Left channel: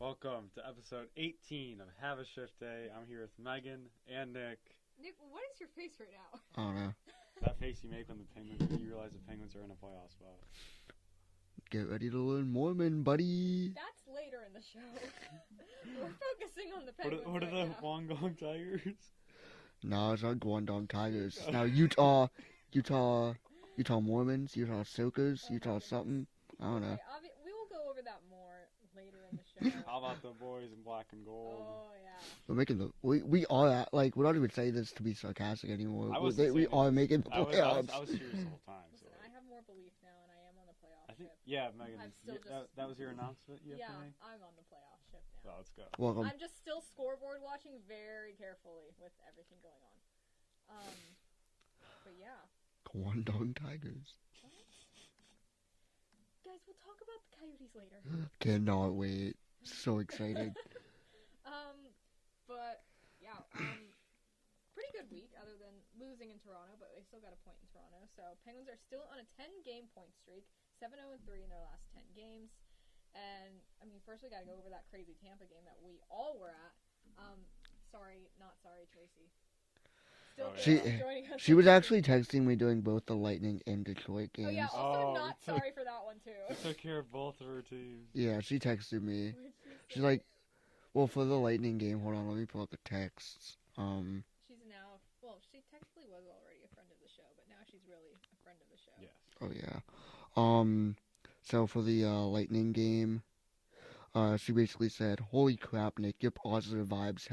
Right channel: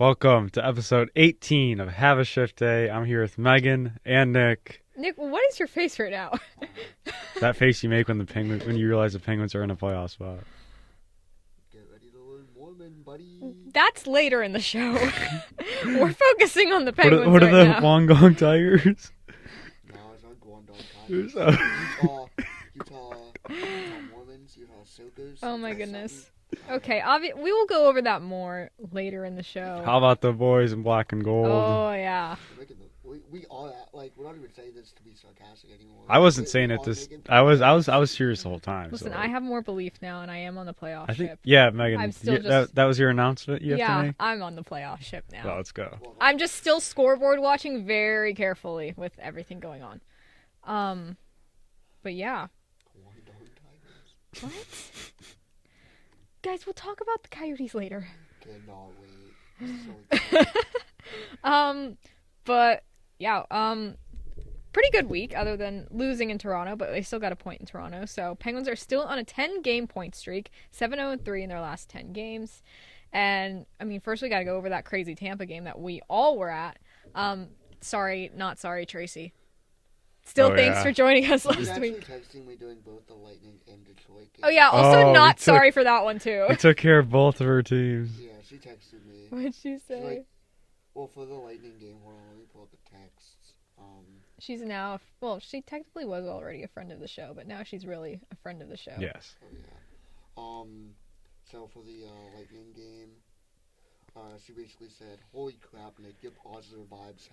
Welcome to episode 18 of Have a Shift Day. I'm here with Megan and Nick. Nick, what is your face right now? That face you make when you realize the Penguins are in a playoff spot. Get ready to learn Mormon, buddy. That's later in the show. We're focusing on the Penguins What are right the now. Wollongong Tigers? No, it's not Guangdong Tigers. Utah Mormons, Utah Soakers. Oh Utah my goodness. something. Okay, we will go over that more later in the show. How about the boys in black and gold? Oh yeah. We're making we are at, like, we're not even saying this to be sarcastic anymore. I wasn't saying it. I was serious the whole time. Listen, so. I have more belief now, and I am on the playoff I think ship. yeah, Megan. I'm still that was your announcement. You have to make? I'm on the playoff ship now. Well, let's go. Welcome. I'm just still scoreboard watching very carefully with everything going on. But yeah. Guangdong Tigers. What? Guys, we'll talk about the Coyotes later. Cannot wait. So excited. But yeah, pretty good week other than losing in Toronto, but they still got a point in Toronto. So Penguins are still on a 10-game point streak, 7-0-3 in their last 10 games. And I mean, first we got to go over that crazy Tampa game that we all were at. Sorry, not sorry, Tracy. Still, thanks for joining us. She was actually texting me during both the Lightning and Detroit games. Oh yeah, also not sorry for that one too. We took care of both of her teams. Yeah, she texted me. What'd she say? She's like, well, for the Lightning game, hold on, let me pull up the texts. She's now, well, she technically was already a friend of the show, but now she's really a friend of the show. Yes. Oh yeah. So for the Lightning game, she basically said, "Holy crap, Nick, your positive vibes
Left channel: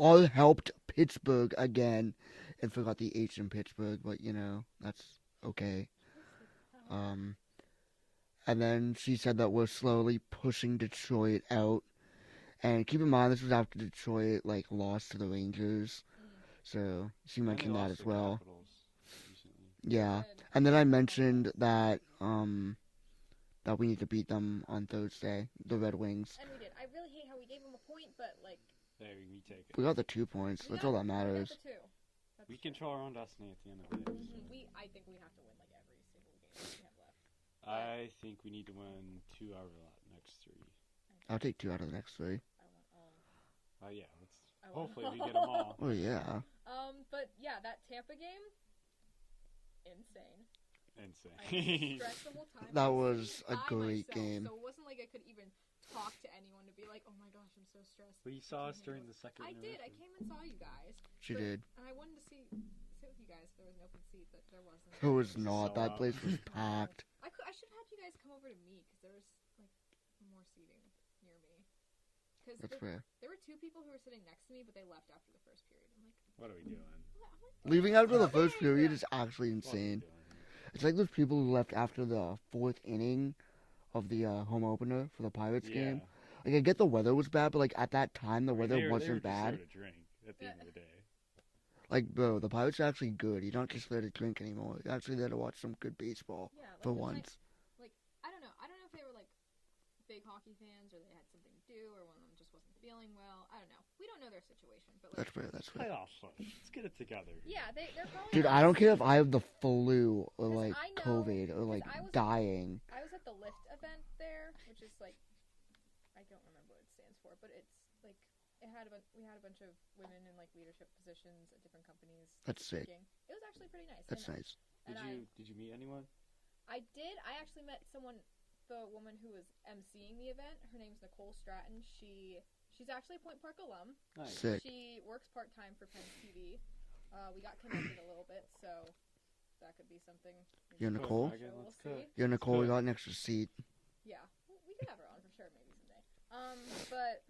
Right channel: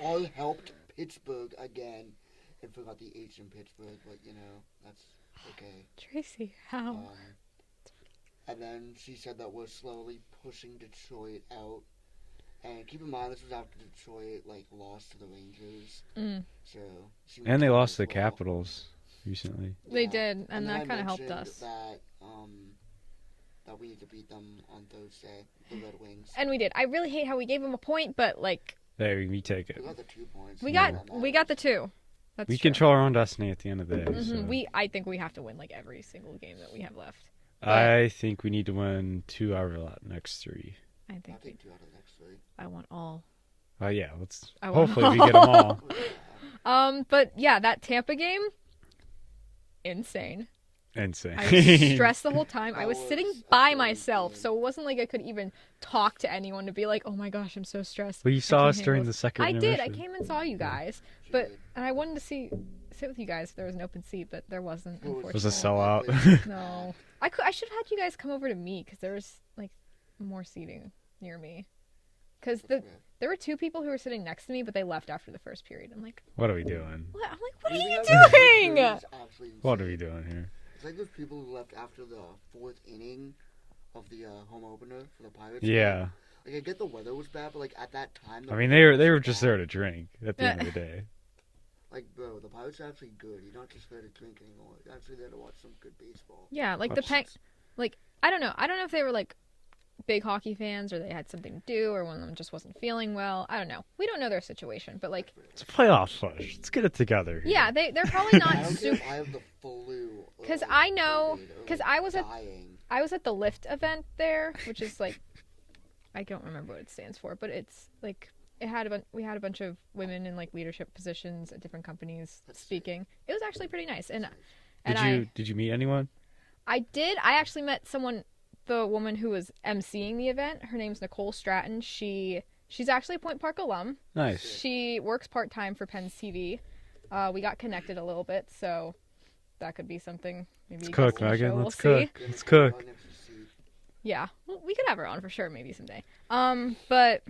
all helped Pittsburgh again," and forgot the H in Pittsburgh, but that's okay. Tracy, how? And then she said that we're slowly pushing Detroit out. And keep in mind, this was after Detroit lost to the Rangers. So and they lost to the Capitals recently. Yeah. They did, and then I that mentioned that that we need to beat them on Thursday, the Red Wings. And we did. I really hate how we gave them a point, but there we take it. We got the 2 points. We got the 2. That's we true. control our own destiny at the end of the day. Mm-hmm. So. I think we have to win every single game that we have left. I think we need to win 2 out of the next 3. I'll take 2 out of the next 3. I want all. Yeah, hopefully we get them all. Oh, yeah. But yeah, that Tampa game, insane. Insane. I was stressed the whole time. I was That sitting was a by great myself, game. so it wasn't like I could even talk to anyone to be like, "Oh my gosh, I'm so stressed." Well, you I saw can't us during handle the this." second I intermission. did. I came and saw you guys, She and did. I wanted to sit with you guys if there was an open seat, but there wasn't. It was a unfortunately. sellout. No, I should have had you guys come over to me because there was more seating near me. Because there were 2 people who were sitting next to me, but they left after the first period. I'm like, what are we doing? what? I'm like, what Leaving are after you the first doing? period is actually insane. What are we doing here? It's like those people who left after the 4th inning of the home opener for the Pirates. Yeah. Game. I get the weather was bad, but at that time, I mean, they were just there to drink at the end of the day. Bro, the Pirates are actually good. You're not just there to drink anymore. You're actually there to watch some good baseball. Yeah, For the once. I don't know. I don't know if they were big hockey fans or they had something to do or one of them just wasn't feeling well. I don't know. We don't know their situation, but That's fair, It's that's fair. playoff push. Let's get it together. Here. yeah, they're probably not. I don't care if I have the flu or 'Cause I know- COVID or, 'cause I was at- dying. I was at the Lyft event there, which is I don't remember what it stands for, but it's we had a bunch of women in leadership positions at different companies That's sick. speaking. It was actually pretty nice. That's And nice. Did you meet anyone? I did. I actually met the woman who was emceeing the event. Her name's Nicole Stratton. She's actually a Point Park alum. Nice. Sick. She works part-time for Penn's TV. We got connected a little bit, so that could be something. Maybe Let's you cook, guys will Megan. show. Let's We'll cook. see. Yeah, Let's Nicole, cook. got an extra seat. Yeah, well, we could have her on for sure, maybe someday. But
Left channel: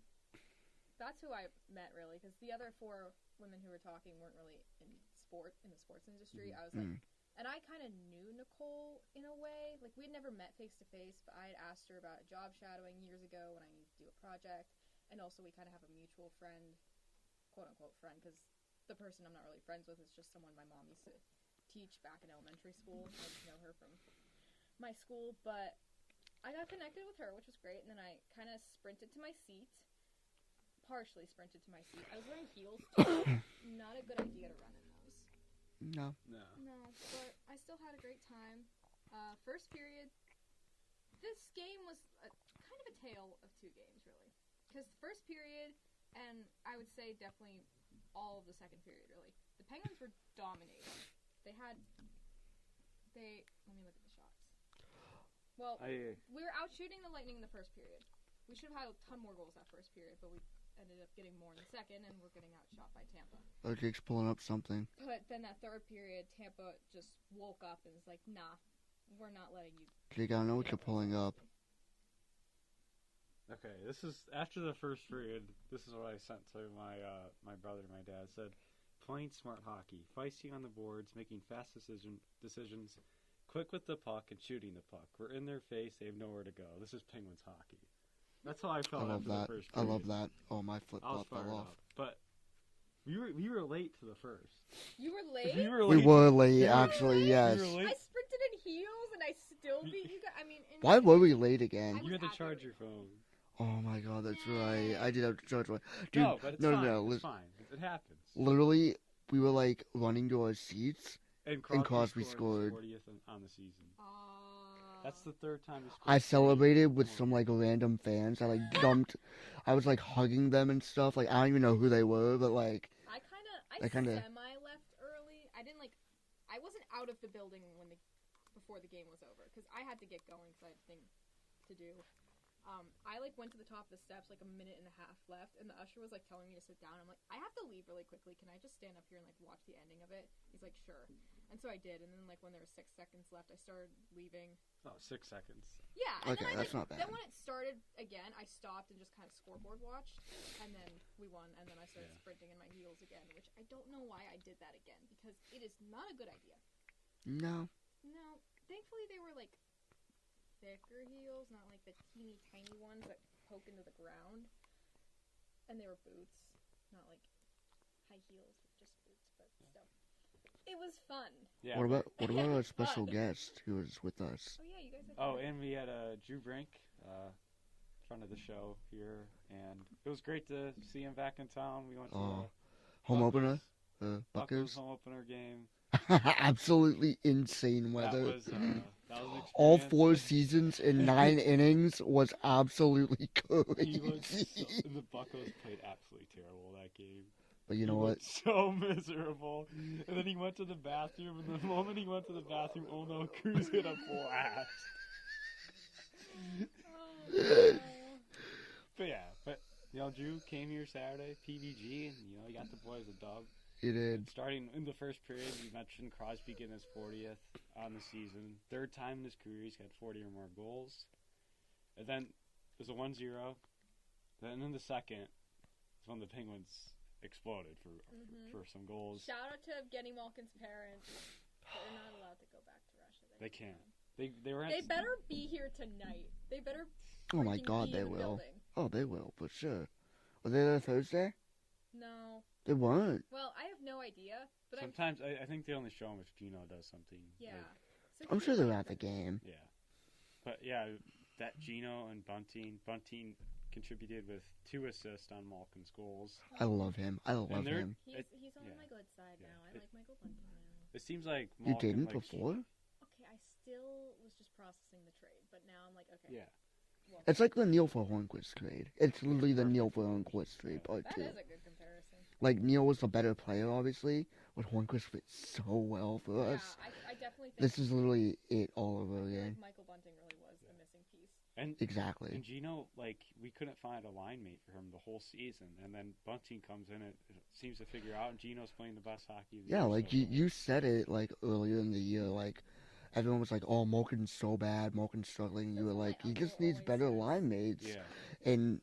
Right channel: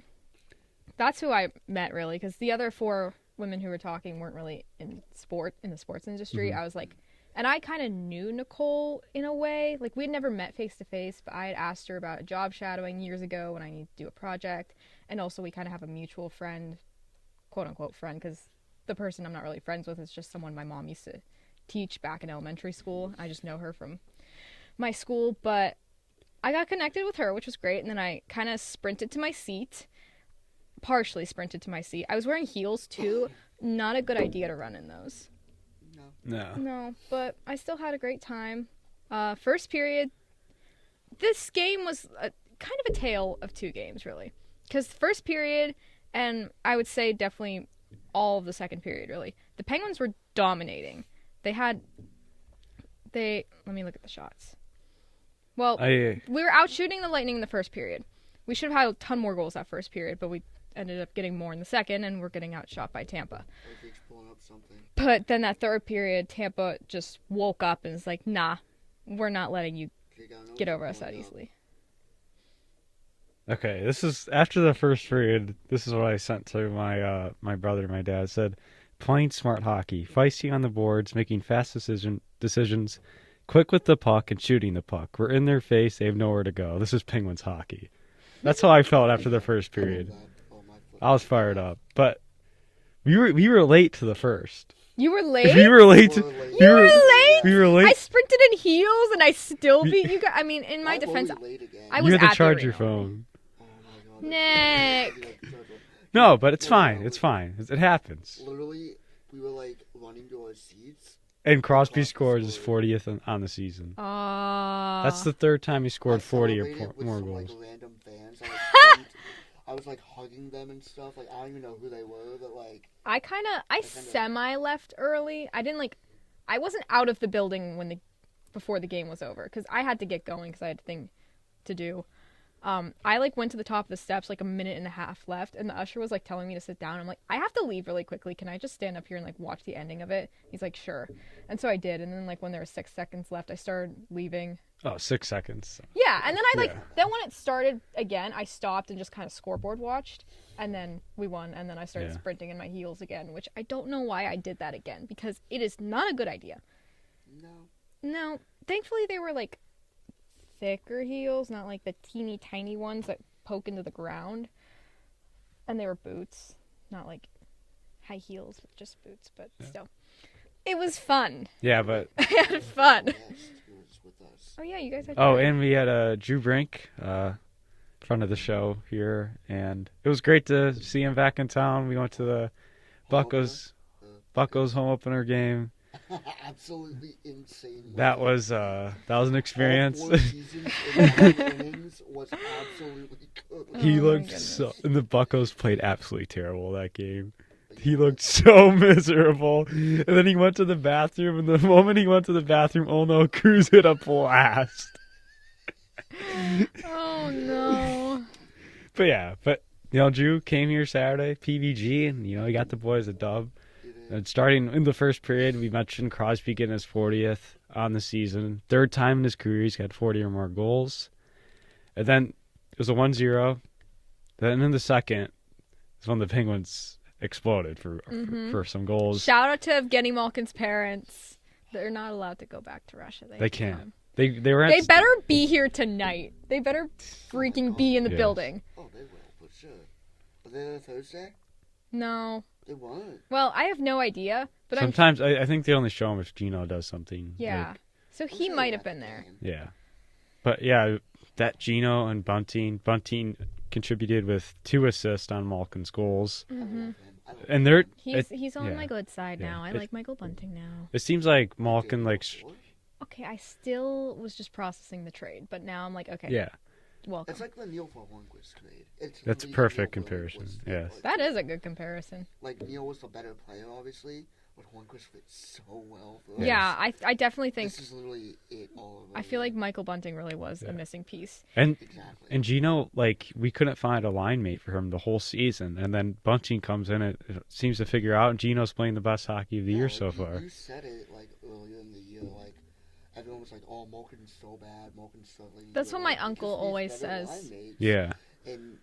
that's who I met really, because the other 4 women who were talking weren't really in the sports industry. Mhm. I was and I kind of knew Nicole in a way. We had never met face to face, but I had asked her about a job shadowing years ago when I needed to do a project, and also we kind of have a mutual friend, quote unquote friend, because the person I'm not really friends with is just someone my mom used to teach back in elementary school. I just know her from my school, but I got connected with her, which was great, and then I kind of partially sprinted to my seat. I was wearing heels too. Not a good idea to run in those. No. No, but I still had a great time. First period, this game was kind of a tale of two games, really. Because first period, and I would say definitely all of the second period, really, the Penguins were dominating. Let me look at the shots. Well, we were out shooting the Lightning in the first period. We should have had a ton more goals that first period, but we ended up getting more in the second, and we're getting outshot by Tampa. Okay, pulling up something. But then that third period, Tampa just woke up and was like, nah, we're not letting you get over us that easily. Okay, this is after the first period. This is what I sent to my brother. My dad said, "Playing smart hockey, feisty on the boards, making fast decisions, quick with the puck and shooting the puck. We're in their face. They have nowhere to go. This is Penguins hockey." That's how I felt after the first period. I was fired up, but we were late to the first. You were late? We were late. You were late? We were late. I sprinted in heels and I still beat you guys. I mean, in my defense, why were we late again? I was you had at to charge the your arena. phone. Oh my god. Nick. Right. I did have to charge one. No, but it's fine. No, it's fine. It happens. Literally, we were like running to our seats. And Crosby Crosby scores his scored. 40th on the season. Uh, That's the third time he scored I 40 or celebrated with more some like goals. random fans. I was like hugging them and stuff. Like I don't even know who they were, but like I semi left early. I wasn't out of the building before the game was over because I had to get going because I had a thing to do. I like went to the top of the steps like a minute and a half left, and the usher was like telling me to sit down. I'm like, I have to leave really quickly. Can I just stand up here and like watch the ending of it? He's like, sure. And so I did. And then like when there were 6 seconds left, I started leaving. Oh, 6 seconds. Yeah, and then Yeah. then when it started again, I stopped and just kind of scoreboard watched, and then we won, and then I started sprinting in my heels again, which I don't know why I did that again, because it is not a good idea. No, thankfully they were like thicker heels, not like the teeny tiny ones that poke into the ground, and they were boots, not like high heels, but just boots, but still. It was fun. Yeah, but I had fun. Guest who was with us. Oh yeah, you guys had oh, fun. and we had Drew Brink, front of the show here, and it was great to see him back in town. We went to the Buccos home opener game. Absolutely insane. That was an experience. All 4 seasons in 9 innings was absolutely good. He Oh my looked goodness. and the Buccos played absolutely terrible that game. But you He know looked so miserable. And then he went to the bathroom, and the moment he went to the bathroom, oh no, Cruz hit a blast. Oh no. But Drew came here Saturday, PVG, and he got the boys a dub. It is. And starting in the first period, we mentioned Crosby getting his 40th on the season. Third time in his career, he's got 40 or more goals. And then it was a 1-0. Then in the second is when the Penguins exploded for some goals. Shout out to Evgeny Malkin's parents. They're not allowed to go back to Russia. They can't. come. They were. They better be here tonight. They better Oh my freaking God, be in the yeah. building. Oh, they will, for sure. Were they there Thursday? No. They weren't. Well, I have no idea, but Sometimes I think they only show him if Gino does something. yeah. like- So I'm he sure might they're have at the been there. game. yeah. But yeah, that Gino and Bunting contributed with 2 assists on Malkin's goals. I love him. And they're him. He's on yeah. my good side Yeah. now. I like Michael Bunting now. It seems like You Malkin dated like before? Okay, I still was just processing the trade, but now I'm like, okay, yeah. welcome. It's like the Neil for Hornquist trade. It's That's literally perfect the Neil for comparison, Hornquist trade, yes. but That is a good comparison. like Neil was the better player, obviously, but Hornquist fits so well for us. Yeah, I definitely think. This is literally it all over. I feel like again. Michael Bunting really was Yeah. a missing piece. And Exactly. And Gino, we couldn't find a line mate for him the whole season. And then Bunting comes in and seems to figure out, and Gino's playing the best hockey of the year so far. You said it like earlier in the year, like everyone was like, "Oh, Malkin's so bad, Malkin's struggling." That's You were what my like, "He uncle just needs always better says. line mates." Yeah. And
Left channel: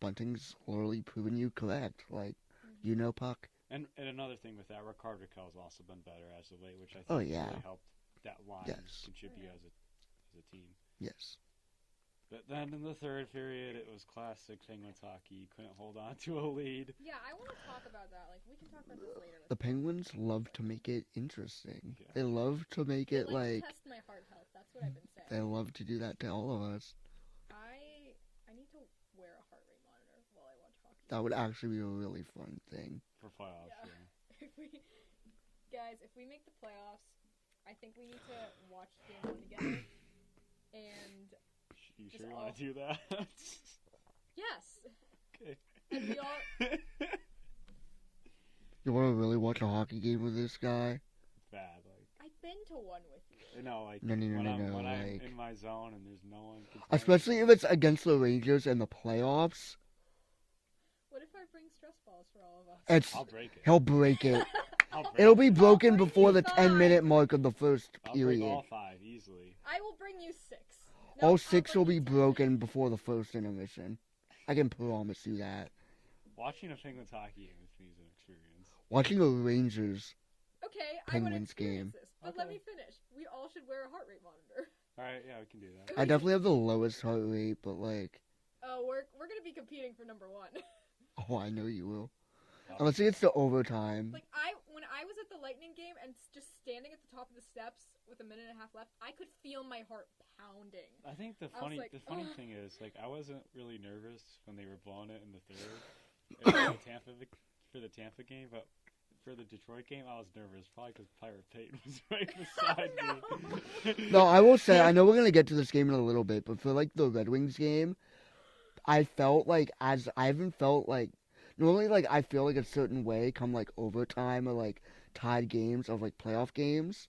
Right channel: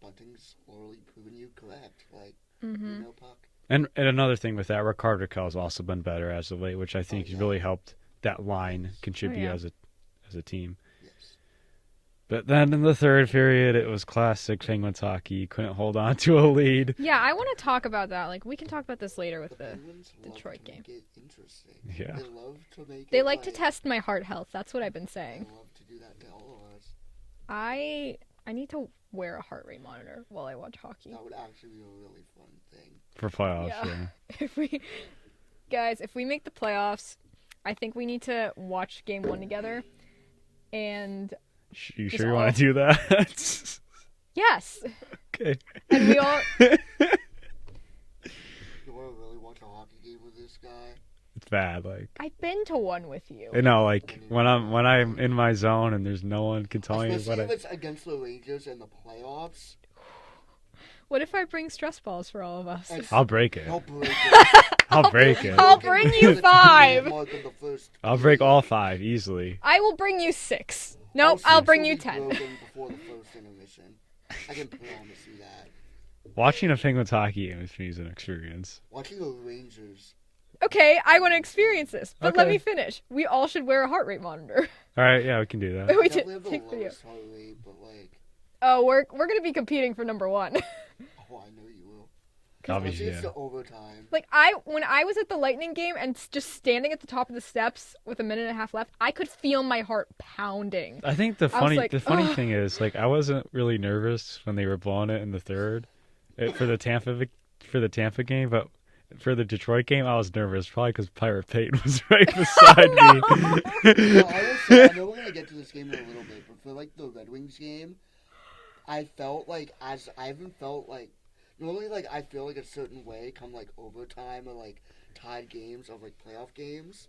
Bunting's literally proven you correct. Like Mm-hmm. puck. And another thing with that, Rickard Rakell's also been better as of late, which I think yeah. really helped that line Yes. contribute Oh, yeah. as a team. Yes. But then in the third period, it was classic Penguins hockey. You couldn't hold on to a lead. Yeah, I want to talk about that. Like, we can talk about this later with The the. Penguins love Detroit to game. make it interesting. Yeah. They love to make They it. like to test my heart health. That's what I've been They saying. love to do that to all of us. I need to wear a heart rate monitor while I watch hockey. That would actually be a really fun thing. For playoffs, Yeah. yeah. If we make the playoffs, I think we need to watch game 1 together and You Just sure you all- want to do that? Yes. Okay. And we all. You want to really watch a hockey game with this guy? It's bad. Like, I've been to one with you. you know, like And then you when know, I'm in my zone and there's no one can tell me. Especially if it's against the Rangers in the playoffs. What if I bring stress balls for all of us? I'll break it. He'll break it. I'll break It'll be it. I'll broken bring before you the 5. 10-minute mark of the first. I'll break period. all 5 easily. I will bring you 6. All Nope, I'll 6 bring will you be 10. broken before the first intermission. I can promise you that. Watching a Penguins hockey game with me is an experience. Watching the Rangers. Okay, I want to Penguins experience game. this, but let Okay. me finish. We all should wear a heart rate monitor. All right, yeah, we can do that. We I did definitely have the take video. lowest heart rate, but like, Oh, we're gonna be competing for number 1. oh, I know you will. Obviously, Unless it's yeah. the overtime. Like when I was at the Lightning game and just standing at the top of the steps with a minute and a half left, I could feel my heart pounding. I think the I was funny like, "Ugh." thing is, like, I wasn't really nervous when they were blowing it in the third for the Tampa game, but for the Detroit game, I was nervous probably because Pirate Peyton was right beside me. No, I will say, I know we're gonna get to this game in a little bit, but for like the Red Wings game, I felt like I haven't felt like normally like I feel like a certain way come like overtime or like tied games of like playoff games.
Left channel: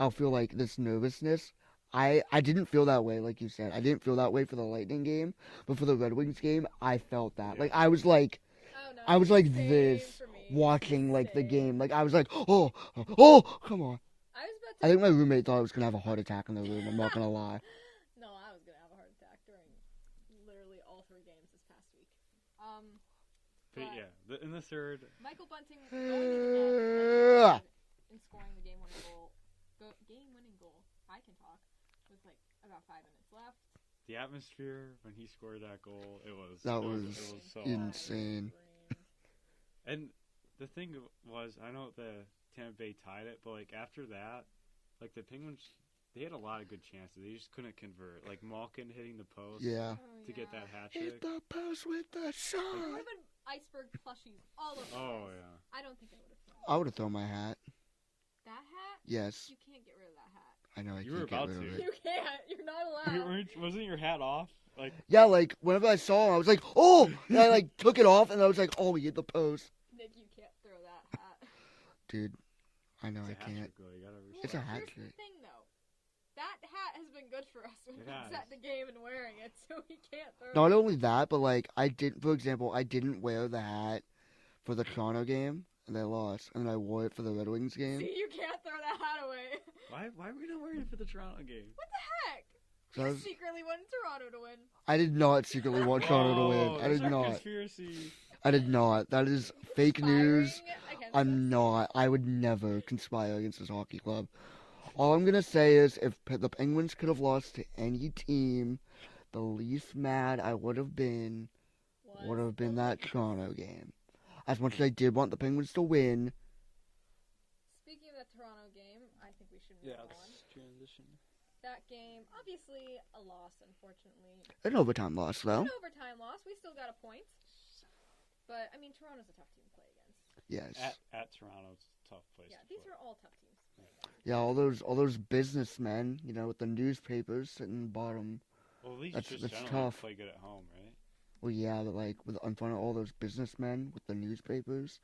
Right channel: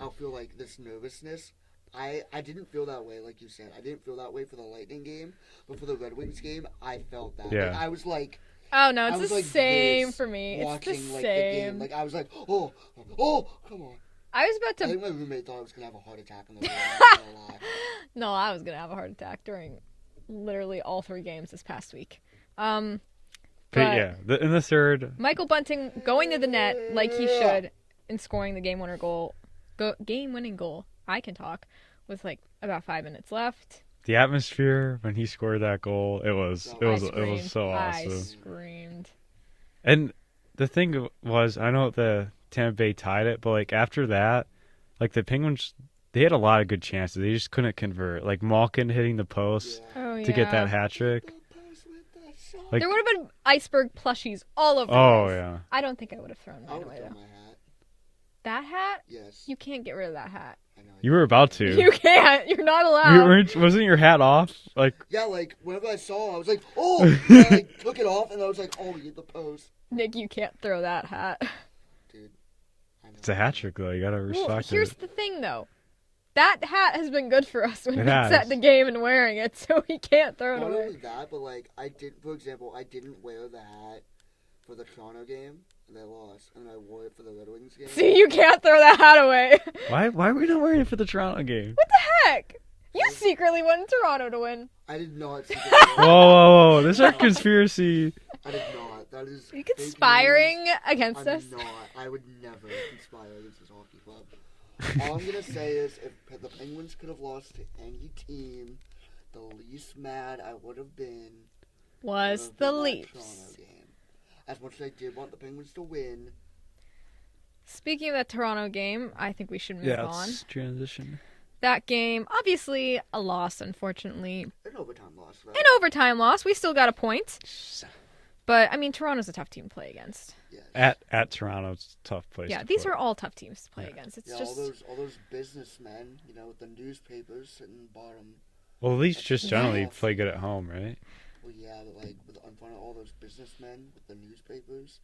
I'll feel like this nervousness. I didn't feel that way, like you said. I didn't feel that way for the Lightning game, but for the Red Wings game, I felt that. Yeah. Like, I was like Oh no, I it's was the like same this for me. watching it's the like same. the game. Like I was like, oh, come on. I was about I to. think my roommate thought I was gonna have a heart attack in the room. I'm not gonna lie. No, I was gonna have a heart attack during literally all 3 games this past week. But But yeah, in the third, Michael Bunting going to the net like he should and scoring the game-winning goal. I can talk with like about 5 minutes left. the atmosphere when he scored that goal, it was No, it I was screamed. so I awesome. screamed. And the thing was, I know the Tampa Bay tied it, but like after that, like the Penguins, they had a lot of good chances. They just couldn't convert. Like Malkin hitting the post Yeah. Oh yeah. to get that hat trick. The post with the shot. Like- There would have been iceberg plushies all over. Oh the place. yeah. I don't think I would have thrown. I would have away, thrown though. my hat. That hat. Yes, You can't get rid of that hat. I know. I You were can't about do it. to. You can't. You're not allowed. Wasn't your hat off? Like Yeah, like whenever I saw, I was like, oh, and I like took it off, and I was like, oh, you hit the post, Nick, you can't throw that hat. dude. I know. it's a I hat can't. trick though. You gotta Well, respect here's it. the thing, though. That hat has been good for us when It Nick's has. at the game and wearing it, so he can't throw Not it. only that, but like for example, I didn't wear the hat for the Toronto game, and they lost, and then I wore it for the Red Wings game. See, you can't throw that hat away. Why are we not wearing it for the Toronto game? What the heck? You Because- secretly wanted Toronto to win. I did not secretly Whoa, want whoa, whoa! I This is did a not. conspiracy. I did not. That is Are you fake conspiring news. against us? I'm not. I would never conspire against this hockey club. All I'm gonna say is, if the Penguins could have lost to any team, the least mad I would have been Was would have the been that Leafs. Toronto game. As much as I did want the Penguins to win, Speaking of that Toronto game, I think we should move on. transition. That game, obviously a loss, unfortunately. an overtime loss though. An overtime loss. We still got a point. But, I mean, Toronto's a tough team to play against. Yes. At Toronto, it's a tough place. Yeah, to these play. are all tough teams to play Yeah. against. It's Yeah, just... all those businessmen, you know, with the newspapers sitting bottom. Well, at least That's just the generally tough. play good at home, right? Well, yeah, but like in front of all those businessmen with the newspapers.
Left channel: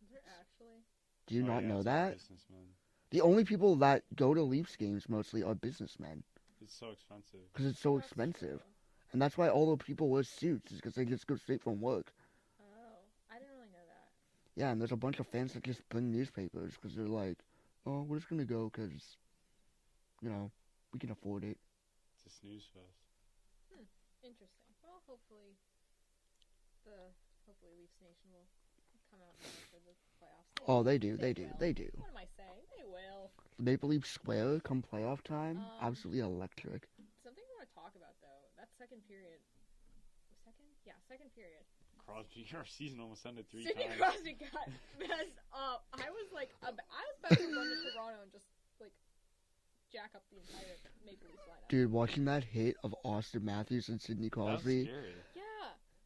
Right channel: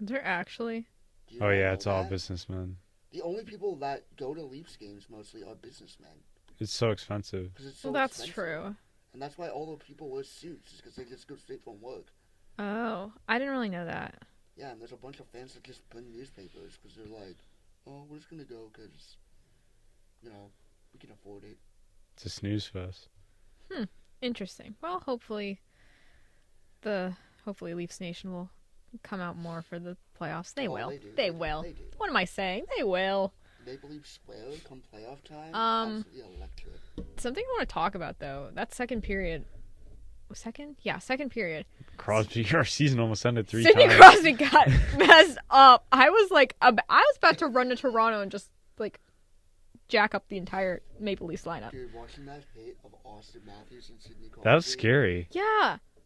They're actually... Do you Oh not yeah, know it's all that? businessmen. The only people that go to Leafs games mostly are businessmen It's so expensive. because it's so well, that's expensive. true. And that's why all the people wear suits is because they just go straight from work. Oh, I didn't really know that. Yeah, and there's a bunch of fans that just bring newspapers because they're like, oh, we're just gonna go because, you know, we can afford it. It's a snooze fest. Interesting. Well, hopefully Leafs Nation will come out more for the playoffs. They Oh, will. they do. They do, will. They do. What am I saying? They will. Maple Leaf Square come playoff time, Um, absolutely electric. Something I want to talk about though. That second period. Second? Yeah, second period. Crosby, our season almost ended 3 Sidney times. Crosby got messed up. I was about to run to Toronto and just like jack up the entire Maple Leafs lineup. Dude, watching that hit of Austin Matthews and Sidney Crosby. That was scary. Yeah.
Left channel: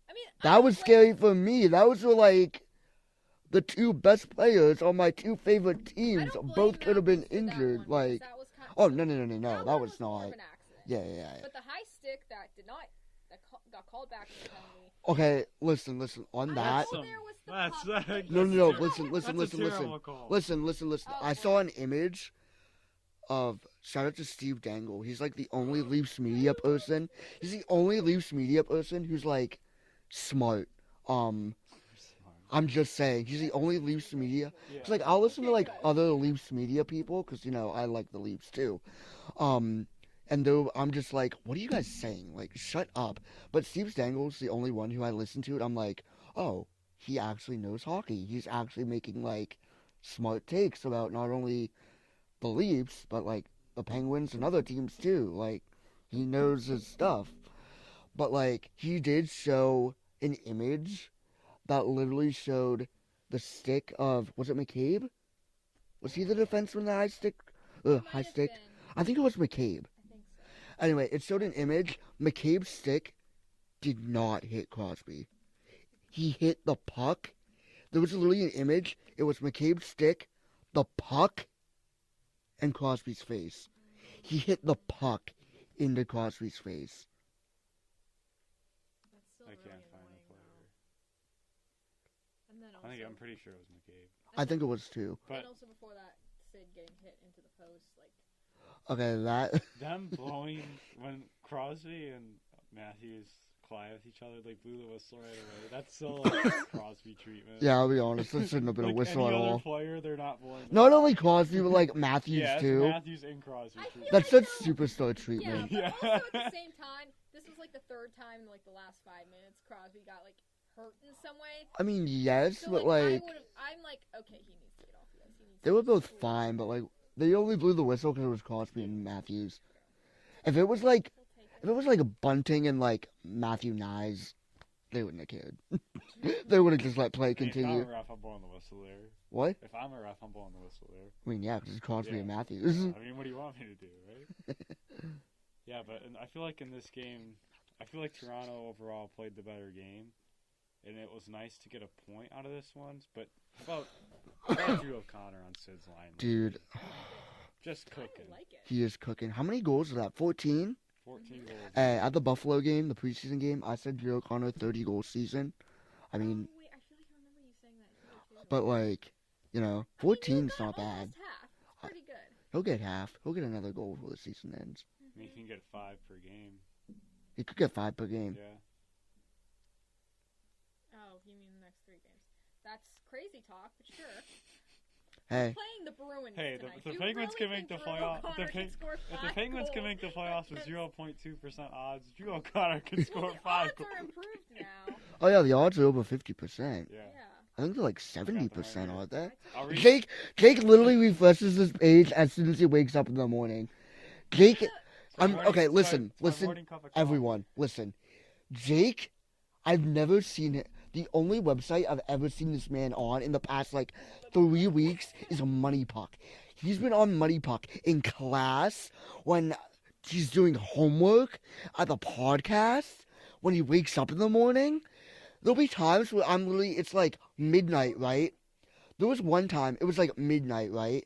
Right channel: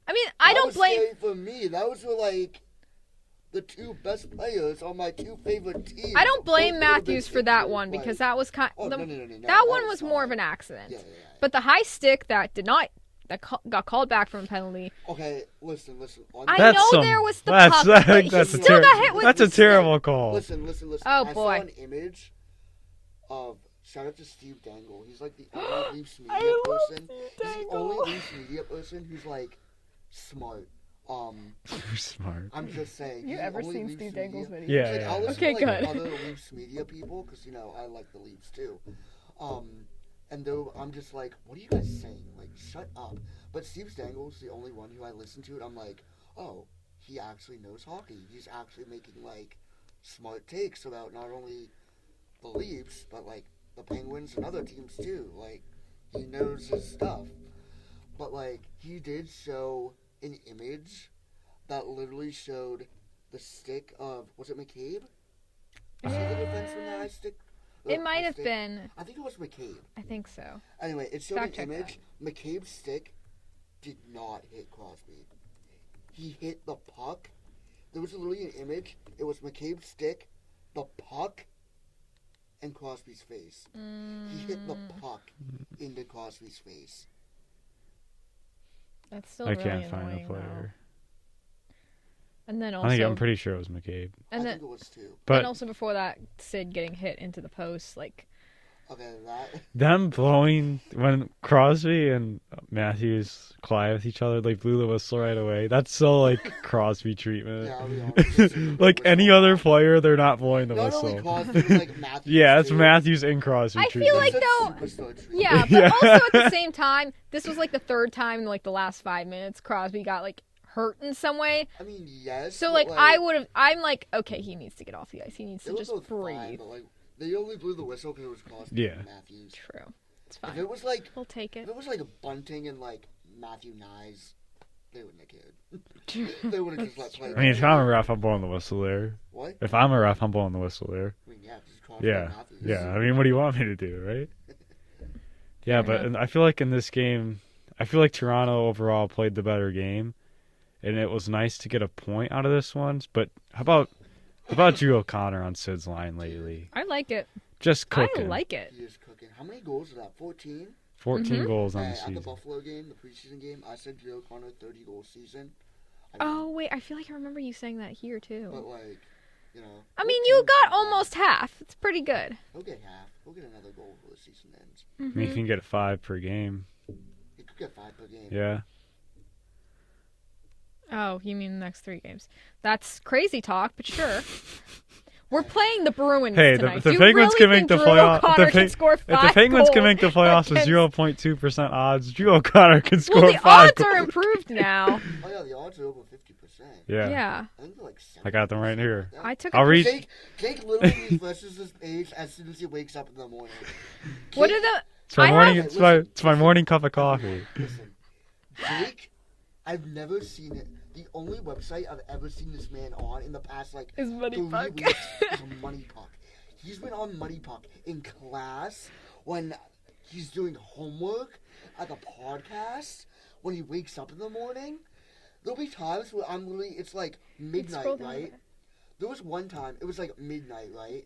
I mean, I That don't was blame. scary for me. That was like the two best players on my two favorite teams. I don't blame both could've been Matthews for that injured, one like- because that was kind. Oh, no. That one was more of an accident. Yeah. But the high stick that did not got called back from a penalty. Okay, listen. I know there was the puck, but he that's still ter- got hit with. That's a terrible call. Listen. Oh, I boy. saw an image of, shout out to Steve Dangle. He's like the only Leafs media person. He's the only Leafs media person who's like smart. You're smart. I'm just saying, he's the only Leafs media. Yeah. It's like I'll listen Okay, to like good. other Leafs media people because I like the Leafs too. And though I'm just like, what are you guys saying? Like, shut up. But Steve Dangle's the only one who I listen to, and I'm like, oh, he actually knows hockey. He's actually making like smart takes about not only the Leafs but like the Penguins and other teams too. Like, he knows his stuff. But like, he did show an image that literally showed the stick of, was it McCabe? Is he the defenseman that I stick? It might have been. I think it was McCabe. I think so. Anyway, it showed Fact an check image. McCabe's stick did not hit Crosby. He hit the puck. There was literally an image. It was McCabe's stick, the puck, and Crosby's face. He hit the puck into Crosby's face. That's still I really can't find the annoying, though. player. And then also, I'm pretty sure it was McCabe. and I then, think it was too. But and also before that, Sid getting hit into the post, like. Okay, that. them blowing when Crosby and Matthews collide with each other, they blew the whistle right away. That's so like Crosby treatment. Yeah, I'll be honest. it's in the Like any whistle other off. player, they're not blowing the Not whistle. only Crosby, but like Matthews. Yeah, that's too. Matthews and Crosby I treatment. feel like That's though. superstar treatment. Yeah, but Yeah. also at the same time, this was like the third time in like the last 5 minutes Crosby got like hurt in some way. I mean, yes. So but, like I would have. I'm like, okay, he needs to get off the ice. He needs They to were just both breathe. fine, but like they only blew the whistle because it was Crosby Yeah. and Matthews. True. It's fine. If it was like We'll take it. If it was like Bunting and like Matthew Nyes, they wouldn't have cared. They would have just let play. I mean, if continue. I'm a ref, I'm blowing the whistle there. What? If I'm a ref, I'm blowing the whistle there. I mean, yeah, because it's Crosby Yeah, and Matthews. yeah. I mean, what do you want me to do, right? Yeah, Fair but enough. and I feel like in this game, I feel like Toronto overall played the better game, and it was nice to get a point out of this one. But how about Drew O'Connor on Sid's line lately? I like it. Just cooking. I like it. He is cooking. How many goals is that? 14? 14 goals on the At the season. Buffalo game, the preseason game, I said Drew O'Connor 30-goal season. I mean, Oh wait, I feel like I remember you saying that here too. but like, you know. I mean, you 14's got not bad. almost half. It's pretty good. He'll get half. He'll get another goal before the season ends. I mean, you can get 5 per game. He could get 5 per game. Yeah. Oh, you mean the next 3 games? That's crazy talk, but sure. We're Hey. playing the Bruins Hey, tonight. the Do you Penguins really can make think the Drew playoff- O'Connor the can Pen- score If 5 the Penguins can goals make the playoffs with against- 0.2% odds, Drew O'Connor can score Well, the 5 odds are goals. improved now. Oh yeah, the odds are over 50%. Yeah. I think they're like 70%. I got them right here. Like that. I took. I'll read. Jake literally refreshes his page as soon as he wakes up in the morning. What Jake- are the? It's my I morning. have- It's Okay, my listen, it's my listen, morning cup of coffee. Everyone, listen. Jake, I've never seen it. The only website I've ever seen this man on in the past like Is Money 3 Puck. weeks is a Money Puck. He's been on Money Puck in class, when he's doing homework, at the podcast, when he wakes up in the morning. There'll be times where I'm literally, it's like midnight, Scroll down right? there. There was one time, it was like midnight, right?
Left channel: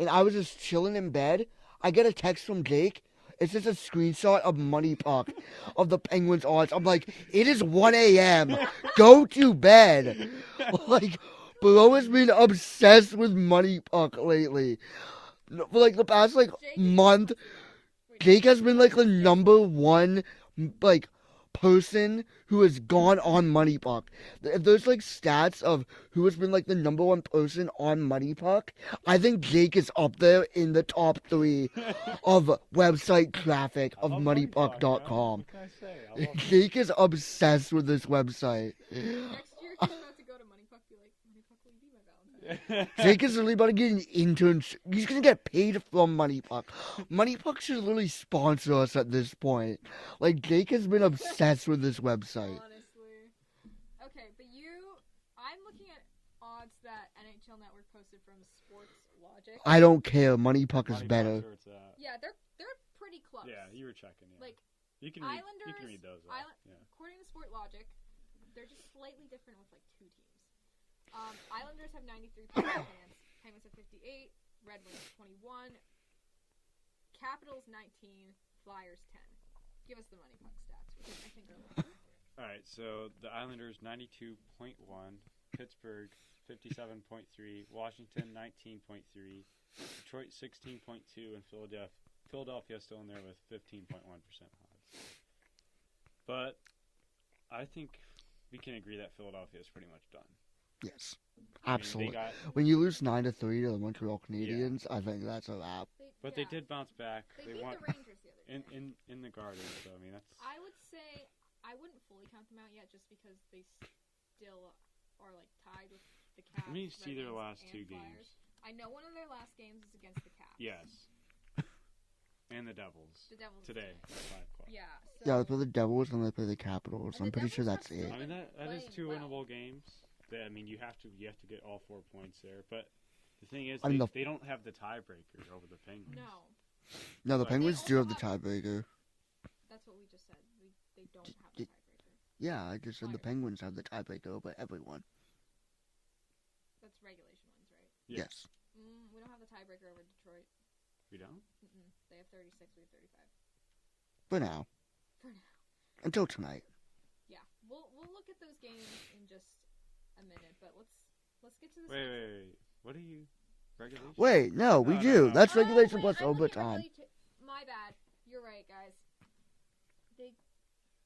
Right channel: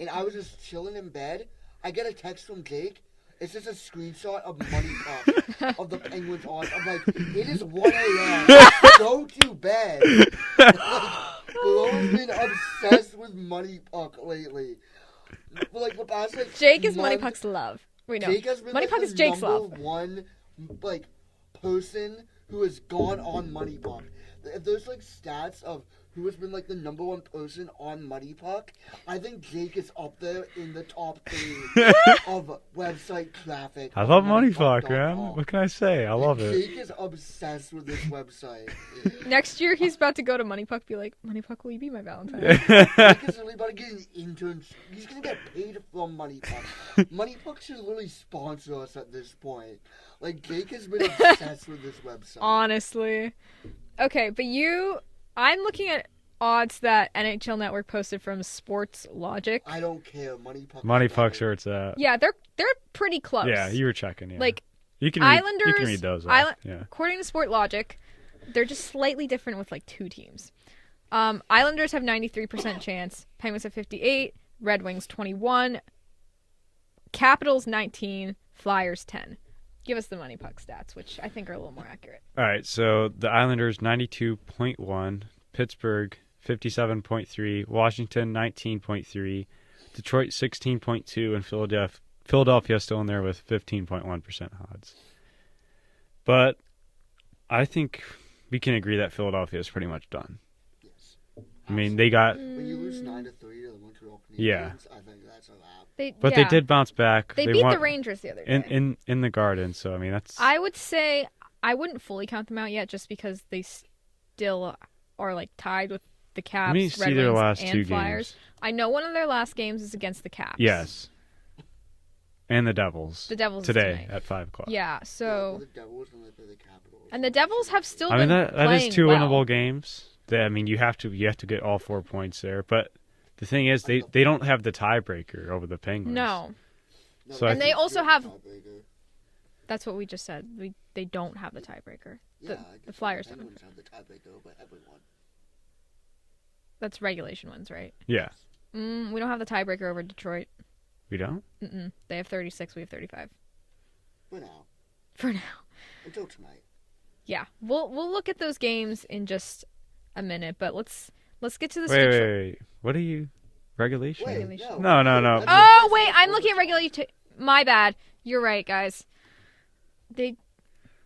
And I was just chilling in bed. I get a text from Jake. It's just a screenshot of Money Puck of the Penguins odds. I'm like, it is 1 a.m. Go to bed. Like, Bro has been obsessed with Money Puck lately. For like the past like Jake is Money month, Puck's love. We know. Jake has been Money like Puck the is Jake's number love. one like person who has gone on Money Puck. If there's like stats of who has been like the number one person on Money Puck, I think Jake is up there in the top 3 of website traffic. I of love Money Puck, moneypuck.com. man. What can I say? I love it. Jake is obsessed with this website. Next year he's about to go to Money Puck. Be like, Money Puck, will you be my Valentine? Jake is literally about to get an internship. He's gonna get paid from Money Puck. Money Puck should literally sponsor us at this point. Like Jake has been obsessed with this website. Honestly. Okay, but I'm looking at odds that NHL Network posted from Sports Logic. I don't care. Money Puck. Money is better. Puck, sure it's that. Yeah, they're pretty close. Yeah, you were checking. Yeah. Like you can read, you Islanders. can read those. Off. Island, Yeah. According to Sport Logic, they're just slightly different with like 2 teams. Islanders have 93% chance. Penguins have 58. Red Wings 21. Capitals 19. Flyers 10. Give us the money puck stats, which I think are a little more accurate. All right, so the Islanders 92.1, Pittsburgh 57.3, Washington 19.3, Detroit 16.2, and Philadelphia still in there with 15.1% odds. But I think we can agree that Philadelphia is pretty much done. Yes. I mean, they got When you lose 9-3 to the Montreal Canadiens, Yeah. I think that's a wrap. they did bounce back. They beat won the Rangers the other day. in the Garden, so I mean that's I would say I wouldn't fully count them out yet, just because they still are like tied with the Caps, Let me Red see Wings, their last and two Flyers. games. I know one of their last games is against the Caps. Yes. And the Devils. The Devils is today tonight. at 5:00. Yeah, Yeah, they so play the Devils and they play the Capitals. And I'm the pretty Devils sure have that's still it. I mean been that is playing two well. winnable games. I mean you have to get all 4 points there, but the thing is Enough. they don't have the tiebreaker over the Penguins. no, No, So the I- And they Penguins do also have have- the tiebreaker. that's what we just said. They don't have the tiebreaker. Yeah, I the guess Flyers the have it. Penguins have the tiebreaker over everyone. That's regulation ones, right? Yeah. We don't have the tiebreaker over Detroit. We don't? They have 36. We have 35 For now, for now. until tonight. Yeah, we'll look at those games in just a minute, but let's get to this. Wait. What are you regulation? Wait, no, No, we no, do. no. That's Oh regulation, wait, that's I'm looking at overtime. regulation. My bad. You're right, guys.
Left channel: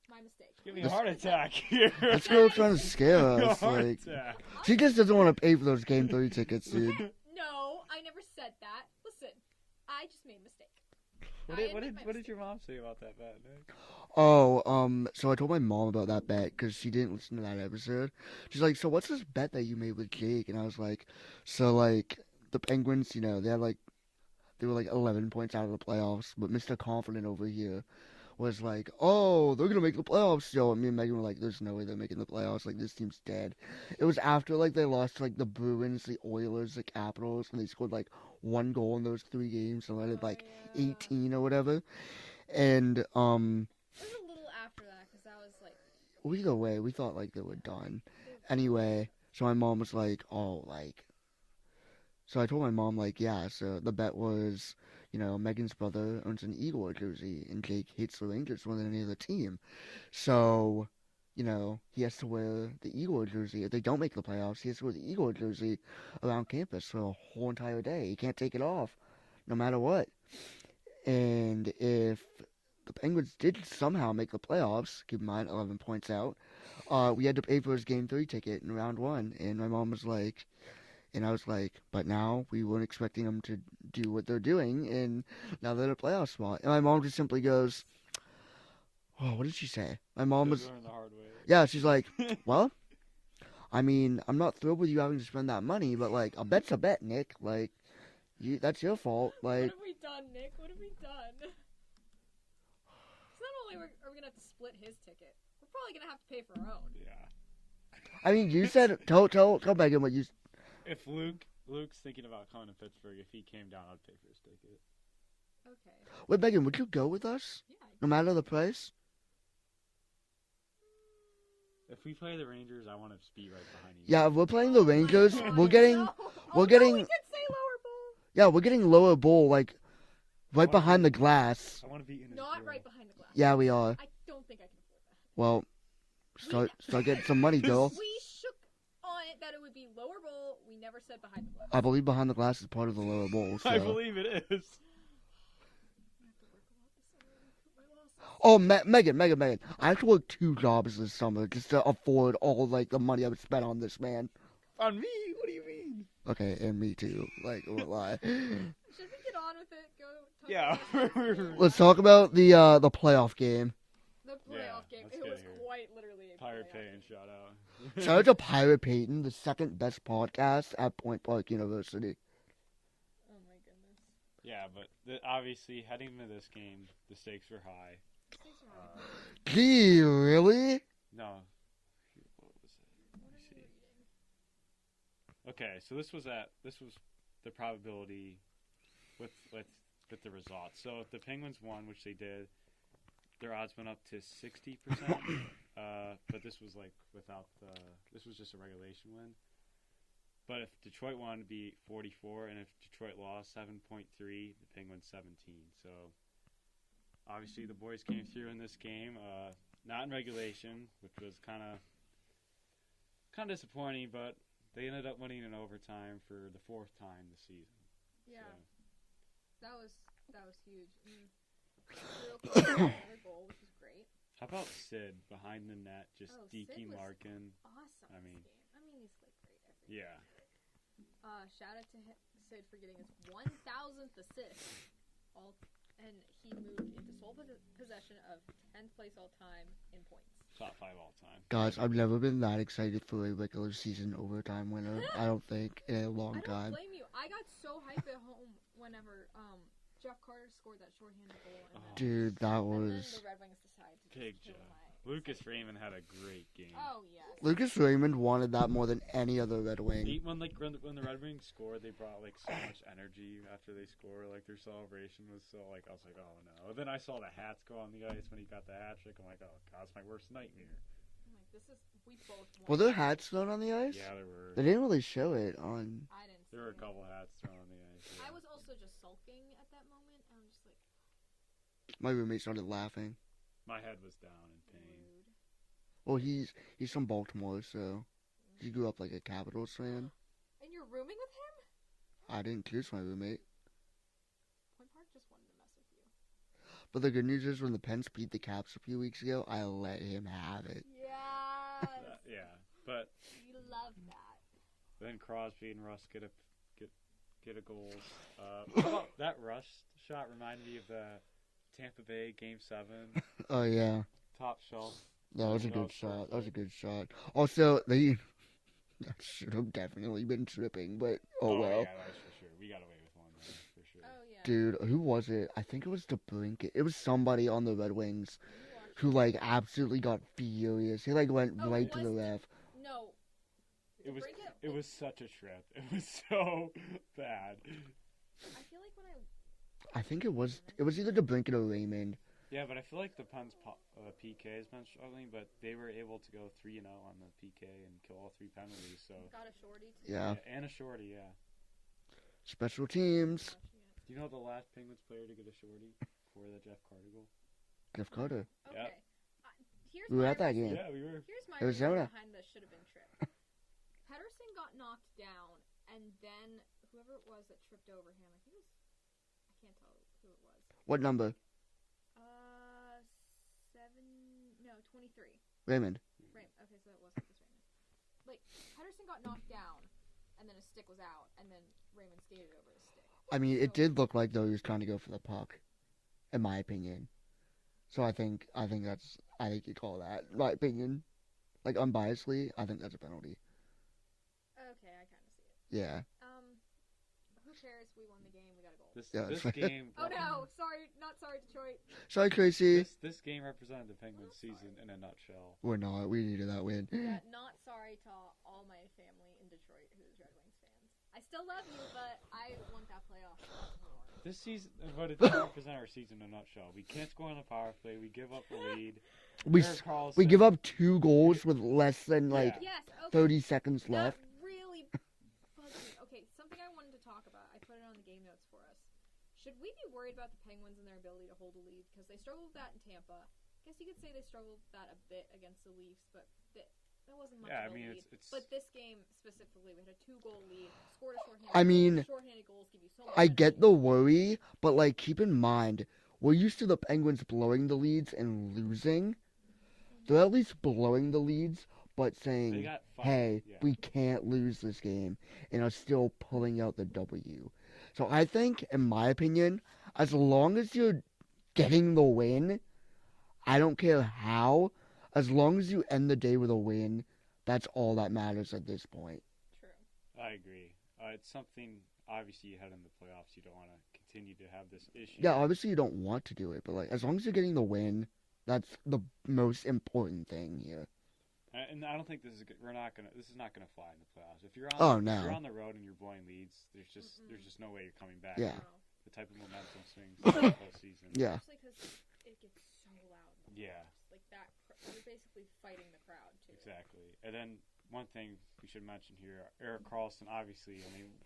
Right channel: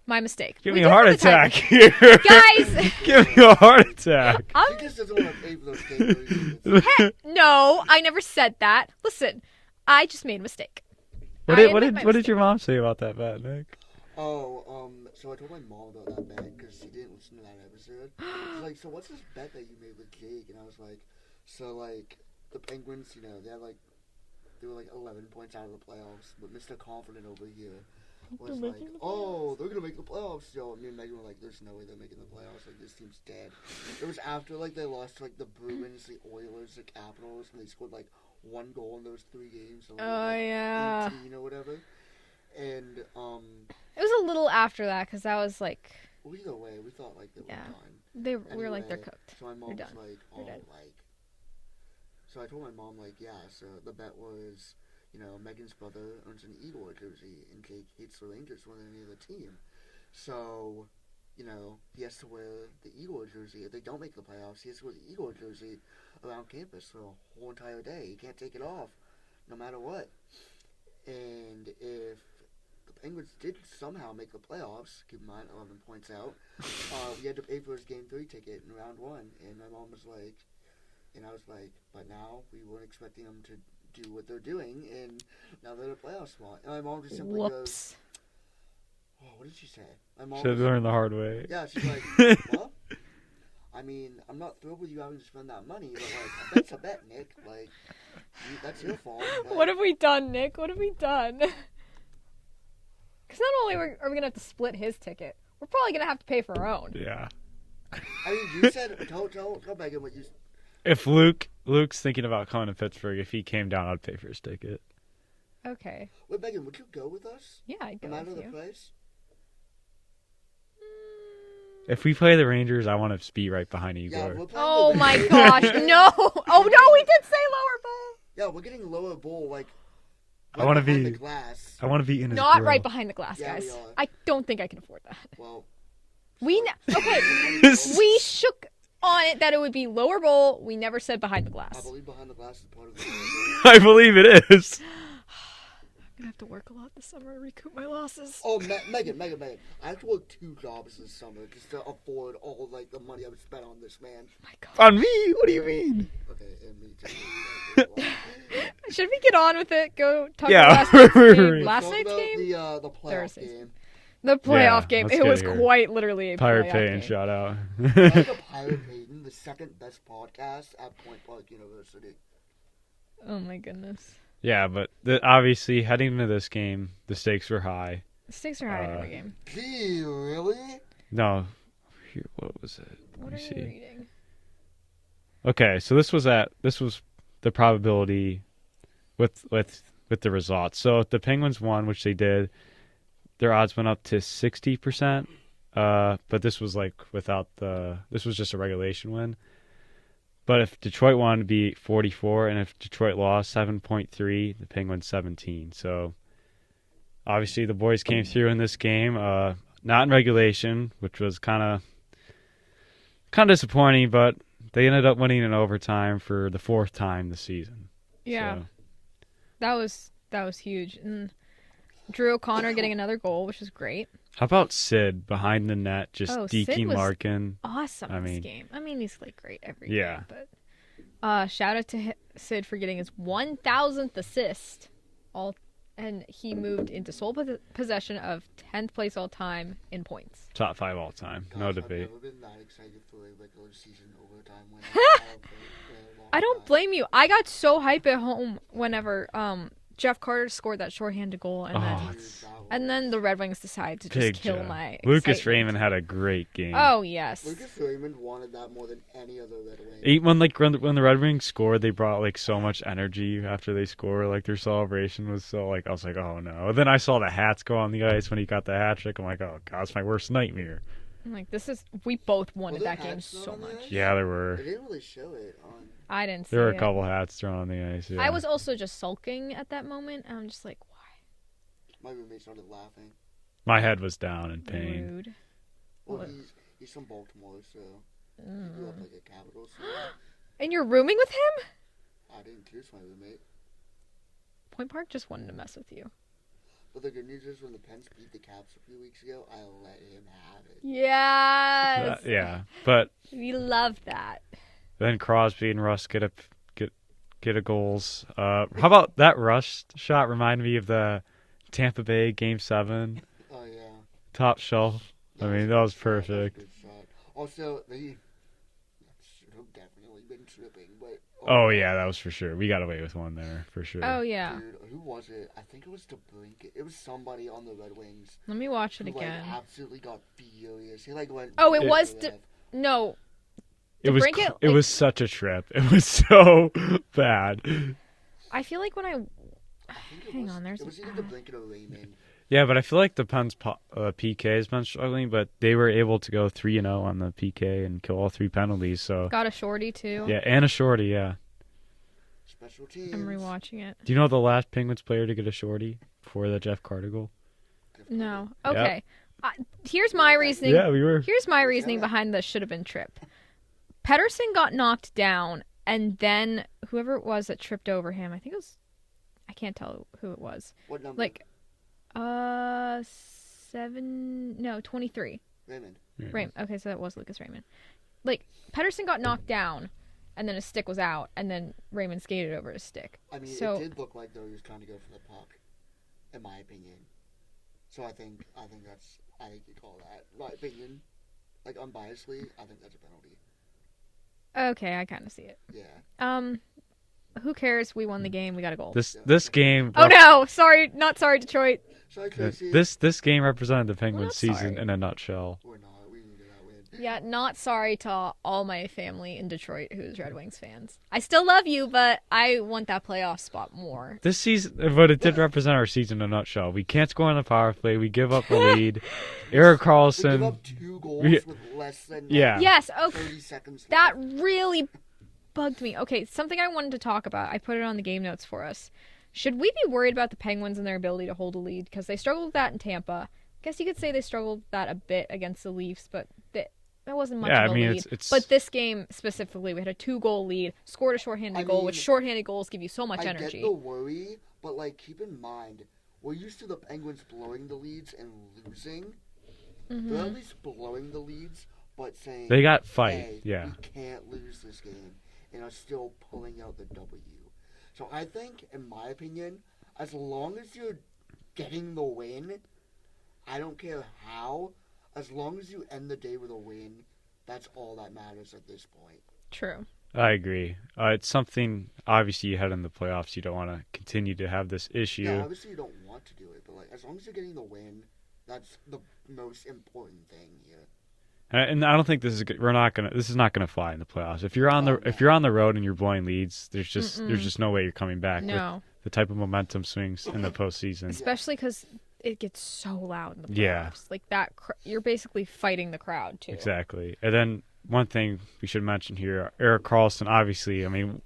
My mistake. Give We me a do heart have the attack tiebreaker. here. Guys! Give me a heart attack. She just doesn't want to pay for those game 3 tickets. No, I never said that. Listen, I just made a mistake. What I did admit my what did mistake. your mom say about that bet, Nick? So I told my mom about that bet because she didn't listen to that episode. She's like, so what's this bet that you made with Jake? And I was like, so like the Penguins, you know, they were like 11 points out of the playoffs, but Mr. Confident over here was like, oh, they're gonna make the playoffs still. And me and Megan were like, there's no way they're making the playoffs. Like this team's dead. It was after like they lost to like the Bruins, the Oilers, the Capitals, and they scored like 1 goal in those 3 games, so like Yeah. 18 or whatever. And It was a little after that because that was like either way, we thought like they were Yeah. done. they were like Anyway, they're cooked. so my mom We're was done. like, oh, like. So I told my mom, like, yeah, so the bet was, you know, Megan's brother owns an Eagle jersey, and Jake hates the Rangers more than any other team. So, you know, he has to wear the Eagle jersey. If they don't make the playoffs, he has to wear the Eagle jersey around campus for a whole entire day. He can't take it off, no matter what. And if the Penguins did somehow make the playoffs, keep in mind, 11 points out, we had to pay for his Game 3 ticket in round 1. And my mom was like, and I was like, but now we weren't expecting them to do what they're doing, and now they're in a playoff spot. And my mom just simply goes, Whoops. oh, what did she say? My mom Should was, learn the hard way. yeah, she's like, well, I mean, I'm not thrilled with you having to spend that money, but, like, a bet's a bet, Nick. Like, that's your fault. Like, What have we done, Nick? What have we done? Because not only are we gonna have to split his ticket, we're probably gonna have to pay for our own. Yeah. I mean, you said, tell Megan what you, If Luke's thinking about coming to Pittsburgh, if he came down, I'd pay for his ticket. Okay. wait, Megan, would you go with us? Yeah. I'd No go matter with the you. price? If we play the Rangers, I want to be right behind you. Yeah, we're playing Oh the my Rangers. gosh! We're getting- No! Oh no, we getting- did say lower bowl. Yeah, we're getting lower bowl, like, I right wanna behind be- the glass. I want to be in his Not grill. right behind the glass. Yeah, guys. we are. I don't think I can afford that. Well, We start okay. getting some money, girl. We shook on it that it would be lower bowl. We never said behind the glass. I believe behind the glass is part of the lower bowl. I believe it is. I'm gonna have to work a lot this summer to recoup my losses. Oh, Megan. I have to work 2 jobs this summer just to afford all, like, the money I would spend on this, man. Oh my God. On me? What do you mean? Okay, and me too. Like, wow. Should we get on with it? Go talk Yeah, about last night's game. Let's Let's Last talk night's about game? the playoff Thursday. game. The playoff game. let's It get was here. quite literally a Pirate playoff Payton game. shout out. Shout out to Pirate Payton, the second best podcast at Point Park University. Oh my goodness. Yeah, but obviously heading into this game, the stakes were high. The stakes are high in every game. Gee, really? No, here, what was it? What Let are me you see. reading? Okay, so this was the probability with the results. So if the Penguins won, which they did, their odds went up to 60%. But this was like this was just a regulation win. But if Detroit won, it'd be 44, and if Detroit lost, 7.3, the Penguins 17. So obviously the boys came through in this game, not in regulation, which was kind of disappointing, but they ended up winning in overtime for the fourth time this season. Yeah, So, that was huge. And Drew O'Connor getting another goal, which is great. how about Sid behind the net, just Sid deking was Larkin? awesome I this mean- game. I mean, he's like great every Yeah. game. But shout out to Sid for getting his 1,000th assist. And he moved into sole possession of 10th place all time in points. Top 5 all time. No Guys, I've debate. never been that excited for a regular season overtime winner. I don't think in a long I don't time. blame you. I got so hype at home whenever Jeff Carter scored that shorthanded goal, and Oh, Dude, that was... then the Red Wings decided to just Big kill Jeff. my Lucas excitement. Raymond had a great game. Oh yes. Lucas Raymond wanted that more than any other Red Wing. When the Red Wings scored, they brought like so much energy after they scored. Like their celebration was so like I was like, oh no. And then I saw the hats go on the ice when he got the hat trick. I'm like, oh god, it's my worst nightmare. I'm like, we both Were wanted there that game hats so thrown on the much. ice? Yeah, there They were. didn't really show it on... I didn't see There were it. a couple hats thrown on the ice. Yeah. I was also just sulking at that moment, and I'm just like, My roommate started laughing. My head was down in why? pain. Rude. Well, What? he's from Baltimore, so he grew up like a Capitals fan. And you're rooming with him? I didn't choose my roommate. Point Park just wanted to mess with you. But the good news is when the Pens beat the Caps a few weeks ago, I let him have it. Yes. Yeah, but We love that. then Crosby and Russ get a goals. How about that Russ shot? Reminded me of the Tampa Bay Game 7 Oh, yeah. top shelf. I mean, a that good was shot. That was a perfect. good shot. Also, they should have definitely been tripping, but... Oh well. yeah, that was for sure. We got away with one there for sure. Oh yeah. Dude, who was it? I think it was DeBrincat. It was somebody on the Red Wings Let me watch it who, again. like, absolutely got furious. He, like, went... Oh, right it to was the ref. No. it was DeBrincat, it like- was such a trip. It was so bad. I feel like when I I think it Hang was... on, there's it was a- either DeBrincat or Raymond. Yeah, but I feel like the Pens PK has been struggling, but they were able to go 3-0 on the PK and kill all 3 penalties. So got a shorty too. yeah, and a shorty. Yeah. Special I'm teams. rewatching it. Do you know the last Penguins player to get a shorty before the Jeff Carter goal? Jeff Carter. No. Yep. Okay. Here's You my like that, reasoning. Yeah, we were. Here's my Let's reasoning hear it. behind the should have been trip. Pedersen got knocked down, and then whoever it was that tripped over him, I think it was, I can't tell who it was. What number? Like, 23. Raymond. Yeah. Raymond. Okay, so that was Lucas Raymond. Like, Pedersen got knocked down, and then his stick was out, and then Raymond skated over his stick. I mean, So- it did look like, though, he was trying to go for the puck, in my opinion. So I think you call that, my opinion. Like, unbiasedly, I think that's a penalty. Okay, I kind of see it. Yeah. Who cares? We won the game. We got a goal. This Yeah. this game. Oh no! Sorry, not sorry, Detroit. Sorry, Tracy. This game represented the Penguins not season sorry. in a nutshell. We're not. We needed that win. Yeah, not sorry to all my family in Detroit who's Red Wings fans. I still love you, but I want that playoff spot more. This season, but it did represent our season in a nutshell. We can't score on the power play. We give up a lead. Eric We Carlson. give up 2 goals We- with less than like, Yeah. Yes, okay. 30 seconds That left. really bugged me. Okay, something I wanted to talk about. I put it on the game notes for us. Should we be worried about the Penguins and their ability to hold a lead? Because they struggled with that in Tampa. I guess you could say they struggled with that a bit against the Leafs, but that wasn't much Yeah, of a I mean, lead. it's But this game specifically, we had a 2-goal lead, scored a shorthanded goal, which mean, shorthanded goals give you so much I energy. get the worry, but like keep in mind, we're used to the Penguins blowing the leads and losing. Mhm. They're at least blowing the leads, but saying they got fight. hey, Yeah. we can't lose this game, and are still pulling out the W. So I think, in my opinion, as long as you're getting the win, I don't care how, as long as you end the day with a win, that's all that matters at this point. True. I agree. It's something, obviously, you head in the playoffs. You don't want to continue to have this issue. Yeah, obviously you don't want to do it, but like as long as you're getting the win, that's the most important thing here. And I don't think this is this is not gonna fly in the playoffs. If you're on Oh, if you're on the road and you're blowing leads, there's just Mm-mm. no way you're coming back Yeah. with No. the type of momentum swings in the postseason. Especially because it gets so loud in the playoffs. Yeah. Like that, you're basically fighting the crowd, too. Exactly. And then one thing we should mention here, Eric Carlson. Obviously, I mean,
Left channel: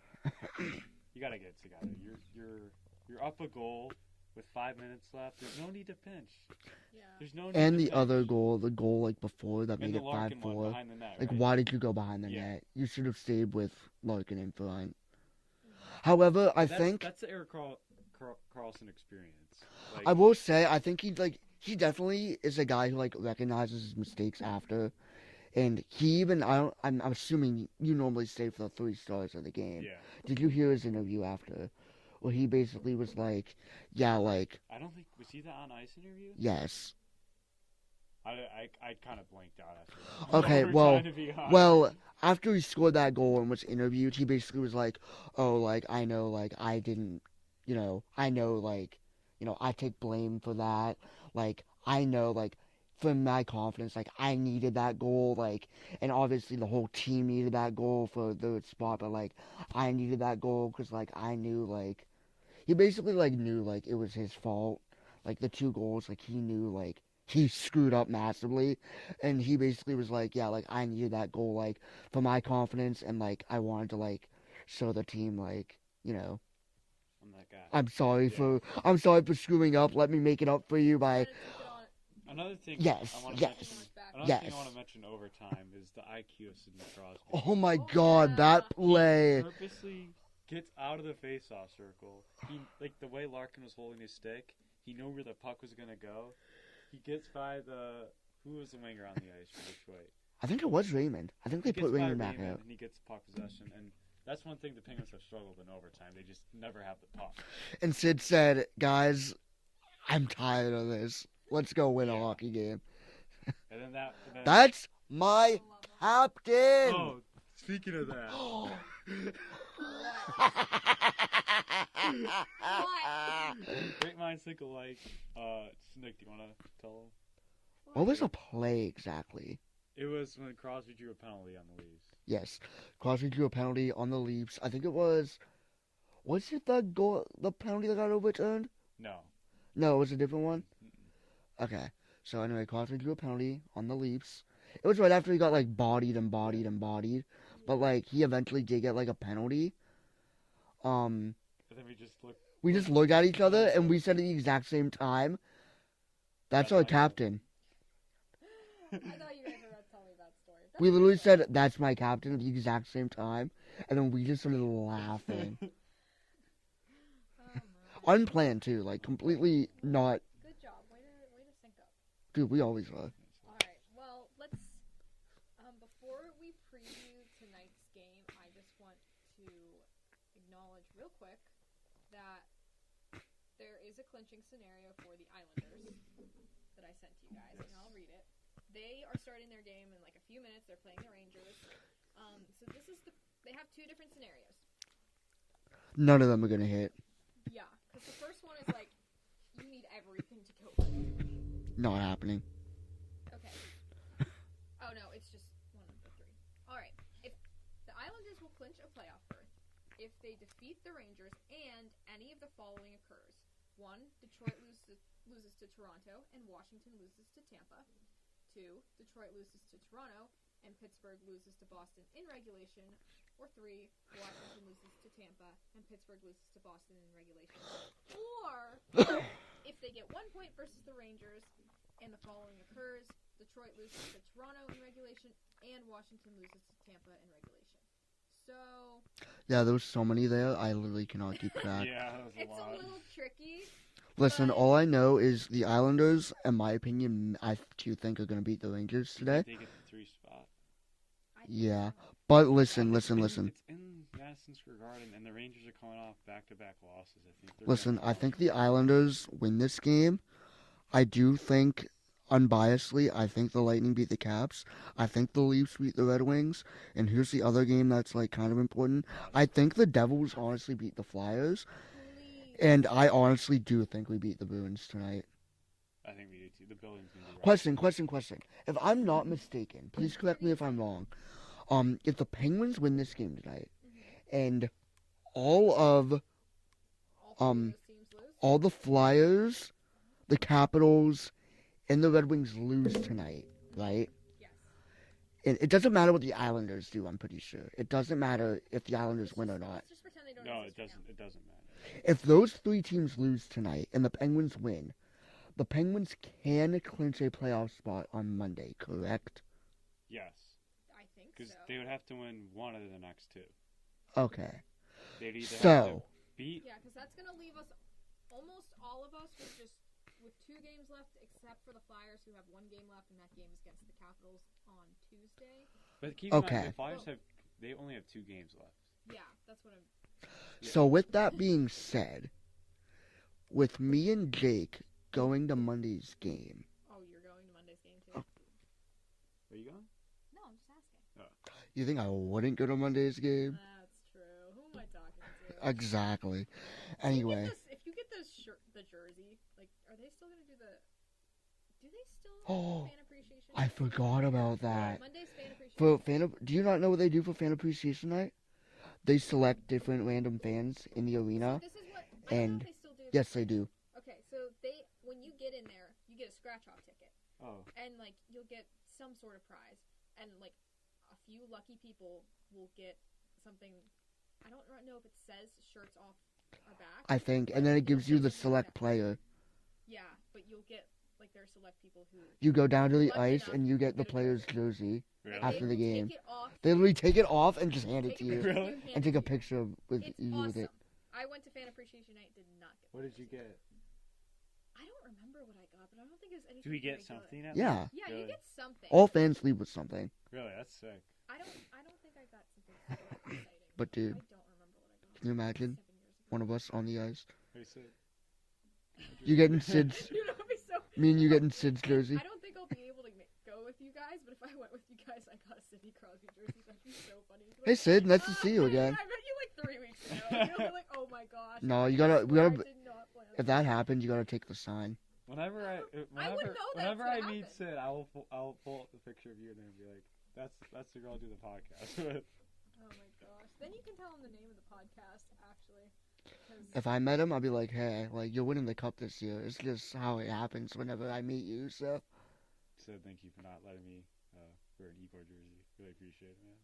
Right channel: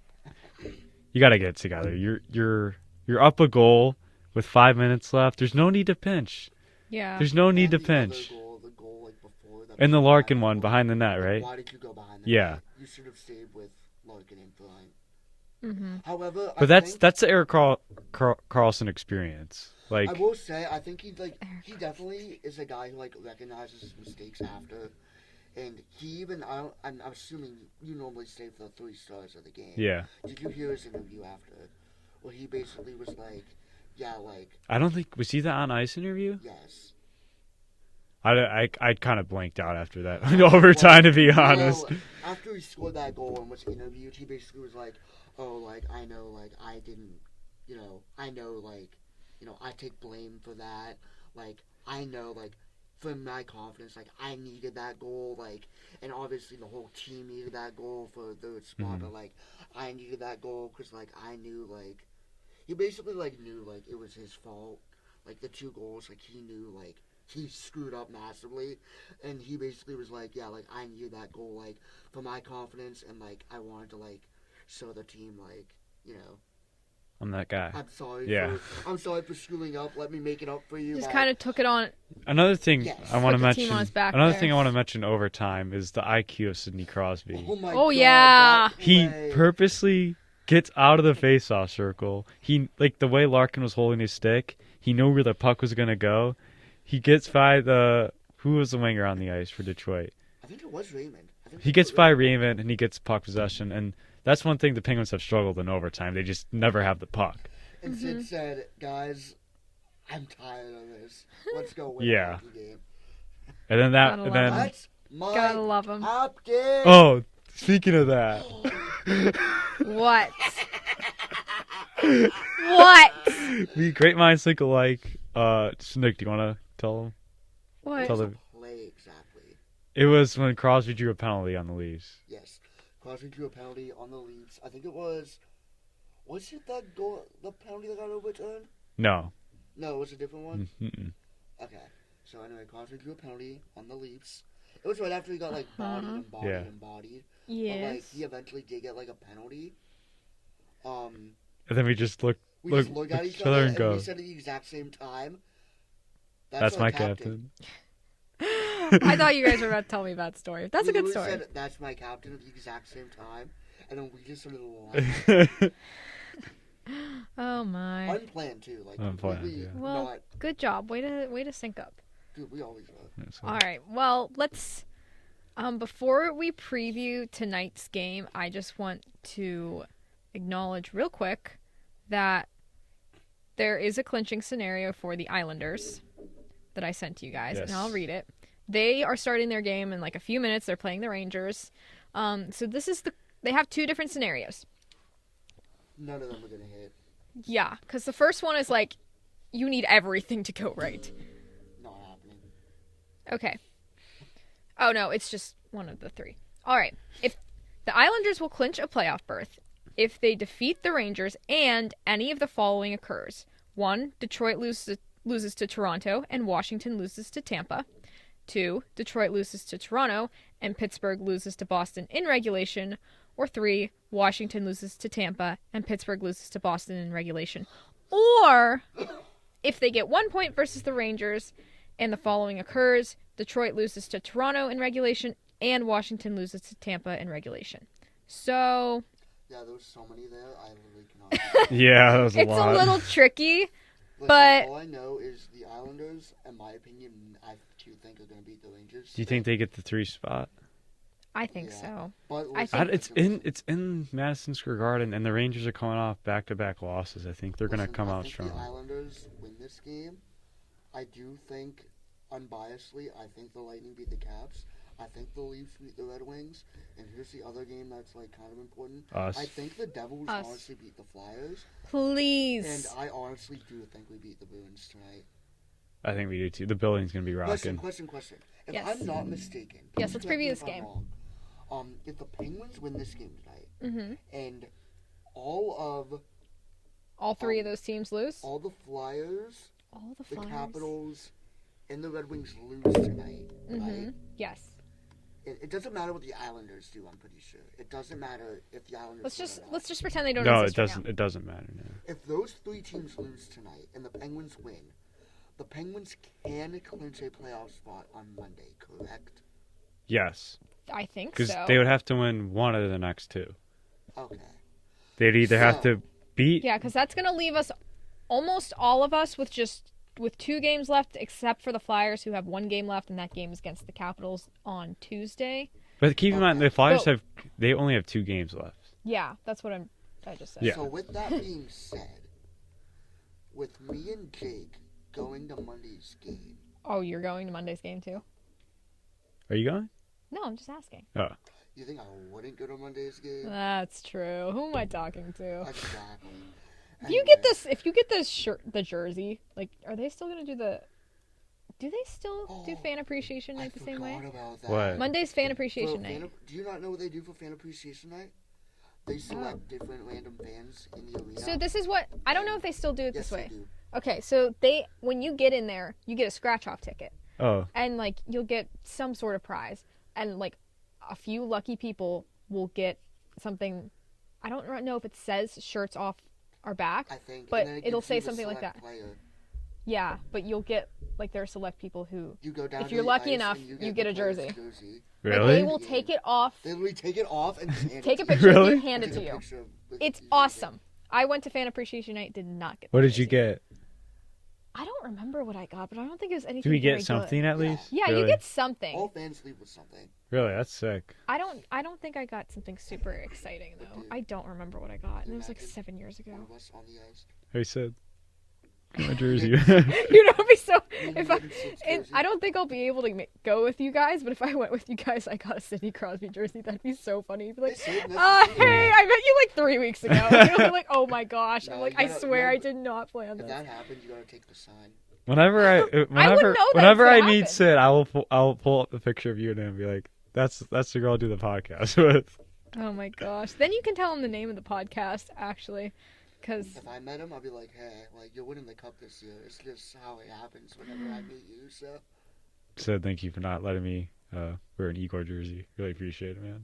you got to get it together. You're up a goal with 5 minutes left. There's no need to pinch. Yeah. There's no need And to the pinch. other goal, the goal like before that. And the being Larkin one 5-4, behind the net, like, right? why did you go behind the Yeah. net? You should have stayed with Larkin in front. Mm-hmm. However, But that's the Eric Carlson experience. Like, I will say, I think he definitely is a guy who like recognizes his mistakes after, and he even I'm assuming you normally stay for the 3 stars of the game. yeah. Did you hear his interview after, where he basically was like, yeah, like I don't think was he the on ice interview. yes. I kind of blanked out after that Okay, overtime, to be honest. Well, after he scored that goal and was interviewed, he basically was like, "Oh, like I know, like I didn't, I know, like, I take blame for that. Like I know, like, for my confidence, like I needed that goal, like, and obviously the whole team needed that goal for the spot, Mhm. but like I needed that goal because like I knew, like, he basically like knew like it was his fault, like the 2 goals, like he knew like." He screwed up massively, and he basically was like, yeah, like, I needed that goal, like, for my confidence, and, like, I wanted to, like, show the team, like, I'm that guy. I'm sorry Yeah. I'm sorry for screwing up, let me make it up for you Just by... kind of took it on. Another thing Yes. I want Put to the team mention. on his back. Another Yes. thing I want to mention overtime is the IQ of Sidney Crosby. Oh my Oh, god, yeah. that He play. purposely gets out of the face-off circle. He like the way Larkin was holding his stick. He knew where the puck was gonna go. He gets by who was the winger on the ice for Detroit. I think it was Raymond. I think He they gets put by back Raymond there. and he gets puck possession, and that's one thing the Penguins have struggled in overtime. They just never have the puck. And Sid said, guys, I'm tired of this. Let's go win Yeah. a hockey game. And then Gotta love it. That's my Gotta love him. captain! oh, speaking of that, What? What? the great minds think alike. Nick, do you want to tell them? What What? was Tell the them. play exactly? It was when Crosby drew a penalty on the Leafs. Yes. Crosby drew a penalty on the Leafs. I think it was it the goal, the penalty that got overturned? No. No, it was a different one? Mm-mm. Okay. So anyway, Crosby drew a penalty on the Leafs. It was right after he got like bodied and bodied Yeah. and bodied. Yes. But like he eventually did get like a penalty. And then we just looked. We just looked at each other and go. we said at the exact same time, That's That's our my captain. I thought you guys were about to tell me that story. That's we a good literally story. said, that's my captain at the exact same time. And then we just started laughing. Oh my. Unplanned too, like Unplanned, completely yeah. Well, not. Good job. Way to sync up. Dude, we always are. All right. Well, let's. Before we preview tonight's game, I just want to acknowledge real quick that there is a clinching scenario for the Islanders that I sent to you guys, and Yes. I'll read it. They are starting their game in like a few minutes. They're playing the Rangers. So this is they have 2 different scenarios. None of them are gonna hit. Yeah, because the first one is like, you need everything to go right. Not happening. Okay. Oh, no, it's just one of the 3. All right. If the Islanders will clinch a playoff berth if they defeat the Rangers and any of the following occurs. 1, Detroit loses to Toronto and Washington loses to Tampa. 2, Detroit loses to Toronto and Pittsburgh loses to Boston in regulation. Or 3, Washington loses to Tampa and Pittsburgh loses to Boston in regulation. Or if they get 1 point versus the Rangers and the following occurs, Detroit loses to Toronto in regulation and Washington loses to Tampa in regulation. So Yeah, there was so many there. I literally cannot keep track. Yeah, that was a it's lot. a little tricky. Listen, but- all I know is the Islanders, in my opinion, I do think are gonna beat the Rangers Do you today. think they get the 3 spot? I think Yeah. so. But listen, It's listen. it's in Madison Square Garden, and the Rangers are coming off back-to-back losses. I think they're going Listen, to come I out think strong. the Islanders win this game. I do think, unbiasedly, I think the Lightning beat the Caps. I think the Leafs beat the Red Wings. And here's the other game that's like kind of important. Us. I think the Devils Us. honestly beat the Flyers. Please. And I honestly do think we beat the Bruins tonight. I think we do too. The building's going to be rocking. Question. If Yes. I'm not mistaken, Yes, please let's correct me preview if this I'm game. wrong. If the Penguins win this game tonight, Mhm. and all of All 3 of those teams lose. all the Flyers, All the Flyers. Capitals, and the Red Wings lose tonight, right? Yes. It doesn't matter what the Islanders do. I'm pretty sure it doesn't matter if the Islanders win or not. Let's just pretend they don't No, it exist right doesn't. now. It doesn't matter. If those three teams lose tonight and the Penguins win, the Penguins can clinch a playoff spot on Monday. Correct? Yes, I think because so. they would have to win one of the next two. Okay. They'd either have So- to beat. Yeah, because that's gonna leave us, almost all of us, with 2 games left, except for the Flyers, who have 1 game left, and that game is against the Capitals on Tuesday. But keep in mind, Okay. the Flyers But- they only have 2 games left. Yeah, that's what I just said. Yeah. So with that being said, with me and Jake going to Monday's game, Oh, you're going to Monday's game too? Are you going? No, I'm just asking. you think I wouldn't go to Monday's game? That's true. Who am I talking to? Exactly. If you get this shirt, the jersey, like, are they still gonna do the? Do they still do Oh, fan appreciation I night the same forgot way? about that. What? Monday's fan For appreciation night. do you not know what they do for fan appreciation night? They select different random fans in the arena. So this is what I don't know if And- they still do it yes, this way. they do. Okay, so when you get in there, you get a scratch off ticket, Oh, and like you'll get some sort of prize, and like a few lucky people will get something. I don't know if it says shirts off our back. I think, But and then it it'll gives say you the something like select that. player. Yeah, but you'll get like there are select people who You go down If to you're the lucky ice enough, and you you get, get the a player's jersey. jersey. like, really? they will take it off, They literally take it off and just hand take it a to picture you. of it, Really? and hand And it take to a you. picture with It's you with it. awesome. I went to fan appreciation night, did not get. What the did you jersey. get? I don't remember what I got, but I don't think it was anything. Do we very get something good. at Yeah. least? Yeah, Really? you get something. All fans leave with something. Really, that's sick. I don't think I got something super exciting But though. dude, I don't remember what I got. can It you was like imagine 7 years ago. One of us on the ice. Hey, Sid. Get my You jersey. get Sid- You know, it'd be so. Me and you if I- getting Sid's and jersey. I don't think I'll be able to go with you guys, but if I went with you guys, I got a Sidney Crosby jersey. That'd be so funny. You'd be Hey like, Sid, nice oh, to see you. hey, man. I met you like 3 weeks ago. And you'll be like, oh my gosh. No, I'm like, you I gotta- swear I you gotta- did not plan If this. that happens, you gotta take the sign. Whenever I know that whenever it's I gonna meet happen. Sid, I'll pull up the picture of you and him and be like, that's the girl I do the podcast with. Oh my gosh. Then you can tell him the name of the podcast, actually. Because If I met him, I'd be like, hey, like you're winning the cup this year. It's just how it happens whenever I meet you. So Sid, thank you for not letting me wear an Igor jersey. Really appreciate it, man.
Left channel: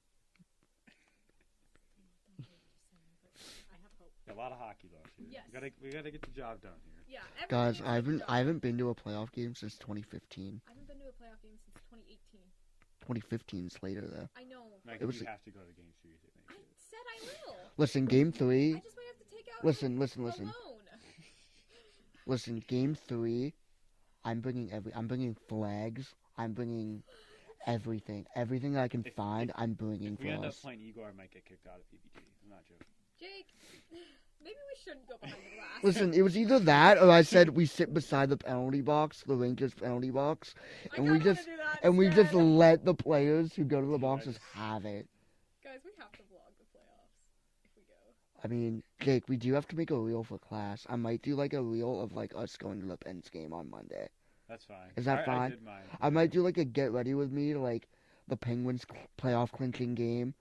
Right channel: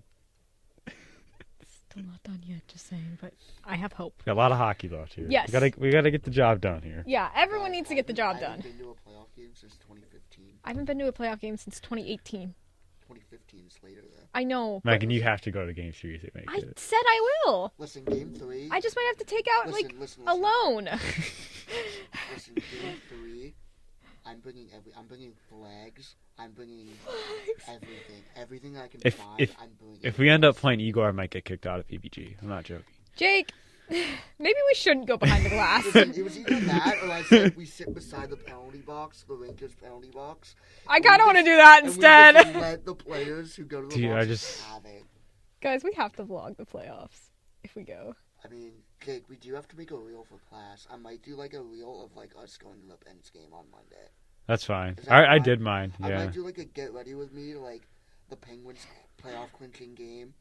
still not done yet, just saying. But I have hope. Got a lot of hockey left here. Yes. We gotta get the job done here. Yeah, everyone guys, needs to I get the haven't- job I done. haven't been to a playoff game since 2015. I haven't been to a playoff game since 2018. 2015's later though. I know. but Megan, you have to go to game 3 to make I it. said I will. Listen, game 3. I just might have to take out listen. alone. Listen, game 3. I'm bringing flags. I'm bringing everything that I can find. I'm bringing. If we end up playing Igor, I might get kicked out of PBG. I'm not joking. Jake, maybe we shouldn't go behind the glass. Listen, it was either that or I said we sit beside the penalty box, the Rangers penalty box. I and we kind of want to just- do that And we instead. just let the players who go to the Dude, box I just just- have it. Guys, we have to vlog the playoffs if we go. I mean, Jake, we do have to make a reel for class. I might do like a reel of like us going to the Pens game on Monday. That's fine. Is that I fine? did mine. I Yeah. might do like a get ready with me to like the Penguins playoff clinching game,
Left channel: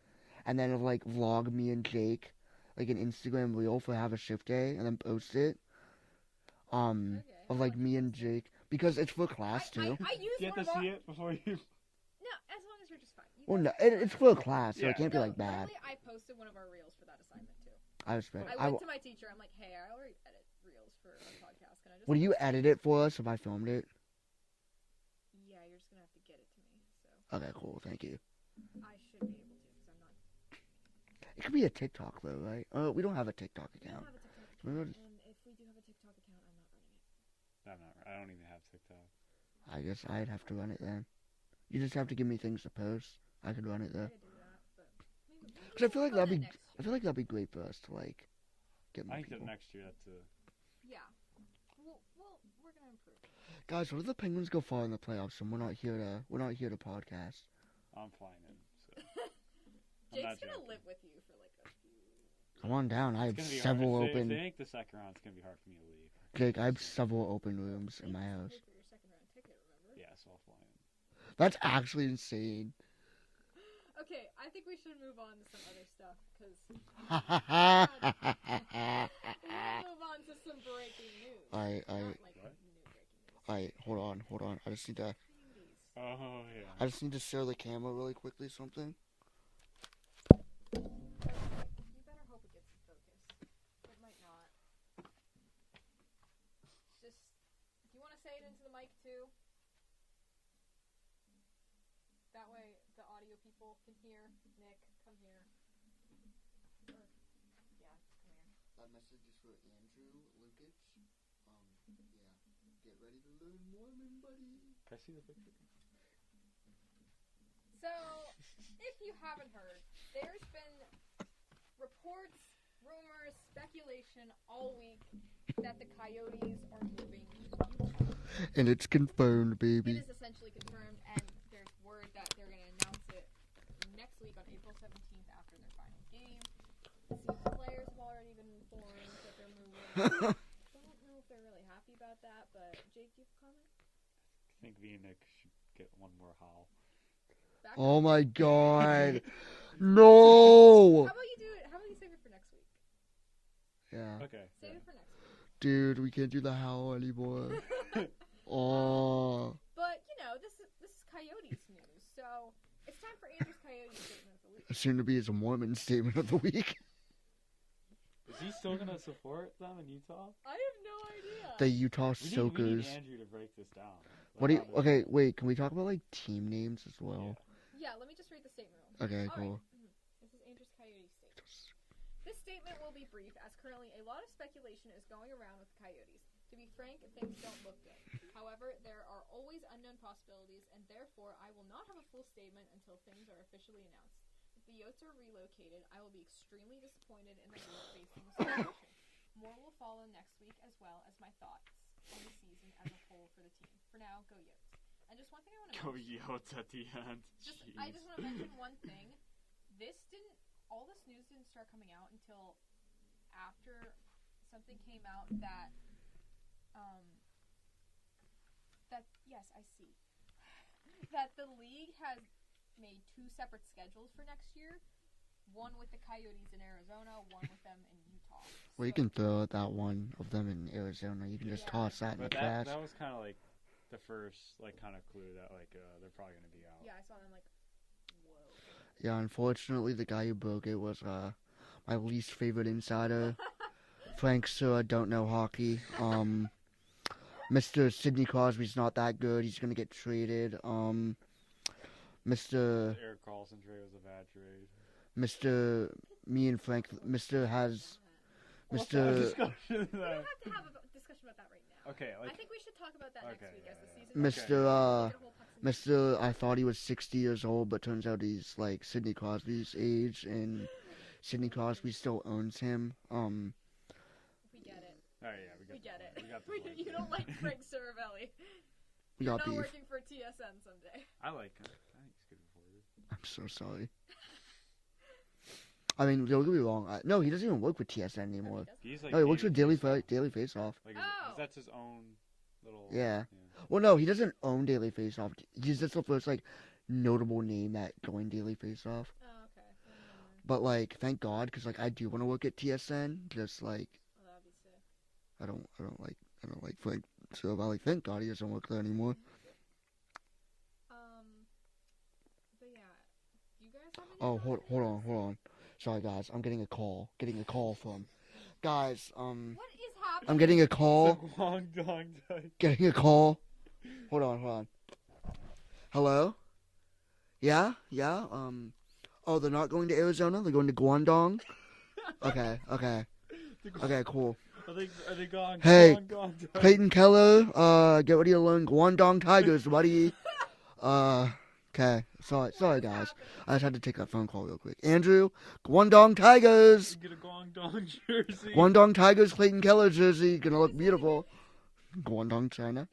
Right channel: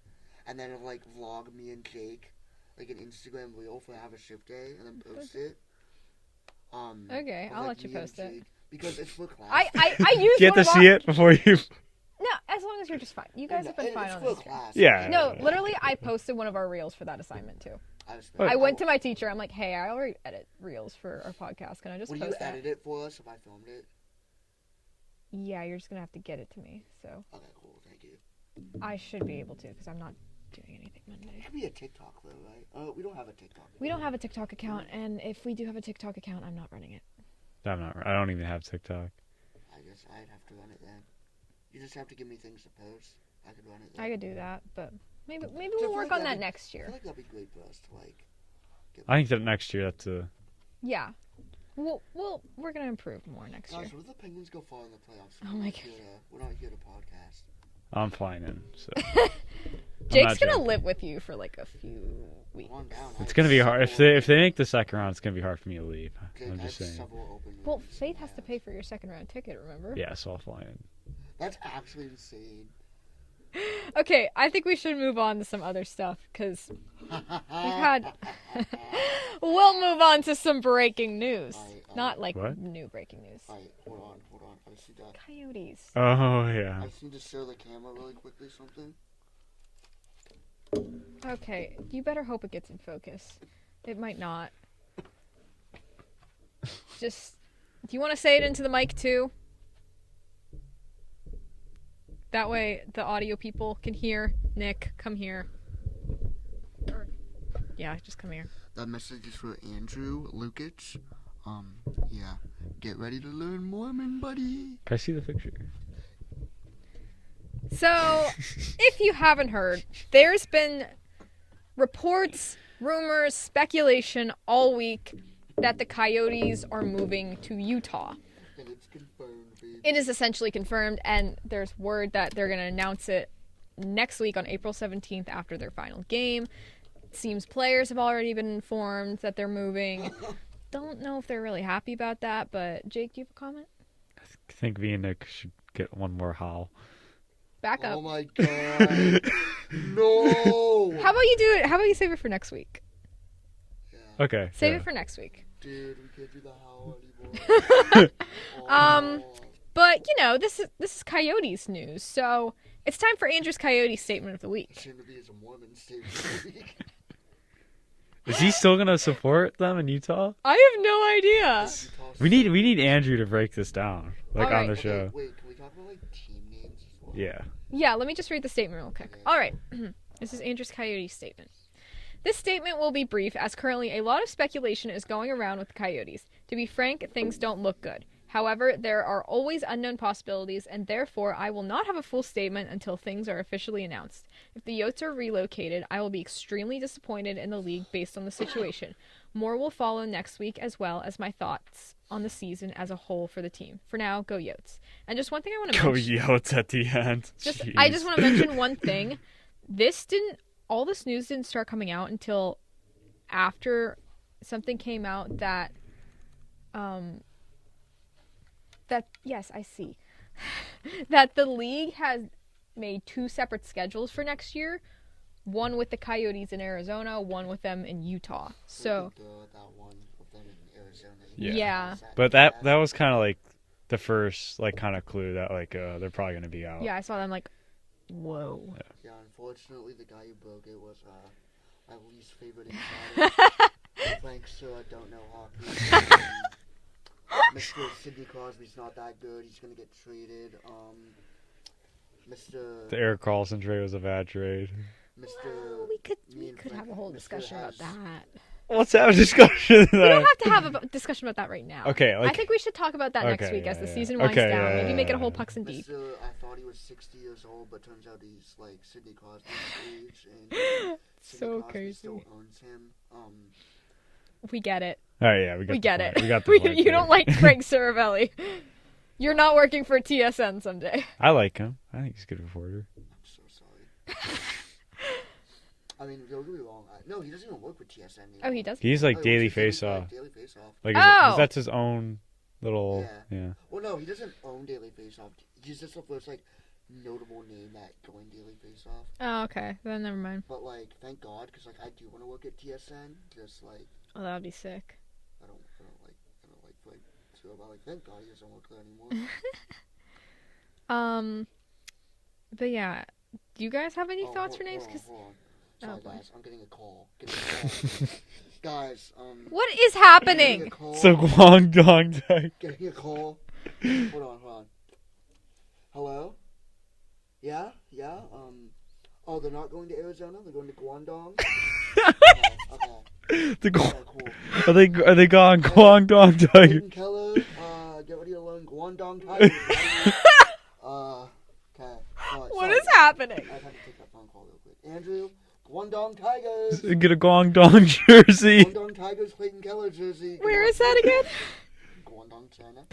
and then like vlog me and Jake, like an Instagram reel for have a shift day, and then post it. Okay, of, I'll like, let you me and post it. Jake, because it's for class. I used Get one to of see our... it before you. No, as long as you're just fine. You Well, guys no, have been fine it's on for this. class. Yeah, It yeah, No, doesn't literally, matter. I posted one of our reels for that assignment too. I respect. But- I went to my teacher. I'm like, hey, I already edit reels for our podcast. Can I just Will you post that? edit it for us if I filmed it? Yeah, you're just gonna have to get it to me. So Okay, cool. Thank you. I should be able to because I'm not doing anything Monday. It could be a TikTok though, right? We don't have a TikTok. We don't account. have a TikTok account, and if we do have a TikTok account, I'm not running it. I don't even have TikTok. I guess I'd have to run it then. You just have to give me things to post. I could run it then. I could do that, but maybe I we'll feel work like on that'd that be- next I year. feel like that'd be great for us to like. Get I think that next year that's a. Yeah, we're gonna improve more next Guys, year. what if the Penguins go far in the playoffs and Oh we're my not here to podcast? I'm flying in. So Jake's not gonna joking. live with you for like a few weeks. Come on down. it's gonna be hard if they make the second round. It's gonna be hard for me to leave. Jake, I'm I have just saying. several open rooms. Well, in Faith my has to house. pay for your second round ticket. Remember? Yeah, so I'll fly in. That's actually insane. Okay, I think we should move on to some other stuff because had- we'll move on to some breaking news. Not like What? new breaking news. Alright, hold on. I just need to. Coyotes. Oh yeah. I just need to show the camera really quickly something. Okay, you better hope it gets in focus. It might not. Just, do you want to say it into the mic too? That way the audio people can hear. Nick, come here. Yeah, just come here. That message is for Andrew Lukic. Yeah. Get ready to learn Mormon, buddy. Can I see the picture? So, if you haven't heard, there's been reports, rumors, speculation all week that the Coyotes are moving to Utah. And it's confirmed, baby. It is essentially confirmed, and there's word that they're going to announce it next week on April 17th after their final game. It seems players have already been informed that they're moving. Don't know if they're really happy about that, but Jake, do you have a comment? I think me and Nick should get one more howl. Back up. Oh my god. No! How about you do it? How about you save it for next week? Yeah. Okay. Save yeah. it for next week. Dude, we can't do the howl anymore. But you know, this is Coyotes news, so it's time for Andrew's Coyote statement of the week. Soon to be his Mormon statement of the week. Is he still gonna support them in Utah? I have no idea. The Utah We need Soakers. Andrew to break this down, like Alright. on the Okay, show. wait, can we talk about like team names as well? Yeah. Yeah, let me just read the statement real quick. Okay, All right. This is Andrew's Coyote statement. This statement will be brief, as currently a lot of speculation is going around with the Coyotes. To be frank, things don't look good. However, there are always unknown possibilities, and therefore I will not have a full statement until things are officially announced. If the Yotes are relocated, I will be extremely disappointed in the league based on the situation. More will follow next week, as well as my thoughts on the season as a whole for the team. For now, go Yotes. And just one thing I want to Go mention. Yotes at the end. I just want to mention one thing. All this news didn't start coming out until after something came out that, yes, I see, that the league has made 2 separate schedules for next year. One with the Coyotes in Arizona, one with them in Utah. We can So, throw that one of them in Arizona. You can Yeah. toss But trash. that was kind of like the first like kind of clue that like they're probably gonna be out. yeah, I saw them like, whoa. Yeah, unfortunately, the guy who broke it was my least favorite insider. Frank Sura don't know hockey. Mr. Sidney Crosby's not that good. He's gonna get traded. Mr. The Eric Carlson trade was a bad trade. Mr. Me and Frank. Have a whole Mr. discussion has. about that. Let's have a discussion. We don't have to have a discussion about that right now. Okay, like I think we should talk about that next Okay, week as yeah, the yeah. season winds Okay, down. Maybe make it a yeah. whole pucks and deep. Mr. I thought he was 60 years old, but turns out he's like Sidney Crosby's age, and Sidney So Crosby crazy. still owns him. We get it. all right, yeah, we We got get the it. point. We got the point You there. don't like Frank Saravelli. You're No. not working for TSN someday. I like him. I think he's a good reporter. I'm so sorry. I mean, don't get me wrong. No, he doesn't even work with TSN anymore. Oh, he does? He's like Oh, he works daily with face off. Daily Face Off. Like Oh! that's his own little. Yeah. Yeah. Well, no, he doesn't own Daily Face Off. He's just the first like notable name that joined Daily Face Off. Oh, okay. Then never mind. But like, thank God, because like I do want to work at TSN. Just like Oh, that would be sick. I don't like Frank. So about like, thank God he doesn't work there anymore. But yeah, do you guys have any thoughts for names? Hold on. Sorry, Oh. guys. I'm getting a call. Guys, What is I'm getting happening? a call. So Guangdong type. Getting a call. Hold on. Hello? Yeah? Oh, they're not going to Arizona? They're going to Guangdong? Okay, cool. Are they gone Hey, Guangdong type? Peyton Keller, get ready to learn Guangdong Tigers, buddy. Okay. What sorry, is guys. happening? I just had to take that phone call real quick. Andrew, Guangdong Tigers! Get a Guangdong jersey. Guangdong Tigers Clayton Keller jersey. Where is that again? Guangdong, China.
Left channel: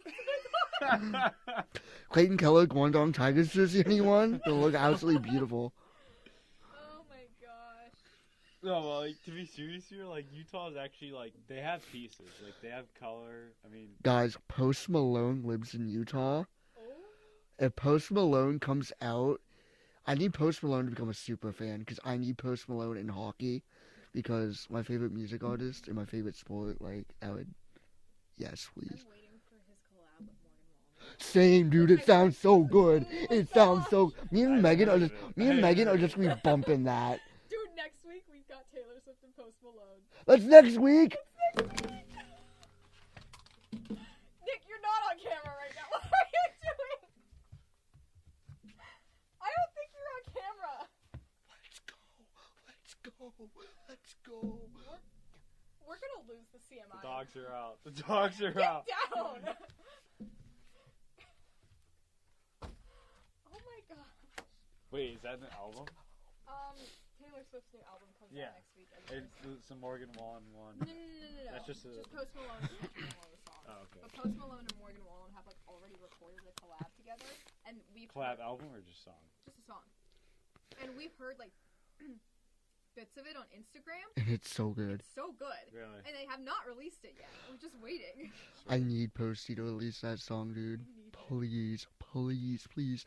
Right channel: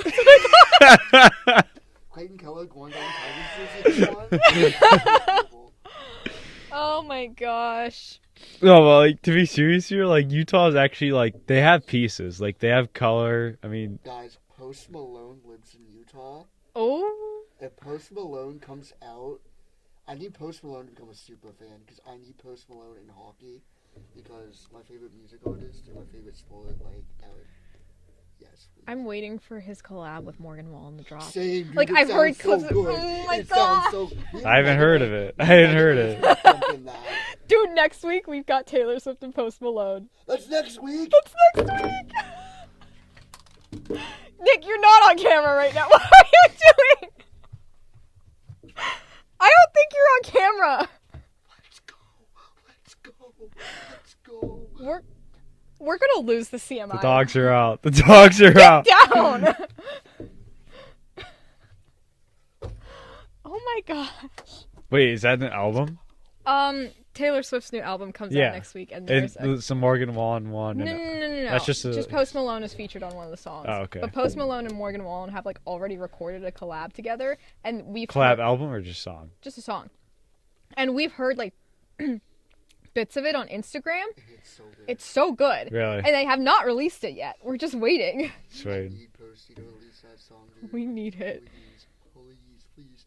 Clayton Keller, Guangdong Tigers jersey, anyone? It was absolutely beautiful. Oh my gosh. No, but like to be serious here, like Utah's actually like they have pieces, like they have color. I mean, Guys, Post Malone lives in Utah. Oh. If Post Malone comes out, I need Post Malone to become a super fan because I need Post Malone in hockey because my favorite music artist and my favorite sport, like, that would. Yes, please. I'm waiting for his collab with Morgan Wallen to drop. Same, dude. Like, It I've heard sounds so clips of- good. oh my It God. sounds so. I haven't heard of it. I haven't heard it. Bumping that. Dude, next week we've got Taylor Swift and Post Malone. That's next week. That's next week. Nick, you're not on camera right now. What are you doing? I don't think you're on camera. Let's go. Let's go. Let's go. We're gonna lose the CMI. The dogs are out. The dogs are out. Down. Oh my gosh. Wait, is that an album? Taylor Swift's new album comes Yeah. out next week, and And there's some Morgan Wallen one. no. That's just Post Malone is featured on one of the songs. Oh, okay. But Post Malone and Morgan Wallen have like already recorded a collab together, and we've collab heard, album or just song? just a song, and we've heard like bits of it on Instagram. And it's so good. It's so good, Really? and they have not released it yet. We're just waiting. I Sweet. need Posty to release that song, dude. We need it. Please, please, please.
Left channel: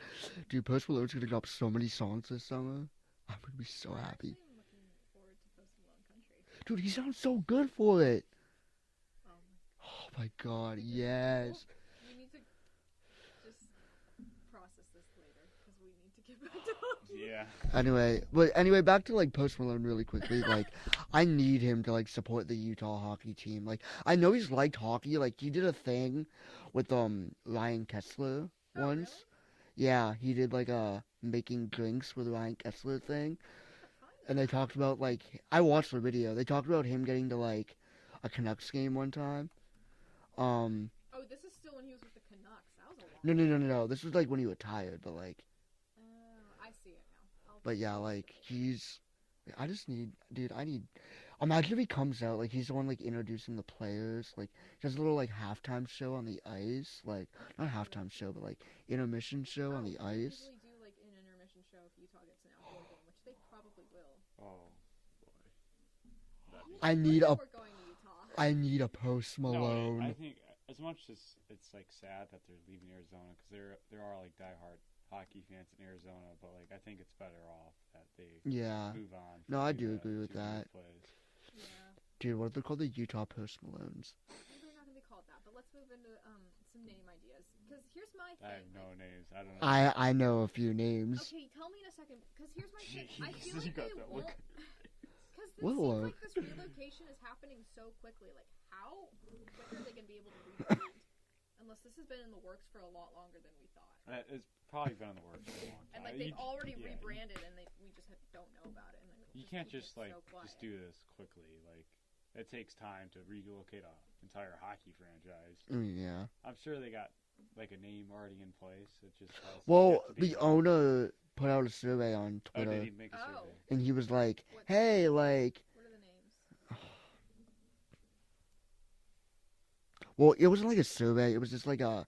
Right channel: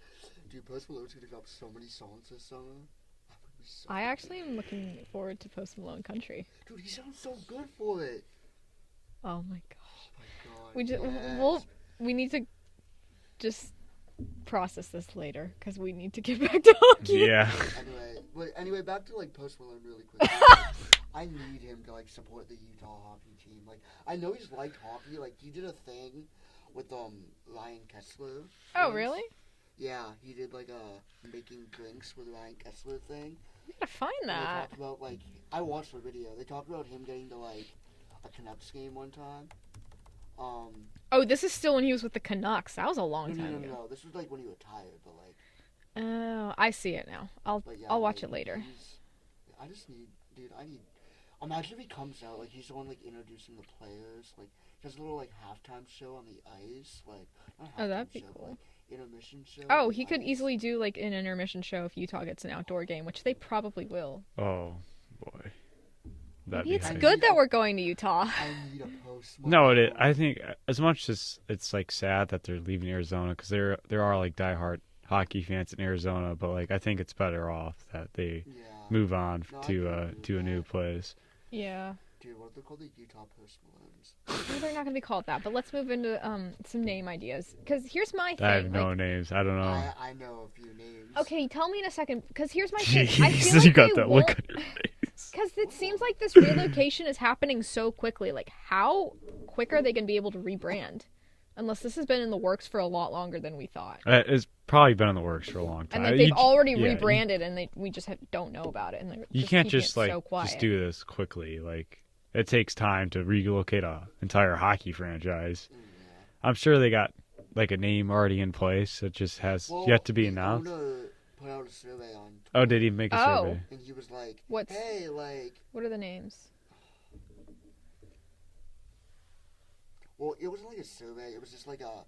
Dude, Post Malone's gonna drop so many songs this summer. I'm gonna be so I happy. actually am looking forward to Post Malone Country. Dude, he sounds so good for it. Oh my god. Oh my god. We just yes. we need to just process this later because we need to get back to hockey. Yeah. Anyway, back to like Post Malone really quickly. Like, I need him to like support the Utah hockey team. Like, I know he's liked hockey. Like, he did a thing with Ryan Kessler. Oh once. really? Yeah, he did like a making drinks with Ryan Kessler thing. I gotta find And they that. talked about like I watched the video. They talked about him getting to like a Canucks game one time. Oh, this is still when he was with the Canucks. That was a long time. No. This was like when he retired, but like. Oh, I see it now. But yeah, I'll watch like, it later. I just need, dude. Imagine if he comes out like he's the one like introducing the players. Like he does a little like halftime show on the ice, like not halftime that'd be show, but cool. like intermission show. Oh, on the he could ice. easily do like an intermission show if Utah gets an outdoor game, which they probably will. Oh boy. That'd Maybe be it's I crazy. good need that a- we're going to Utah. I need a Post Malone. No, it is. I think as much as it's like sad that they're leaving Arizona because there are like diehard hockey fans in Arizona, but like I think it's better off that they Yeah, move on No, I do to agree with to a new that. place. Yeah. dude. What are they called? The Utah Post Malones. Well, they're not gonna be called that, but let's move into some name ideas. Because here's my thing. I have no like, names. I don't know. I know a few names. okay, tell me in a second. Because here's my thing. I Jeez, feel like you got they that won't. look on your face. Because it seems Whoa. like this relocation is happening so quickly. Like, how quick are they going to be able to rebrand? Unless this has been in the works for a lot longer than we thought. It's probably been in the works for a long time. And like, they've already yeah, rebranded, and we just don't know about it. And they're You just can't keeping just it like so quiet. just do this quickly. Like it takes time to relocate a entire hockey franchise. Yeah. I'm sure they got like a name already in place. It just has Well, yet to be the announced. owner put out a survey on Twitter. Oh, did he make a Oh. survey? And he was like, What's- "Hey, like, What are the names? well, it wasn't like a survey. It was just like a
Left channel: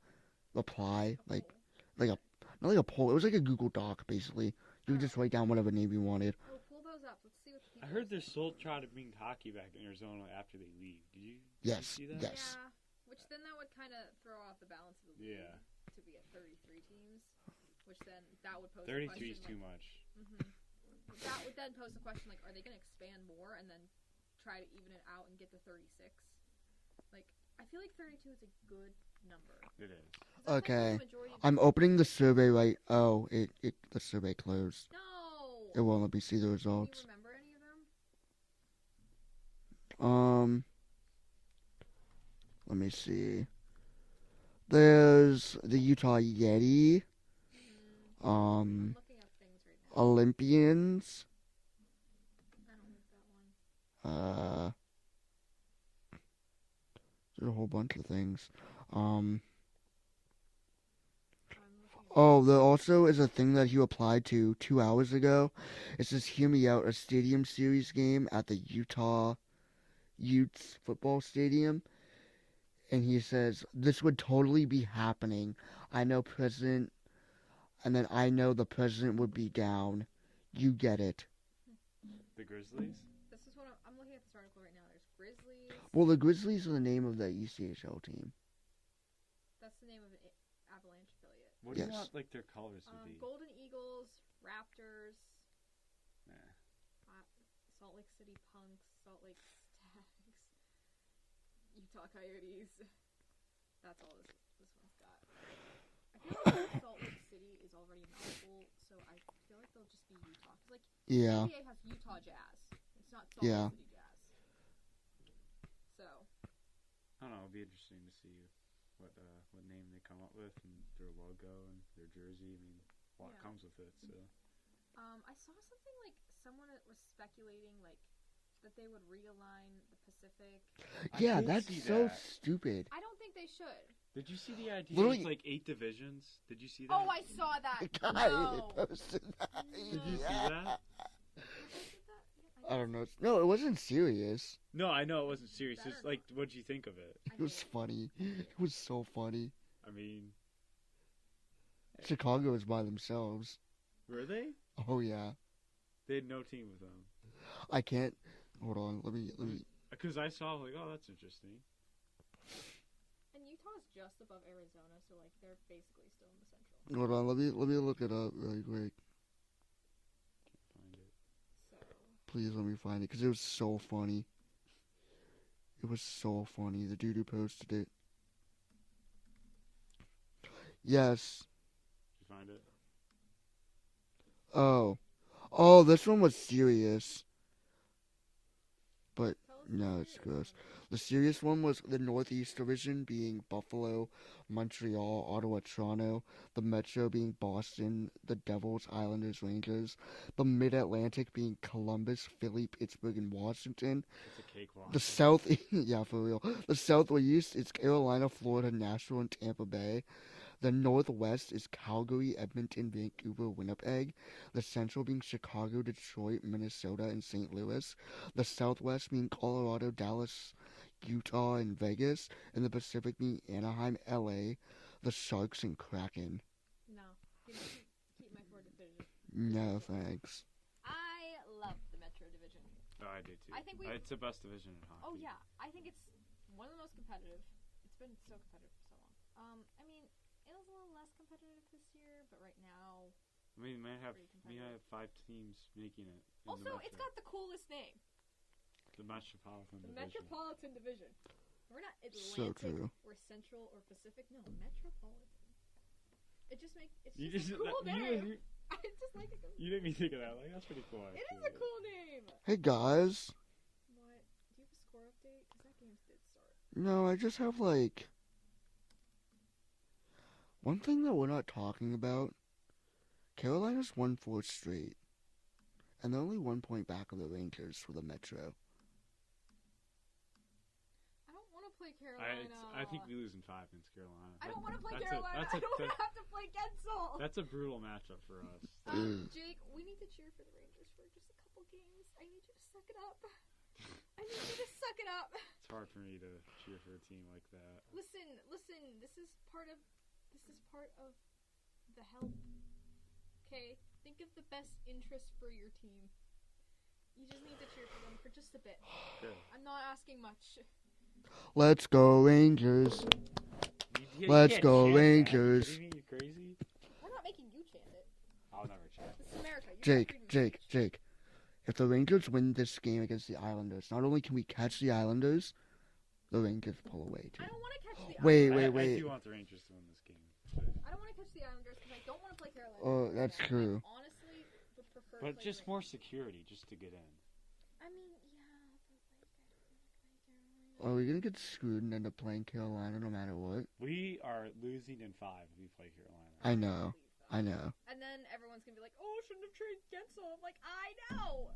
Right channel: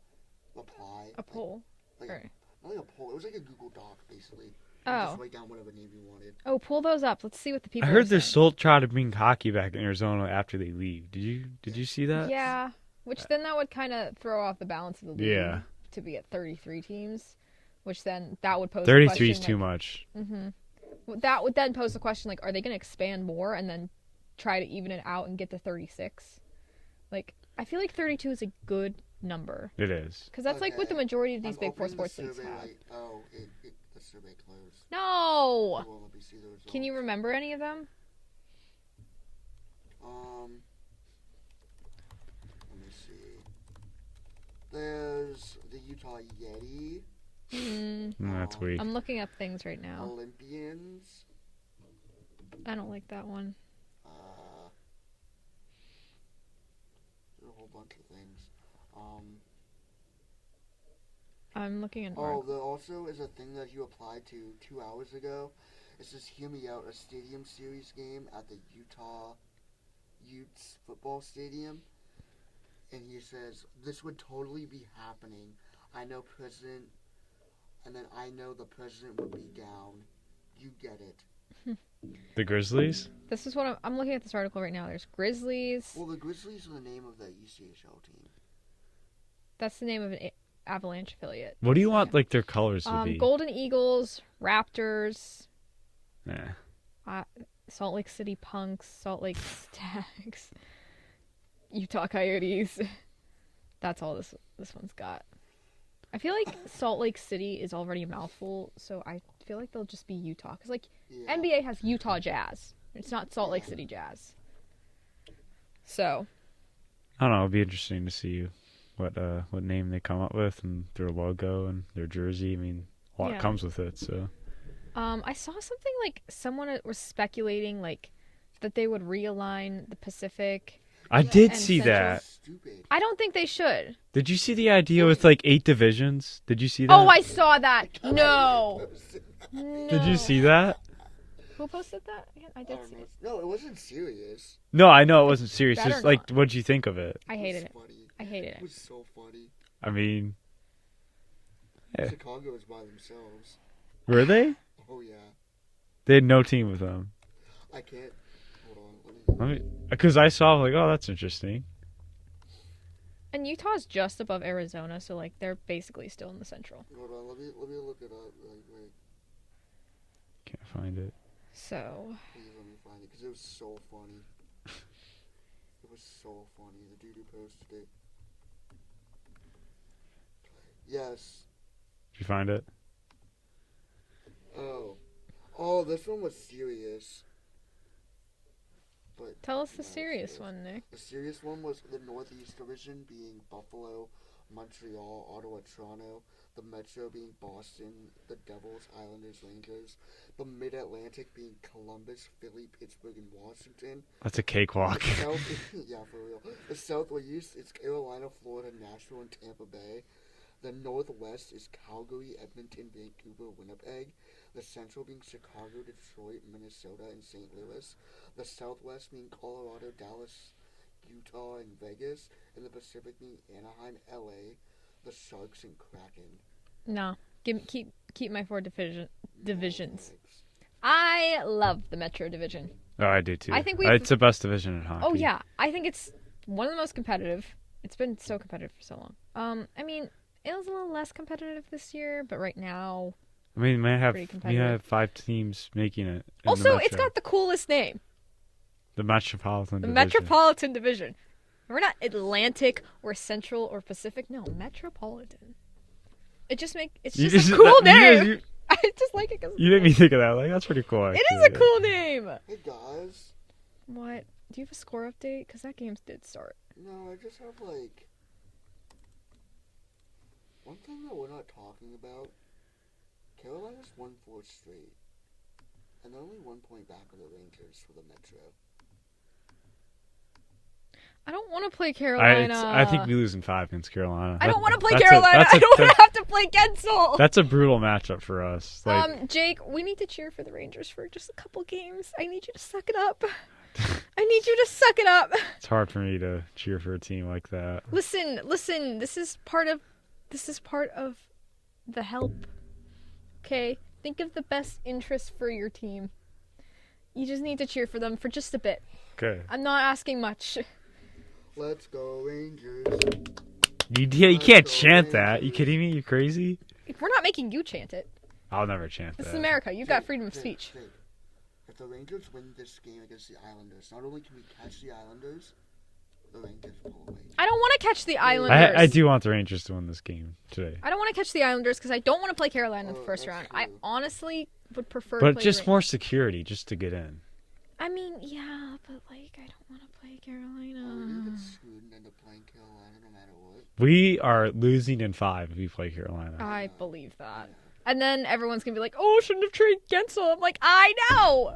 reply, A like poll. like Right. not like a poll. It was like a Google Doc, basically. You could just Oh. write down whatever name you wanted. Oh, pull those up. Let's see what the people I are heard they're saying. still trying to bring hockey back in Arizona after they leave. Did you Yes. see that? Yeah, which then that would kind of throw off the balance of the league Yeah. to be at 33 teams, which then that would pose 33 the is question, too much. That would then pose the question like, are they going to expand more and then try to even it out and get to 36? Like, I feel like 32 is a good number It is. because that's like what the Okay. majority of these I'm big four opening the sports teams survey have. right. Oh, the survey closed. It No. won't let me see the results. Can you remember any of them? Let me see. There's the Utah Yeti, That's weak. I'm looking up things right now. Olympians. I don't like that one. There's a whole bunch of things. I'm looking at. Oh, there also is a thing that he applied to 2 hours ago. It says, "Hear me out," a stadium series game at the Utah Utes football stadium. And he says, "This would totally be happening. I know president, and then I know the president would be down. You get it." The Grizzlies? This is what I'm looking at this article right now. There's Grizzlies. Well, the Grizzlies are the name of the ECHL team. That's the name of an Avalanche affiliate. What do you want like their colors to be? Golden Eagles, Raptors, Nah. Salt Lake City Punks, Salt Lake Stags, Utah Coyotes. That's all this one's got. I feel like Salt Lake City is already a mouthful, so I feel like they'll just be Utah. Because, like, Yeah. NBA has Utah Jazz. It's not Salt Lake City Jazz. So. I don't know. It'll be interesting to see what name they come up with and their logo and their jersey. I mean, a lot comes with it, so. I saw something like someone was speculating, like, that they would realign the Pacific. I did see that. Stupid. I don't think they should. Did you see the idea with like 8 divisions? Did you see that? Oh, I saw that. No. Did you see that? Who posted that? I don't know. No, it wasn't serious. No, I know it wasn't serious. Better Just like, not. what'd you think of it? I hated it. Funny. I hated It it. was so funny. I mean, yeah. Chicago was by themselves. Were they? Oh yeah. They had no team with them. I can't. Hold on. Let me, because I saw like, oh, that's interesting. And Utah's just above Arizona, so like they're basically still in the Central. Hold on. Let me look it up really quick. Can't find it. So. Please let me find it because it was so funny. It was so funny. The dude who posted it. Yes. Did you find it? Oh, this one was serious. But Tell us the no, serious it's one, Nick. the serious one was the Northeast Division being Buffalo, Montreal, Ottawa, Toronto. The Metro being Boston, the Devils, Islanders, Rangers. The Mid-Atlantic being Columbus, Philly, Pittsburgh, and Washington. That's a cakewalk. The South, yeah, for real. The Southwest is Carolina, Florida, Nashville, and Tampa Bay. The Northwest is Calgary, Edmonton, Vancouver, Winnipeg. The Central being Chicago, Detroit, Minnesota, and St. Louis. The Southwest being Colorado, Dallas, Utah, and Vegas. And the Pacific being Anaheim, LA, the Sharks, and Kraken. No. Keep my 4 divisions. No, thanks. I love the Metro Division. Oh, I do too. I think it's the best division in hockey. Oh yeah, I think it's one of the most competitive. It's been so competitive for so long. I mean, it was a little less competitive this year, but right now, I mean, we have pretty competitive. 5 teams making it. Also, it's got the coolest name. The Metropolitan The Division. Metropolitan Division. We're not Atlantic or Central or Pacific. No, Metropolitan. It's just a cool name. I just like it because you didn't even think of that. Like, that's pretty cool. Actually. It is a cool name. Hey guys. What? Do you have a score update? Because that game did start. No, I just have like one thing that we're not talking about. Carolina's won 4 straight, and they're only 1 point back of the Rangers for the Metro. I don't want to play Carolina. I think we lose in 5 against Carolina. I don't want to play Carolina. I don't want to have to play Gensel. That's a brutal matchup for us. Like, Jake, we need to cheer for the Rangers for just a couple games. I need you to suck it up. I need you to suck it up. It's hard for me to cheer for a team like that. Listen. This is part of the help. Okay? Think of the best interest for your team. You just need to cheer for them for just a bit. Okay. I'm not asking much. Let's go Rangers. You can't chant that. You kidding me? You crazy? We're not making you chant it. I'll never chant that. This is America. You've got freedom of speech. Jake, if the Rangers win this game against the Islanders, not only can we catch the Islanders, the Rangers pull away. I don't want to catch the Islanders. I do want the Rangers to win this game today. I don't want to catch the Islanders because I don't want to play Carolina in the first round. True. I honestly would prefer But to play just the more security just to get in. I mean, yeah, but like I don't want to play Carolina. Are we going to get screwed and end up playing Carolina no matter what? We are losing in 5 if we play Carolina. I know. believe that. I know. And then everyone's going to be like, oh, shouldn't have traded Gensel. I'm like, I know.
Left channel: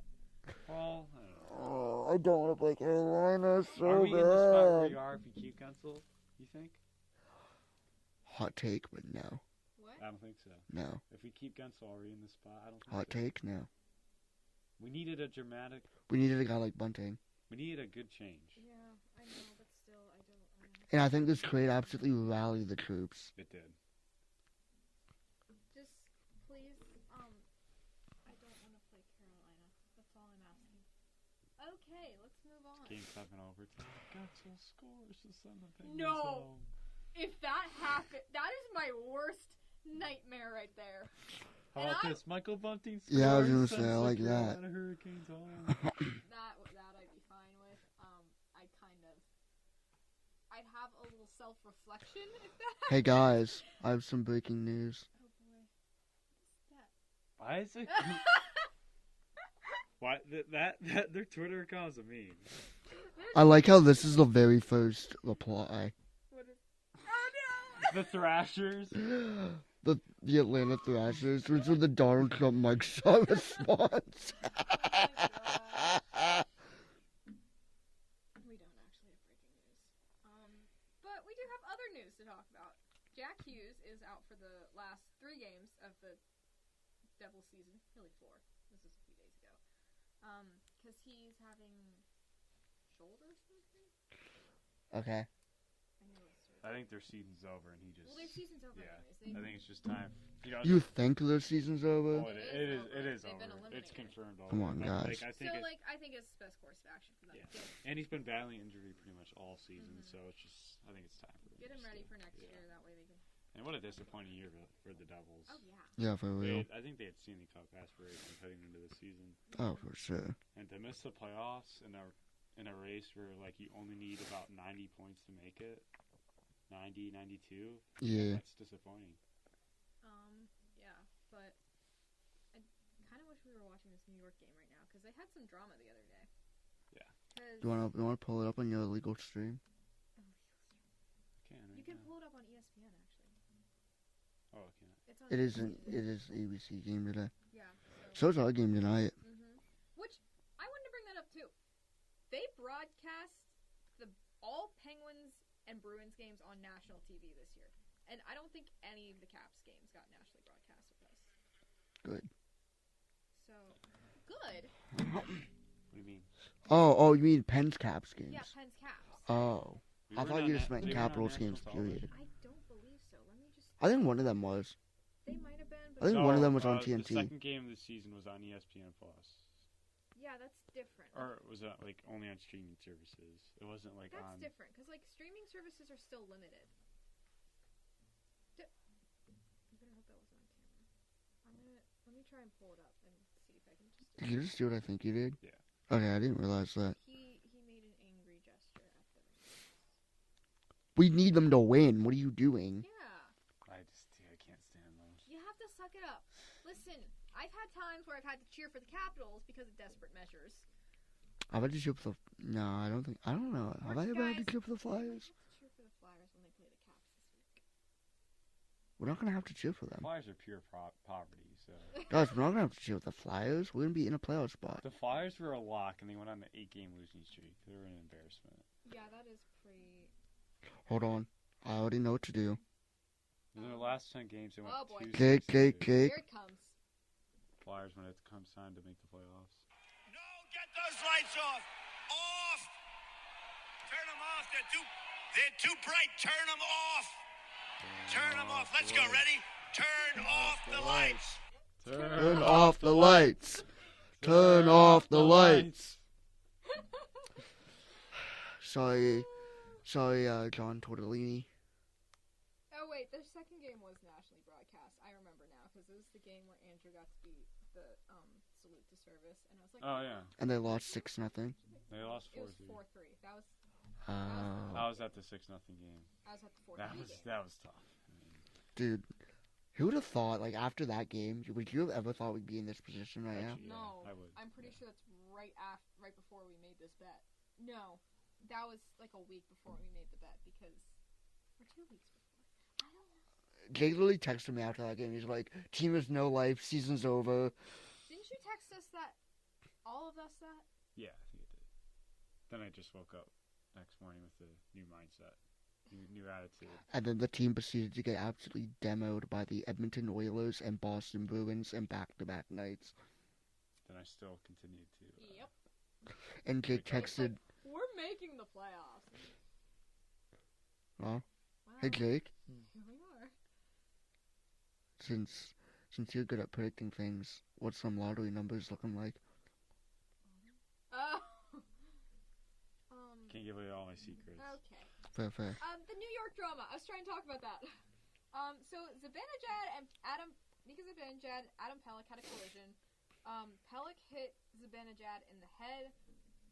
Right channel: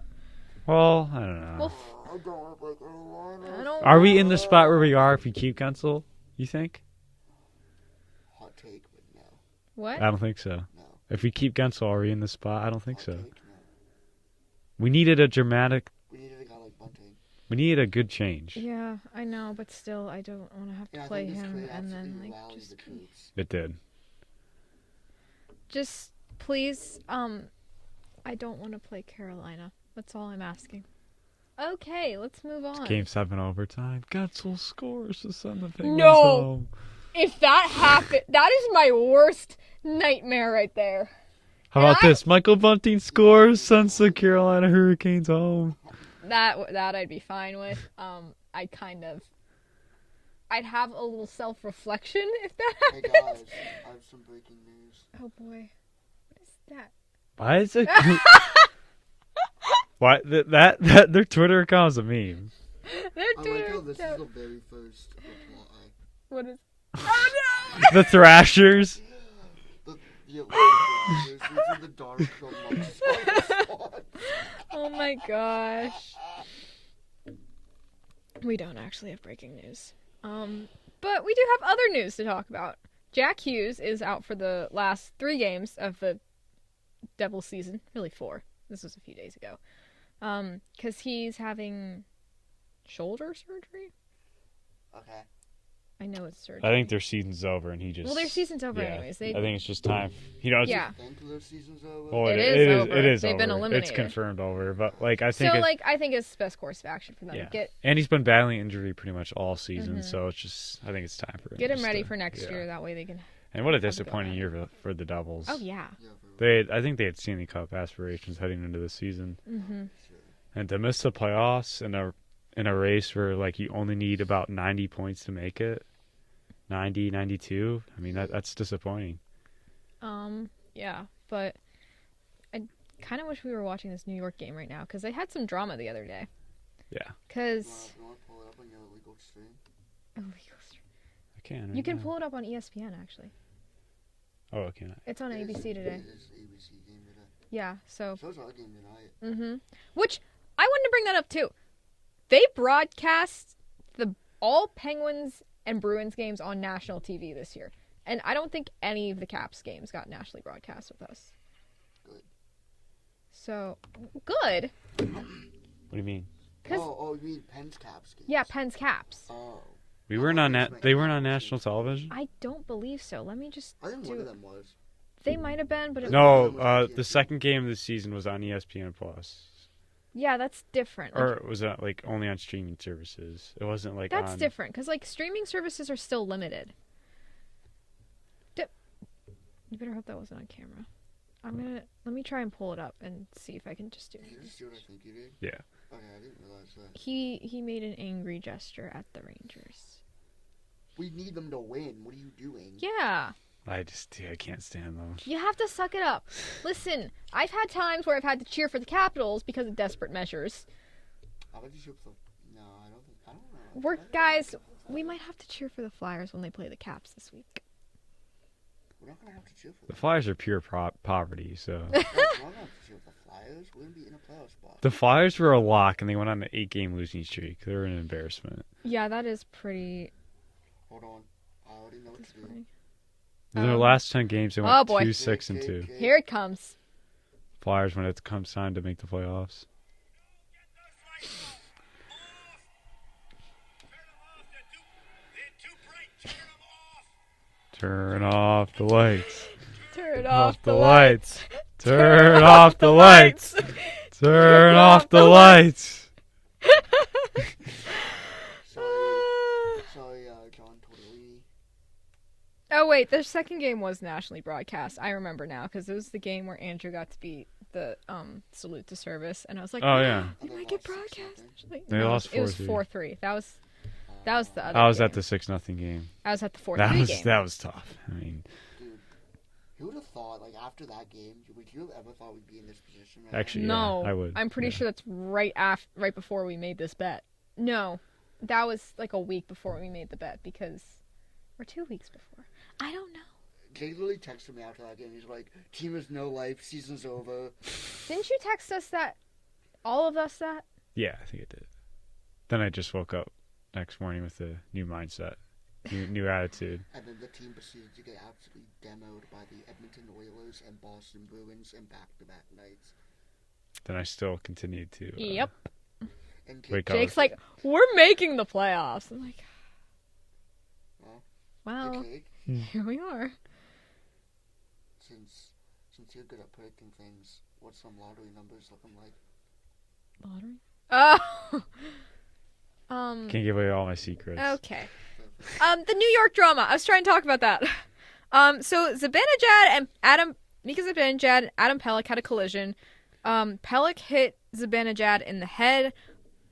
Well, I don't know. Well, I don't want to play Carolina. Are we in the spot where we are if we keep Gensel, you think? Hot take, but no. what? I don't think so. No. If we keep Gensel, are we in the spot? I don't think Hot so. take, no. We needed a dramatic... We needed a guy like Bunting. We needed a good change. Yeah, I know, but still, I don't want to have to And I play think this him trade and absolutely then, like, rallied just- the troops. It did. Just, please, I don't want to play Carolina. That's all I'm asking. Okay, let's move on. Game 7 overtime. Gensel scores to send the Penguins No! home. If that happened, that is my worst nightmare right there. How And about this? Michael Bunting Yeah, I was scores, gonna sends say, the like, yeah. Carolina Hurricanes home. That I'd be fine with. I'd have a little self-reflection if that Hey happened. guys, I have some breaking news. Oh boy, what is that? Why is it? Why that their Twitter account is a meme. I like how this is the very first reply. What is? Oh no! The Thrashers. The Atlanta Thrashers, which are the Donald Trump mugshot response. Oh my gosh. We don't actually have breaking news. But we do have other news to talk about. Jack Hughes is out for the last 3 games of the Devils season. Really 4. This was a few days ago. Because he's having shoulder surgery. Okay. I know it's surgery. I think their season's over, and he just. Well, their season's over yeah, anyways. I think it's just time. You know, Yeah. Think their season's over? Oh, It is over. It is They've over. been eliminated. It's confirmed over. Oh, But gosh. like, I think. So, I think it's the best course of action for them. Yeah. Get And he's been battling injury pretty much all season, Mhm. so it's just. I think it's time for him. him just ready to- for next yeah. year. That way they can. And what a go disappointing ahead. year for the Devils. Oh yeah. Yeah, for I think they had Stanley Cup aspirations heading into the season, Oh, Mhm. for sure. and to miss the playoffs in a race where like you only need about 90 points to make it, 90, 92. I mean Yeah. that's disappointing. Yeah, but I kind of wish we were watching this New York game right now because they had some drama the other day. Yeah. Because You wanna pull it up on your illegal stream? I can. Right you can now. pull it up on ESPN actually. Oh, I can't. It's on It is- ABC today. It is ABC game today. Yeah. So. So is our game tonight. Which I wanted to bring that up too. They broadcast all Penguins and Bruins games on national TV this year, and I don't think any of the Caps games got nationally broadcast with us. Good. So good. What do you mean? Oh, you mean Penn's Caps game? Yeah, Pens Caps. Oh. We I weren't thought on you just meant they weren't on Capitals national games, too. television. I don't believe so. Let me just. I think one do- of them was. They might have been, but I it's think one of No, them was on the TNT. second game of the season was on ESPN Plus, yeah, that's different. or was that like only on streaming services? It wasn't like That's on. different because like streaming services are still limited. You better hope that wasn't on camera. Let me try and pull it up and see if I can just do Did you it. just do what I think you did? Yeah. Okay, I didn't realize that. He made an angry gesture at the Rangers. We need them to win. What are you doing? Yeah, I can't stand them. you have to suck it up. Listen, I've had times where I've had to cheer for the Capitals because of desperate measures. I bet you cheer for the. No, I don't think. I don't know. We're- Have I ever guys, cheered for the We Flyers? might have to cheer for the Flyers when they play the Caps this week. We're not gonna have to cheer for The them. Flyers are pure poverty, so. Guys, we're not gonna have to cheer for the Flyers. We're gonna be in a playoff spot. The Flyers were a lock, and they went on an 8-game losing streak. They were an embarrassment. Yeah, that is pretty. Hold on. I already know what to do. In their Um, last 10 games, they oh, went boy. 2-6 and 2. Here it comes. Flyers when it comes time to make the playoffs. No, get those lights off. Off. Turn them off. They're too bright. Turn them off. Turn 'em off the Let's go, ready? lights. Turn Off the lights. Turn off the lights. Turn off the lights. Sorry, John Tortellini. Oh wait, the second game was nationally broadcast. I remember now because it was the game where Andrew got to beat the salute to service, and I was like, Oh, yeah. And did they I get lost broadcast 6-0. nationally? They No, lost It was 4-3. 4-3. That was the other. I was at game. the 6-0 game. I was at the 4-3 game. That was tough. I mean, Dude, who would have thought, like, after that game, would you have ever thought we'd be in this position right Actually, now? No, I would. I'm pretty yeah. sure that's right before we made this bet. No, that was like a week before we made the bet or 2 weeks before. I don't know. Jake literally texted me after that game. He's like, team is no life, season's over. Didn't you text us that? All of us that? Yeah, I think it did. Then I just woke up next morning with a new mindset, new attitude. And then the team proceeded to get absolutely demoed by the Edmonton Oilers and Boston Bruins in back-to-back nights. Then I still continued to. Yep. And Wake Jake up. Jake's like, we're making the playoffs. I'm like, Oh, wow, hey Jake, here we are. since you're good at predicting things, what's some lottery numbers looking like? Lottery? Oh, Can't give away all my secrets. Okay. Fair. The New York drama. I was trying to talk about that. So Zibanejad and Mika Zibanejad and Adam Pelech had a collision. Pelech hit Zibanejad in the head,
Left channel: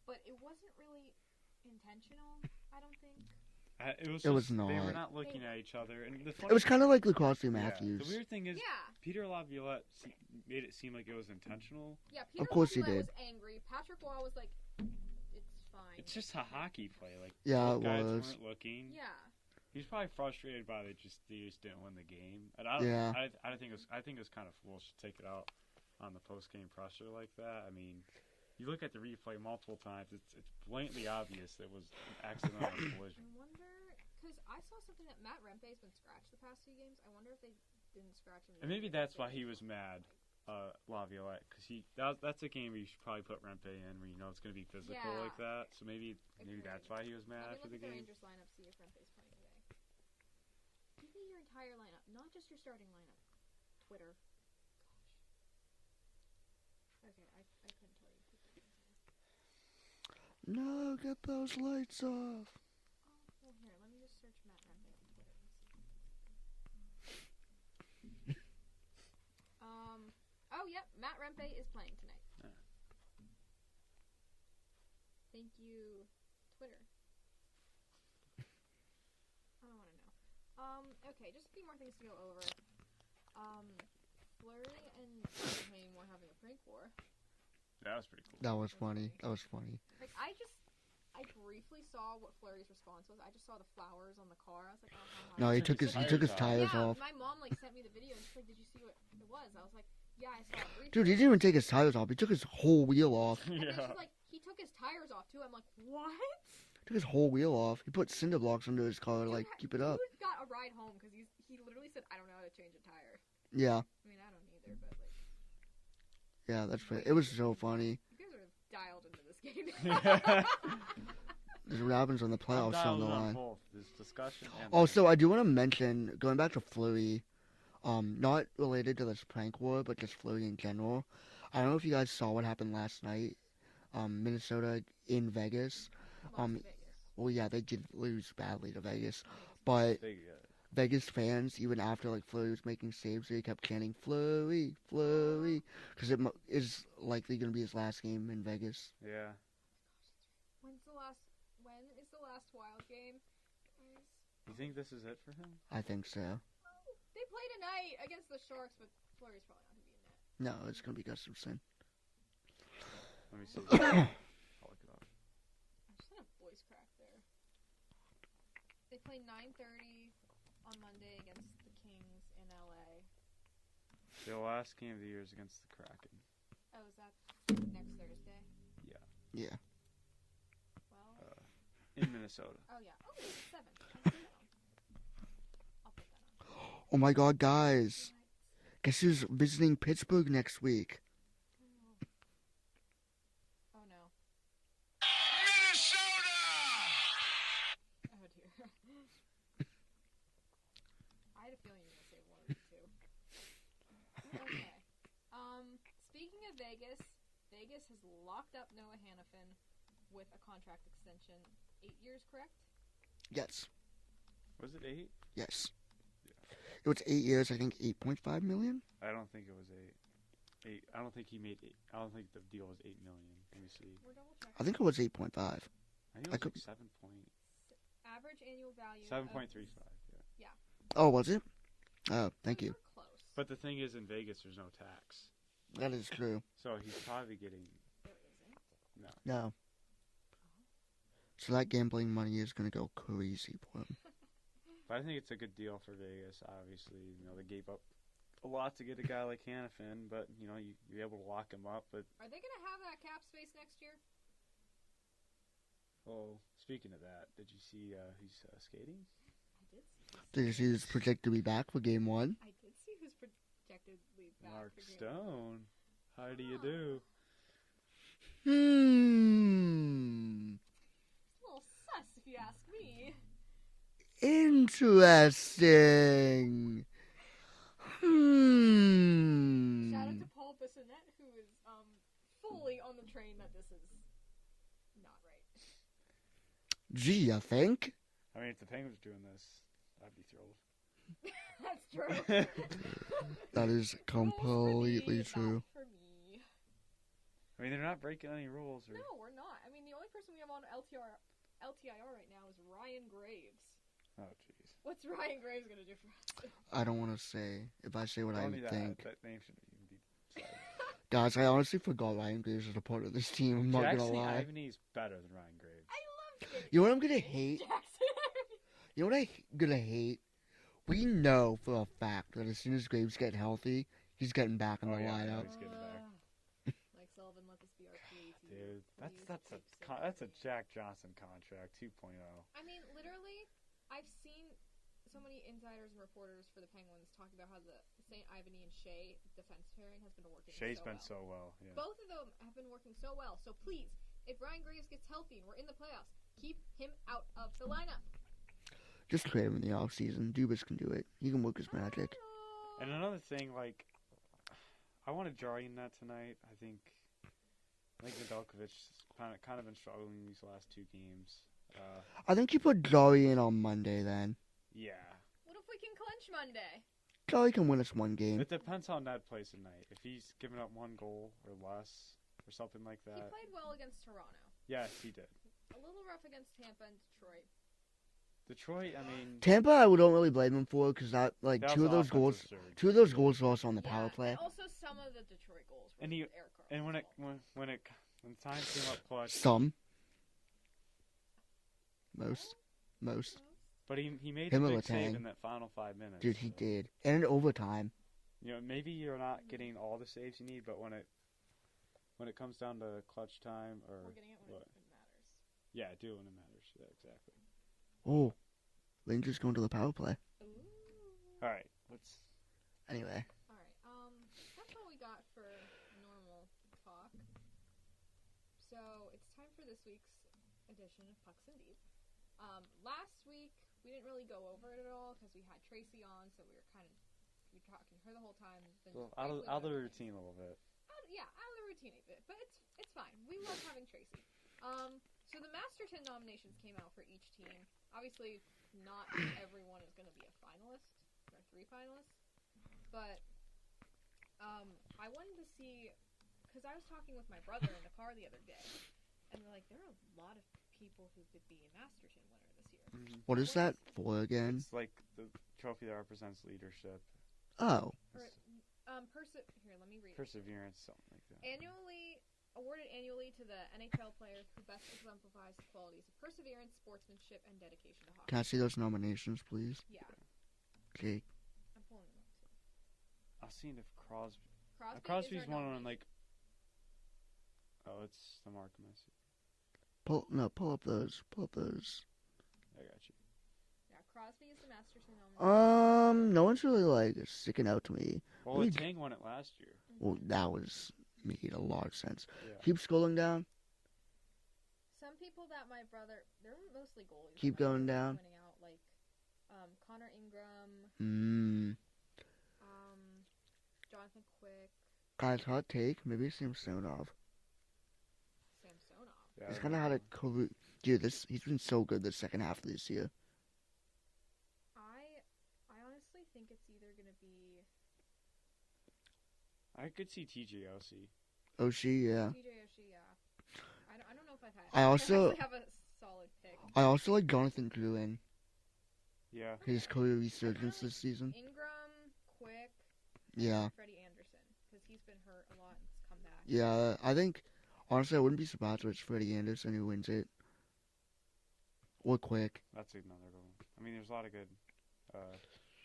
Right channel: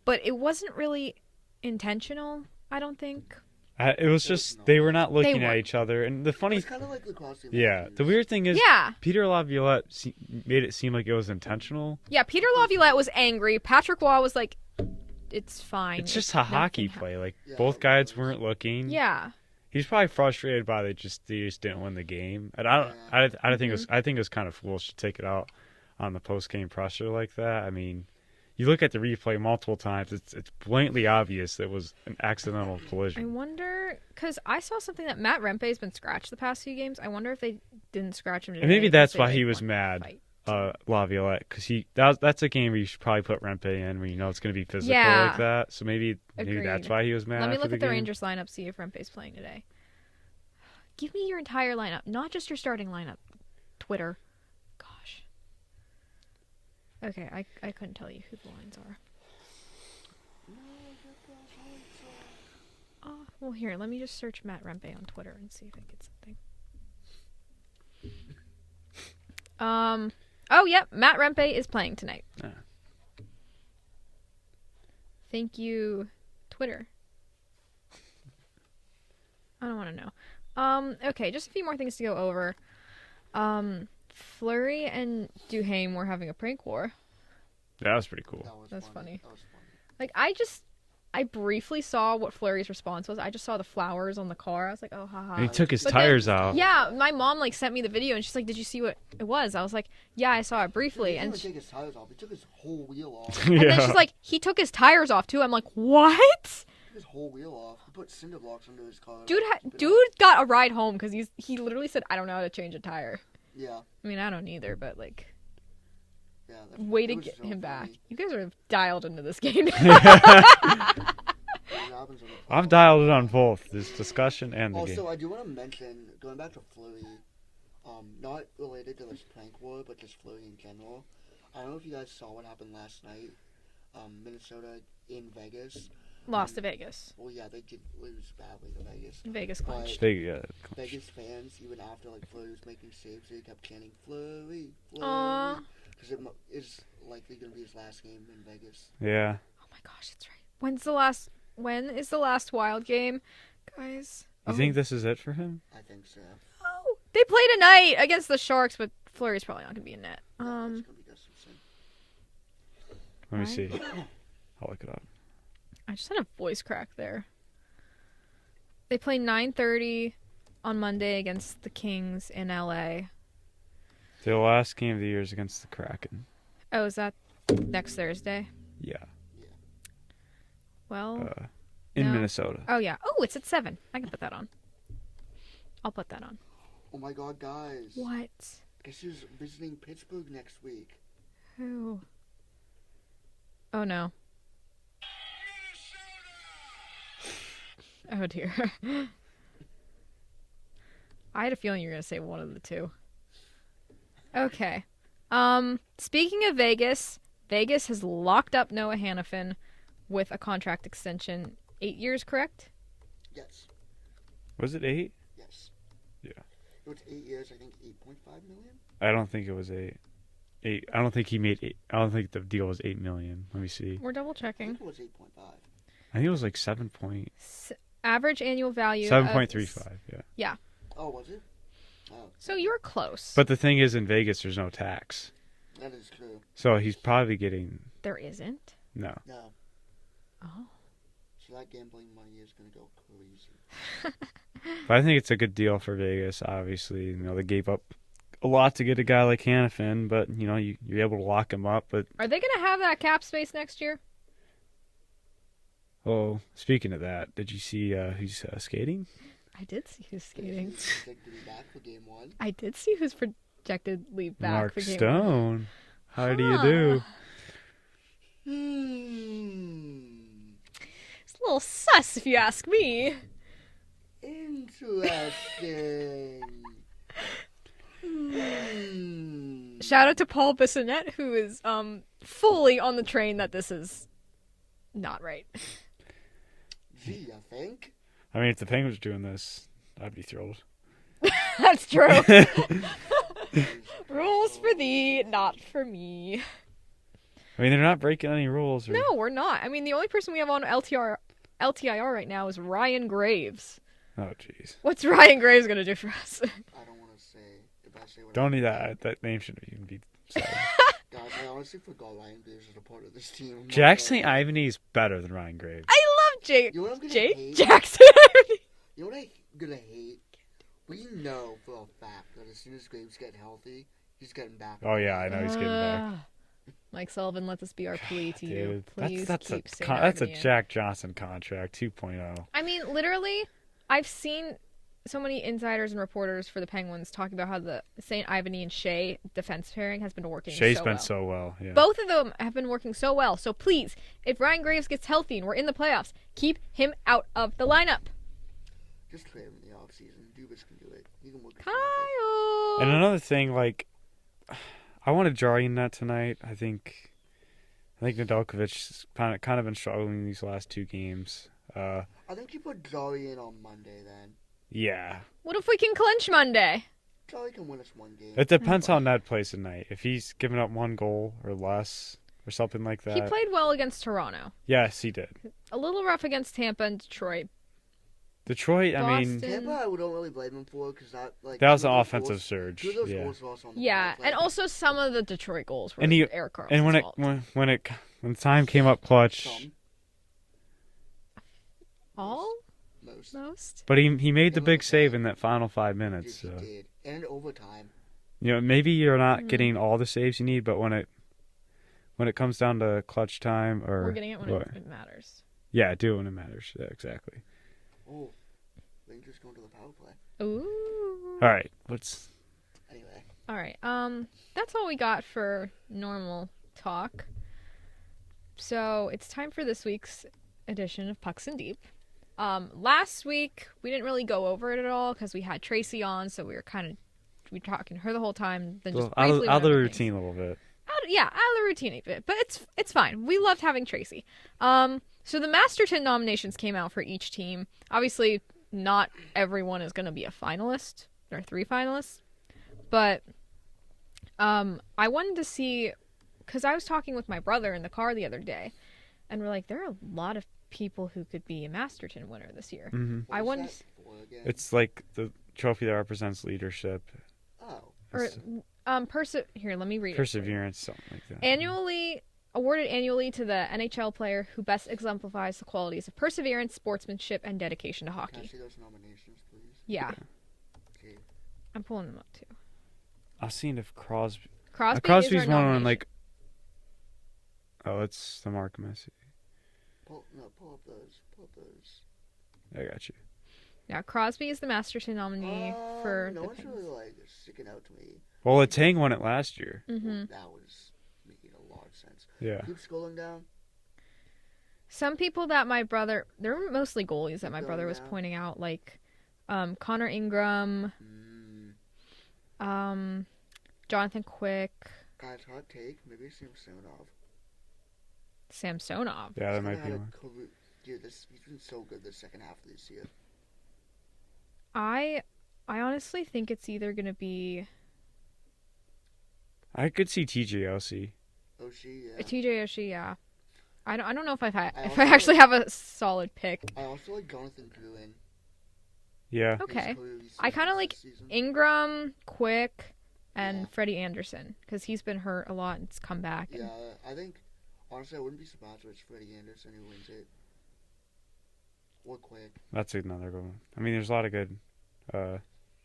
but it wasn't really intentional, I don't think. It was It was just they were not. not looking They at weren't. each other, and the It funny was kind of like lacrosse. yeah, the weird thing is Yeah. Peter Laviolette made it seem like it was intentional. Yeah, Peter Of course he Laviolette did. was angry. Patrick Waugh was like, it's fine. It's just It's a hockey nothing play. Like Yeah, both it guys was. weren't looking. Yeah. He's probably frustrated by they just didn't win the game, and I don't. Yeah. I think I think it was kind of foolish to take it out on the post game pressure like that. I mean, you look at the replay multiple times; it's blatantly obvious that it was an accidental I collision. wonder, because I saw something that Matt Rempe's been scratched the past few games. I wonder if they didn't scratch him today. And maybe 'cause that's they, why like, he was wanted to mad. fight. Laviolette, because that's a game where you should probably put Rempe in, where you know it's going to be physical Yeah. like that. So maybe that's Agreed. why he was mad. Let me after look at the game. Rangers lineup, see if Rempe's playing today. Give me your entire lineup, not just your starting lineup. Twitter. Gosh. Okay, I couldn't tell you who the lines are. No, get those lights off. Oh, well, here, let me just search Matt Rempe on Twitter and see if I get something. Oh, yep, Matt Rempe is playing tonight. Ah. Thank you, Twitter. I don't want to know. Okay, just a few more things to go over. Fleury and Duhaime were having a prank war. That was pretty cool. That was That's funny. funny. That was funny. Like, I briefly saw what Fleury's response was. I just saw the flowers on the car. I was like, oh, haha. And he he took took his his- tires his out. tires Yeah, off. my mom like sent me the video and she's like, "Did you see what it was?" I was like, "Yeah, I saw it Dude, briefly." he didn't and, even take his tires off. He took his whole wheel off. and then she's like, "He took his tires off too." I'm like, "What?" Took his whole wheel off. He put cinder blocks under his car. to, Dude, like, keep it dude up. got a ride home because he literally said, "I don't know how to change a tire." Yeah, I mean, I don't either, but like, yeah. That's way it to was get so him back. funny. You guys are dialed into this game. What happens on the I've playoffs dialed it and on whatnot. both this discussion and the Also, game. I do want to mention, going back to Fleury, not related to this prank war, but just Fleury in general. I don't know if you guys saw what happened last night. Minnesota in Vegas. Lost to Vegas. Well, yeah, they did lose badly to Vegas. Vegas But clutch. Vegas fans, even after like Fleury was making saves, they kept chanting Fleury, Aw. Fleury, because it is likely going to be his last game in Vegas. Yeah. Oh my gosh, that's right. When is the last Wild game, guys? You think this is it for him? I think so. Oh, they play tonight against the Sharks, but Fleury's probably not gonna be in net. No, it's going to be Gustafson. Let me Right. see. I'll look it up. I just had a voice crack there. They play 9:30 on Monday against the Kings in LA. The last game of the year is against the Kraken. Oh, is that next Thursday? Yeah. Yeah. Well, In No. Minnesota. oh yeah. Oh, it's at 7. I can put that on. I'll put that on. Oh my God, guys! What? Guess who's visiting Pittsburgh next week? Who? Oh no. Minnesota! Oh dear. I had a feeling you were gonna say one of the two. Okay. Speaking of Vegas, Vegas has locked up Noah Hannafin with a contract extension. 8 years, correct? Yes. Was it 8? Yes. Yeah. It was 8 years, I think 8.5 million? I don't think it was 8. I don't think he made 8. I don't think the deal was 8 million. Let me see. We're double I checking. think it was 8.5. I think it was like 7 point, Average annual value. 7.35. Yeah. Oh, was it? Oh, So thank you were close. But the thing is, in Vegas, there's no tax, That is true. so he's probably getting There isn't. no. No. Oh. So that gambling money is going to go crazy. But I think it's a good deal for Vegas. Obviously, they gave up a lot to get a guy like Hannafin, but you're able to lock him up. But Are they gonna have that cap space next year? oh, speaking of that, did you see who's skating? I did see who's This skating. is projected to be back for game 1. I did see who's projected leave back Mark for game Stone. How do you Huh. do? It's a little sus, if you ask me. Interesting. Shout out to Paul Bissonnette, who is fully on the train that this is not right. Gee, you think? I mean, if the Penguins were doing this, I'd be thrilled. That's true. That is Rules for thee, completely not true. for me. I mean, they're not breaking any rules. Or... No, we're not. I mean, the only person we have on LTIR right now is Ryan Graves. Oh, jeez. What's Ryan Graves gonna do for us? I don't want to say. If I say what Don't I need that. think. That name shouldn't even be said. Guys, I honestly forgot Ryan Graves was a part of this team. I'm not Jackson gonna lie. Ivany is better than Ryan Graves. I love Jake. You know what I'm gonna Jake hate? Jackson. You know what I'm gonna hate? We know for a fact that as soon as Graves get healthy, he's getting back. Oh, yeah, I know he's getting back. Mike Sullivan, let this be our plea to you. Dude, Please that's keep a St. that's a Ivany in. Jack Johnson contract 2.0. I mean, literally, I've seen so many insiders and reporters for the Penguins talking about how the St. Ivany and Shea defense pairing has been working Shea's so been well. so well. Yeah. Both of them have been working so well. So please, if Ryan Graves gets healthy and we're in the playoffs, keep him out of the lineup. Just trade him in the offseason. Dubas can do it. He can work his magic. Kyle. And another thing, like, I want to draw in that tonight. I think Nedeljkovic's kind of been struggling these last two games. I think you put Jolly in on Monday then. Yeah. What if we can clinch Monday? Jolly can win us one game. It depends how Ned plays tonight. If he's giving up one goal or less or something like that. He played well against Toronto. Yes, he did. A little rough against Tampa and Detroit. Detroit, I mean, Boston. Tampa, I don't really blame him for because that like that was two an of those offensive goals, surge. Two of those Yeah. goals were also on the Yeah, power play. and also some of the Detroit goals were And he- Eric Carlson's And fault. when time came up clutch, Some. All? Most. Most? but he made the In big save overtime. in that final 5 Dude, minutes. he So. did. And in overtime. You know, maybe you're not Mhm. getting all the saves you need, but when it comes down to clutch time or We're getting it when what? it matters. Yeah, do it when it matters. Yeah, exactly. Oh. Rangers going to the power play. Ooh. All right, let's. Anyway. All right. That's all we got for normal talk. So it's time for this week's edition of Pucks and Deep. Last week we didn't really go over it at all because we had Tracy on, so we were talking to her the whole time. Then just Out of briefly the went over things. routine a little bit. Out of the routine a bit, but it's fine. We loved having Tracy. So the Masterton nominations came out for each team. Obviously, not everyone is going to be a finalist. There are 3 finalists, but I wanted to see because I was talking with my brother in the car the other day, and we're like, there are a lot of people who could be a Masterton winner this year. Mm-hmm. What I is wanted that for again? It's like the trophy that represents leadership, Oh. Or It's here, let me read it. perseverance, something like that. Awarded annually to the NHL player who best exemplifies the qualities of perseverance, sportsmanship, and dedication to hockey. Can I see those nominations, please? Yeah, Okay. I'm pulling them up too. I was seeing if Crosby. is Crosby's our one on nomination. like. Oh, it's the Mark Messi. Pull up those. I got you. Yeah, Crosby is the Masterton nominee for. No one's really like sticking out to me. Well, Letang won it last year. Mhm. Well, that made a lot of sense. Yeah. Keep scrolling down. Some people that my brother, they're mostly goalies that Keep my going brother was down. pointing out, like Connor Ingram, Jonathan Quick, Guys, hot take. Maybe Samsonov. Samsonov. Yeah, that He's might kinda be had one. Dude, he's been so good this second half of this year. I honestly think it's either gonna be I could see TJLC. Oshie, yeah. TJ Oshie. Yeah, I don't know if I if I also- actually have a solid pick. I also like Jonathan Gruen. Yeah. His Okay, career I kinda resurgence like this season. Ingram, Quick, and Yeah. Freddie Anderson because he's been hurt a lot and it's come back. Yeah, I think honestly I wouldn't be surprised if it's Freddie Anderson who wins it. Or Quick. That's another good one. I mean, there's a lot of good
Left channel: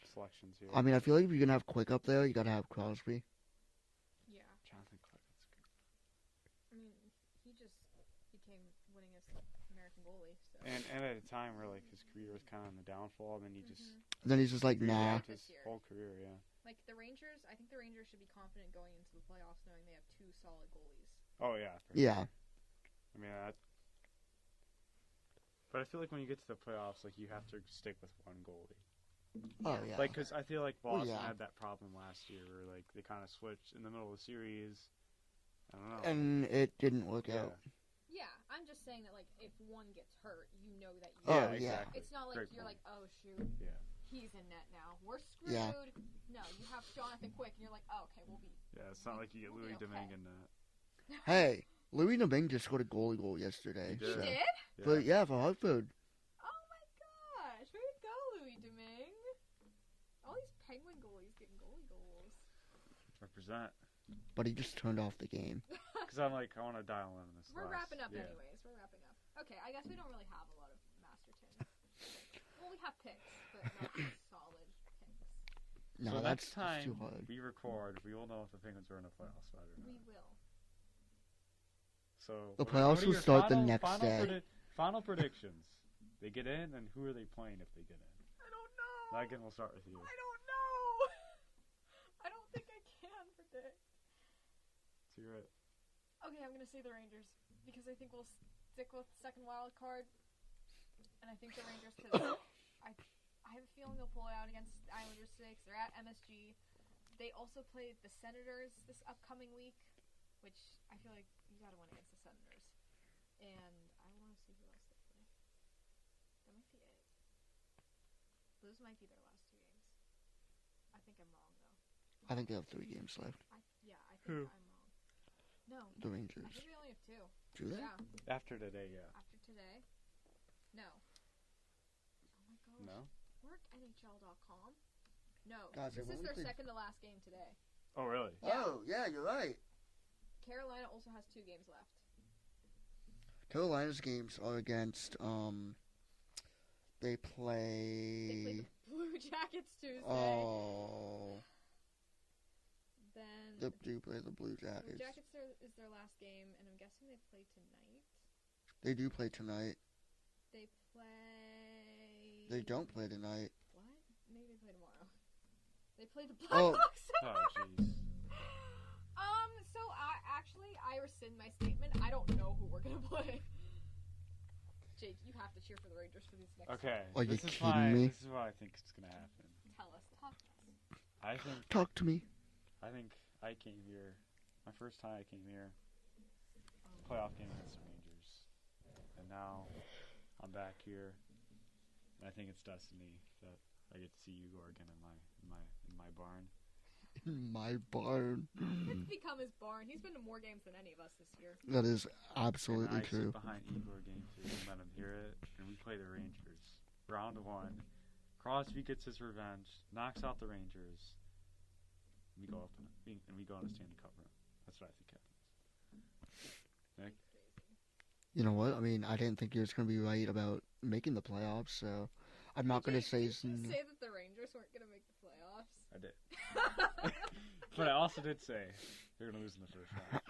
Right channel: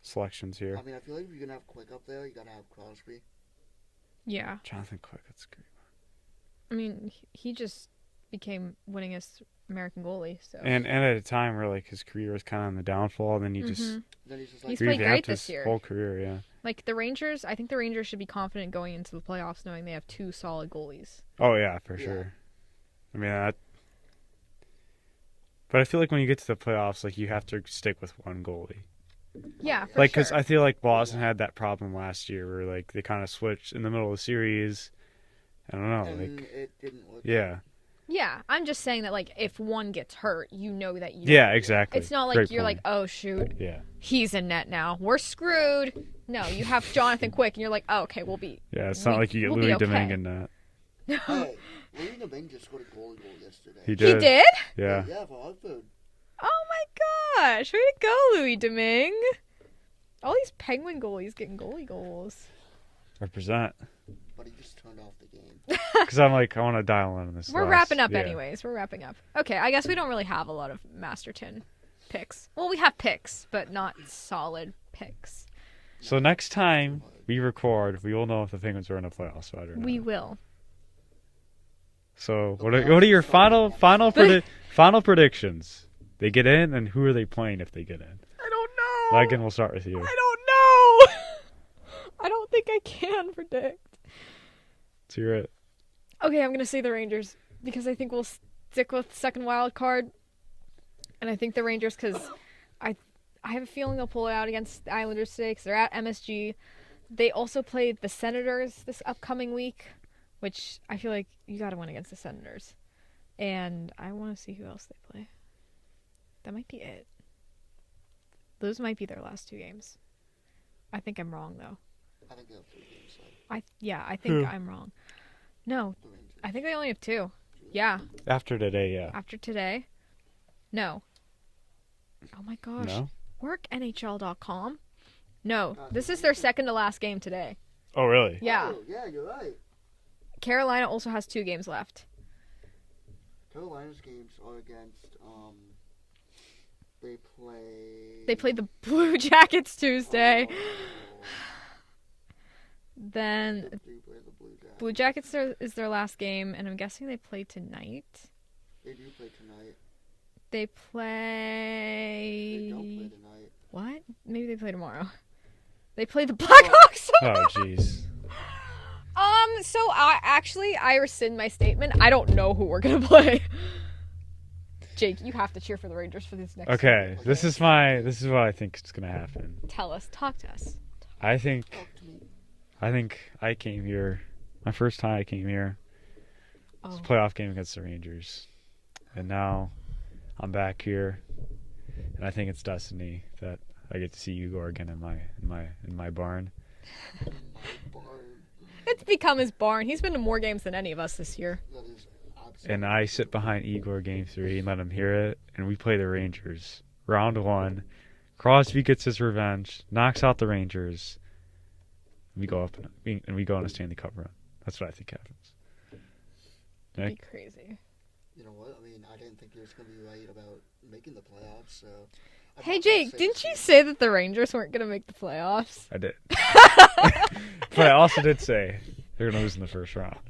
selections here. I mean, I feel like if you're gonna have Quick up there, you gotta have Crosby. Yeah. Jonathan Quick, that's great. I mean, he just became winningest American goalie. So And at a time where like his career was kind of on the downfall, then he just Mhm. And then he's just like, He's played revamped great this his year. whole career. Yeah. Like the Rangers, I think the Rangers should be confident going into the playoffs, knowing they have 2 solid goalies. Oh yeah, for Yeah. sure. I mean that. But I feel like when you get to the playoffs, like you have to stick with one goalie. Yeah, yeah. for Like, because sure. I feel like Boston Yeah. had that problem last year where like they kind of switched in the middle of the series. I don't know. and Like, it didn't work. yeah. Yeah, I'm just saying that, like, if one gets hurt, you know that you. Yeah, exactly. It's not like Great you're point. like, oh shoot, Yeah. he's in net now. We're screwed. No, you have Jonathan Quick, and you're like, oh, okay, we'll be. Yeah, it's not like you get we'll be Louis okay. Domingue in that. Hey, Louis Domingue just scored a goal yesterday. He He did. did? Yeah. Yeah, for Hartford. Oh my gosh! Way to go, Louis Domingue. All these Penguin goalies getting goalie goals. Represent. But he just turned off the game. Because I'm like, I want to dial in on this. We're last- wrapping up yeah. anyways. We're wrapping up. Okay, I guess we don't really have a lot of Masterton picks. Well, we have picks, but not solid picks. So No, next that's time too hard. we record, we will know if the Penguins are in the playoffs. So I don't know. We will. So The what playoffs are will your start the final next day. final predictions? They get in, and who are they playing if they get in? I don't know. Megan, we'll start with you. I don't know. I don't think I can predict. Let's hear it. Okay, I'm gonna say the Rangers because I think we'll stick with second wild card, and I think the Rangers because I have a feeling they'll pull it out against the Islanders today because they're at MSG. They also played the Senators this upcoming week, which I feel like you got to win against the Senators, and I want to see who else they play. That might be it. Those might be their last two games. I think I'm wrong though. I think they have 3 games left. I think I'm wrong. No, The Rangers. I think they only have 2. Do they? Yeah. After today, yeah. After today? No. Oh my gosh. No. Work NHL.com? No. This is their second to last game today. Oh, really? Yeah. Oh, yeah, you're right. Carolina also has 2 games left. Carolina's games are against, they play... They played the Blue Jackets Tuesday. Oh, Then they do play the Blue Jackets. Blue Jackets is their last game, and I'm guessing they play tonight. They do play tonight. They play... They don't play tonight. What? Maybe they play tomorrow. They play the Blackhawks Oh, tomorrow. jeez. So I rescind my statement. I don't know who we're gonna play. Jake, you have to cheer for the Rangers for this next. Okay, Like, this is what I think is gonna happen. Tell us. Talk to us. I think I came here. My first time I came here was Oh. a playoff game against the Rangers, and now I'm back here, and I think it's destiny that I get to see Igor again in my barn. My barn. It's become his barn. He's been to more games than any of us this year. That is absolutely And I true. sit behind Igor game 3 and let him hear it, and we play the Rangers. Round 1, Crosby gets his revenge, knocks out the Rangers. We go up and we go on a Stanley Cup run. That's what I think happens. It'd Nick? be crazy. You know what? I mean, I didn't think you was going to be right about making the playoffs, so... I'm Hey not gonna Jake, say didn't this you is- say that the Rangers weren't gonna make the playoffs? I did. But I also did say they're going to lose in the first round.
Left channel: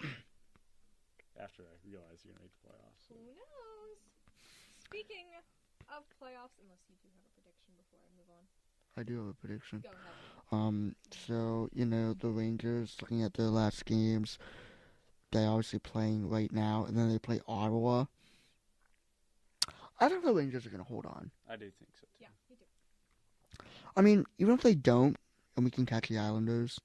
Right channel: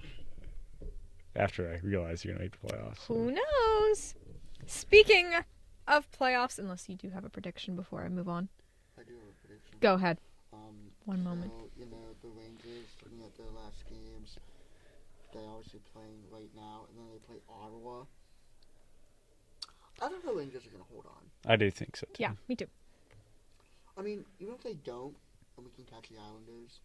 After I realized you're going to make the playoffs. Who knows? Speaking of playoffs, unless you do have a prediction before I move on, I do have a prediction. go ahead. One moment. You know, the Rangers, looking at their last games, they're obviously playing right now, and then they play Ottawa. I think the Rangers are going to hold on. I do think so, too. Yeah, me too. I mean, even if they don't, and we can catch the Islanders,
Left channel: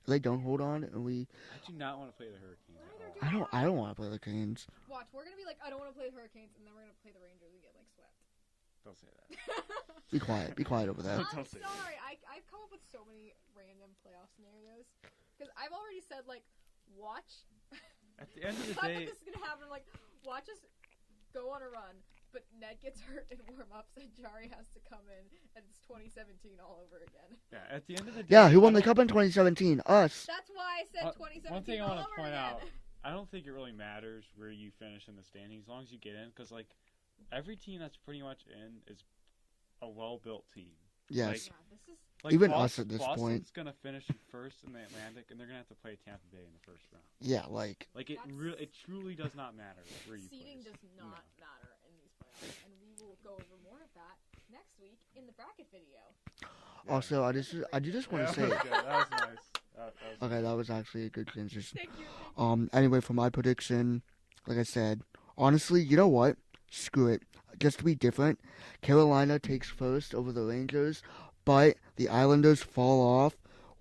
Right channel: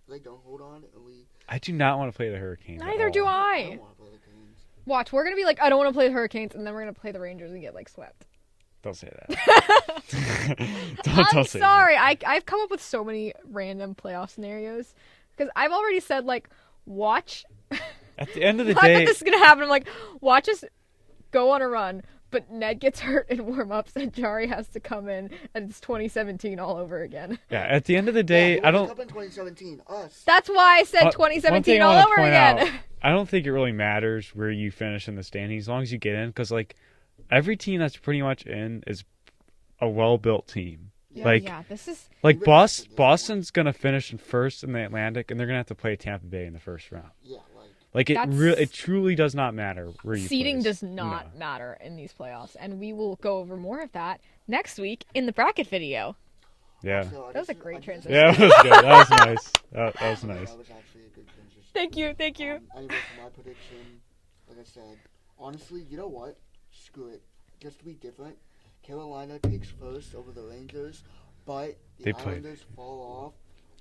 if they don't hold on, and we... I do not want to play the Hurricanes. at Neither all. do I I. don't want to play the Canes. Watch, we're gonna be like, I don't want to play the Hurricanes, and then we're gonna play the Rangers and get like swept. Don't say that. I'm don't say sorry. I've come up with so many random playoff scenarios because I've already said like, watch. That. At the end of the Not day, that this is gonna happen. I'm like, watch us go on a run, but Ned gets hurt in warm-ups, and Jari has to come in, and it's 2017 all over again. yeah. At the end of the Yeah, day, who I won the don't. Cup in 2017? Us. That's why I said One 2017 thing I all wanna over point again. out, I don't think it really matters where you finish in the standings as long as you get in, because like every team that's pretty much in is a well-built team. Yes. like- Yeah, this is Like Even us at this Boston's gonna finish in first in the Atlantic, and they're gonna have to play Tampa Bay in the first round. Yeah, like... Like That's- it truly does not matter where you. seeding place. does not No. matter in these playoffs, and we will go over more of that next week in the bracket video. Yeah. Also, I That was just... a great I just transition. Yeah, that was good. That was nice. That was Okay, nice. that was actually a good transition. Thank you. Anyway, for my prediction, like I said, honestly, you know what? Screw it. Just to be different, Carolina takes first over the Rangers, but the They play. Islanders fall off.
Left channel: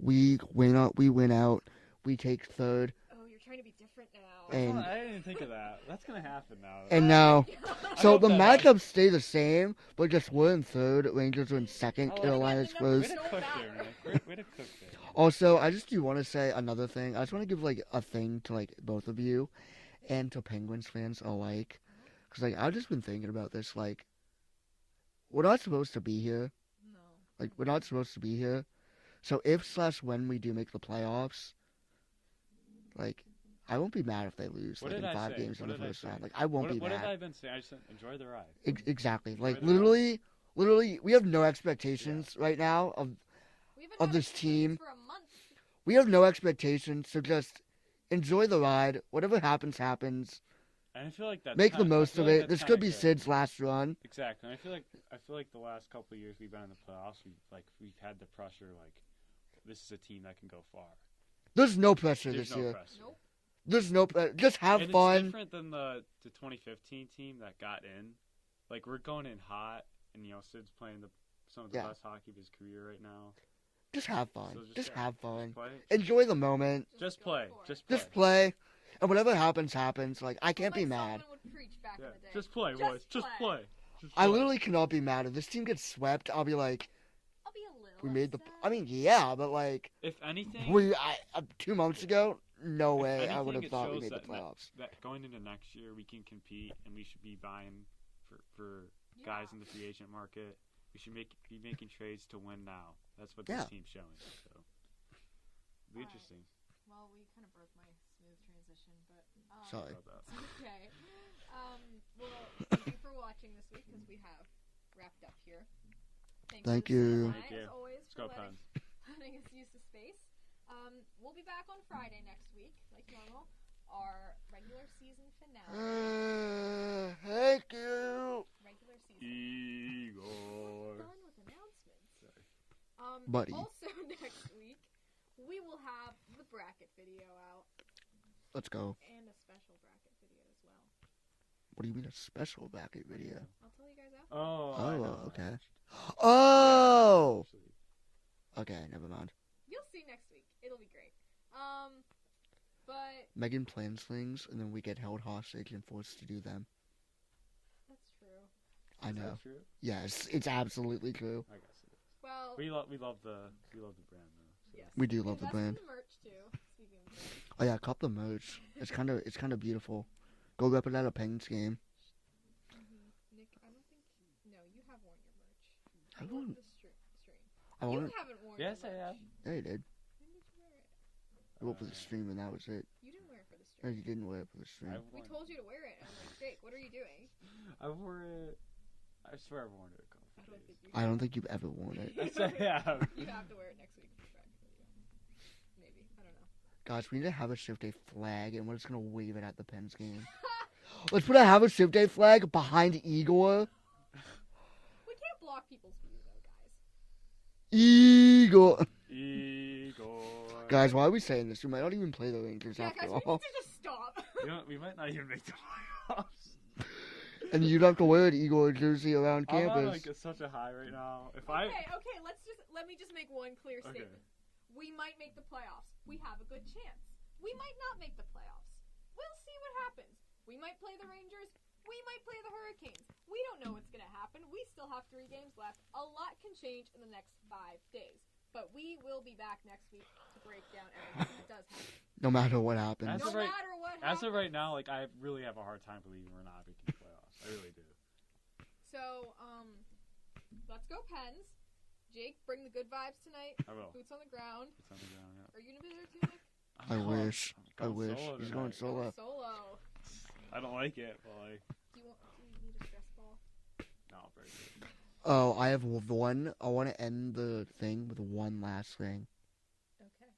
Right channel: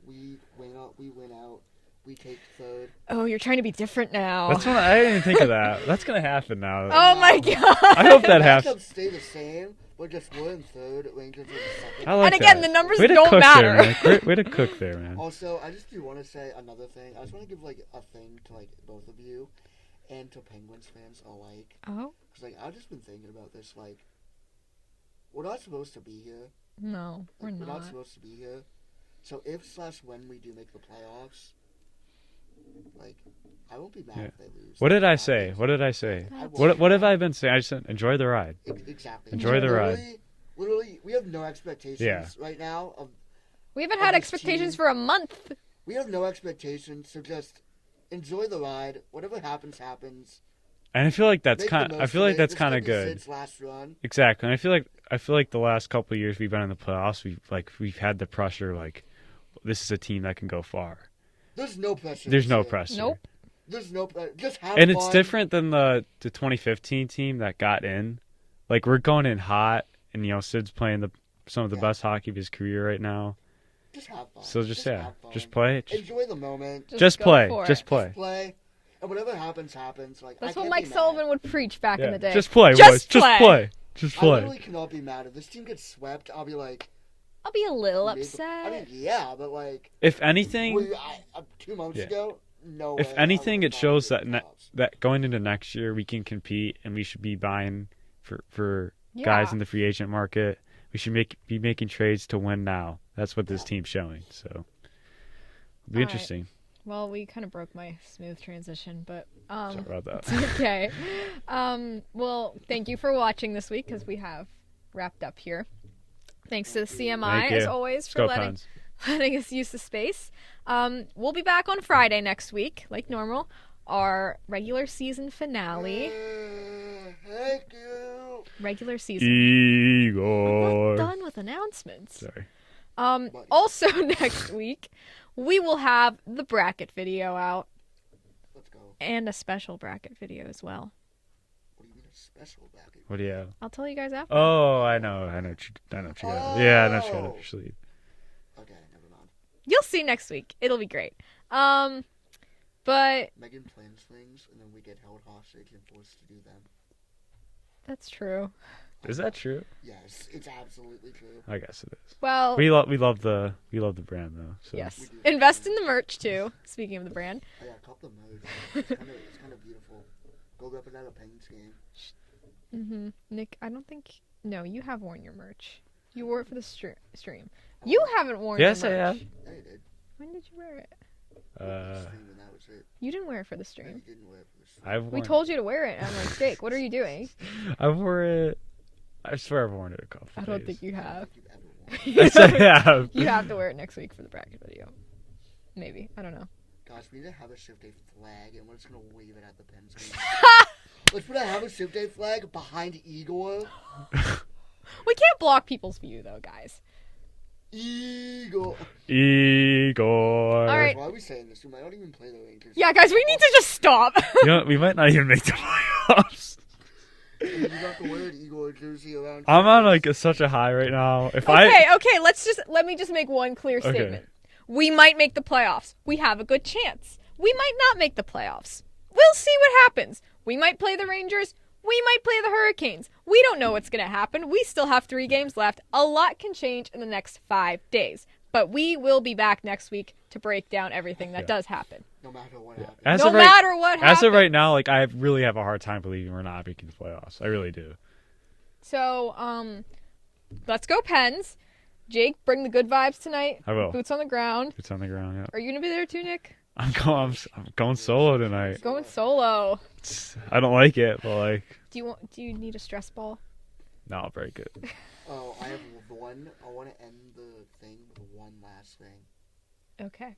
We win out. We we take third. Oh, you're trying to be different now. That's what I didn't even think of that. That's gonna happen now. Oh my know. god. I hope The that happens. matchups stay the same, but just we're in third, Rangers are in second. I like And again, that. the numbers Way to don't cook matter. there, man. Way to cook there, man. Also, I just do want to say another thing. I just want to give like a thing to like both of you, and to Penguins fans alike. Oh Cause like I've just been thinking about this. Like, we're not supposed to be here. no, Like we're we're not supposed to be here. So if/when we do make the playoffs, like I won't be mad if they lose. What like, did I 5 say? games What did I like say? that. Like, I won't What be have I mad. been saying? I just said enjoy the ride. Exactly. Enjoy Like, the ride. Literally, we have no expectations right now. We haven't of had this expectations team. for a month. We have no expectations, so just enjoy the ride. Whatever happens, happens. And I feel like that's Make kind. the most I feel of like it. that's This kind of could be good. Sid's last run. Exactly. And I feel like the last couple of years we've been in the playoffs, we've had the pressure. Like this is a team that can go far. There's no pressure. There's this no year. pressure. Nope. There's no pressure. Just have And fun. it's different than the 2015 team that got in. Like we're going in hot, and Sid's playing some of the Yeah. best hockey of his career right now. Just have fun. So just have fun. just play. Enjoy the moment. Just go play. for it. Just play. Just play. And whatever happens, happens. Like I That's can't what Mike be mad. Sullivan would preach back in the day. Just play, Just boys. Just play. play. Just I play. literally cannot be mad if this team gets swept. I'll be like, I'll be a little we made upset. I mean, yeah, but like, If anything, 2 months Yeah. ago, no way. if I anything, would've it thought shows we'd make that the playoffs. that going into next year we can compete, and we should be buying for Yeah. guys in the free agent market. We should be making trades to win now. That's what this Yeah. team's showing. So it'll be All right. interesting. Well, we kind of broke my smooth transition, but Sorry about that. it's okay. Well, thank you for watching this week because we have wrapped up here. Thanks Thank to you. the CMI Thank as you. always Let's for go, letting Pens. us use the space. We'll be back on Friday next week, like normal. Our regular season finale. Thank you. Regular season. Igor. We're not done with announcements. Sorry. Buddy. Also next week, we will have the bracket video out Let's go. and a special bracket video as well. What do you mean a special bracket? What do you have? I'll tell you guys after. Oh, I know. I know. Yeah, I know. Oh. Actually, Okay, never mind. You'll see next week. It'll be great. But Megan plans things, and then we get held hostage and forced to do them. that's true. I is know. that true? Yes, it's absolutely true. I guess it is. Well, We love the brand though. So. yes. We do love Invest the in the merch too. Speaking of the brand. Oh yeah, cop the merch. It's kind of beautiful. Go rep it at a Penguins game. Nick, I don't think. No, you have worn your merch. You I wore it won't. for the stream. I You won't. haven't worn Yes, your I merch. have. Yeah, you did. When did you wear it? Wore it for the stream, and that was it. You didn't wear it for the No, stream. you didn't wear it for the stream. I've We worn. told you to wear it. I'm like, Jake, what are you doing? I wore it. I swear I've worn it a couple. I don't think you I don't have. think you've ever worn it. Yes, I have. You have to wear it next week for the bracket video. Maybe. I don't know. Guys, we need to have a shift day flag, and we're just gonna wave it at the Pens game. Let's put a have a shift day flag behind Igor. We can't block people's view though, guys. Igor. Igor. All Guys, right. why are we saying this? We might not even play the Rangers. Yeah, guys, we need to just stop. You know, we might not even make the playoffs. And then you don't have to wear an Igor jersey around. I'm on campus. such a high right now. If Okay, let me just make one clear Okay. statement. We might make the playoffs. We have a good chance. We might not make the playoffs. We'll see what happens. We might play the Rangers. We might play the Hurricanes. We don't know what's going to happen. We still have 3 games left. A lot can change in the next 5 days. But we will be back next week to break down everything that does happen. No matter what happens. As No of right- matter what happens. As of right now, I really have a hard time believing we're not making the playoffs. I really do. So, let's go Pens. Jake, bring the good vibes tonight. I will. Boots on the ground. It's on the ground. Yeah. Are you going to be there too, Nick? I'm I going. wish. I'm I going wish. solo tonight. Solo. Going solo. I don't like it, but Do you need a stress ball? no, I'll break it. Oh, I have one. I want to end the thing with one last thing. Okay.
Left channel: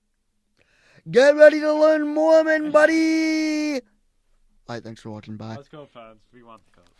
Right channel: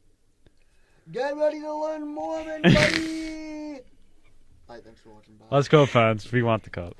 Get ready to learn Mormon, buddy! Alright, thanks for watching. Bye. Let's go, fans. We want the cup.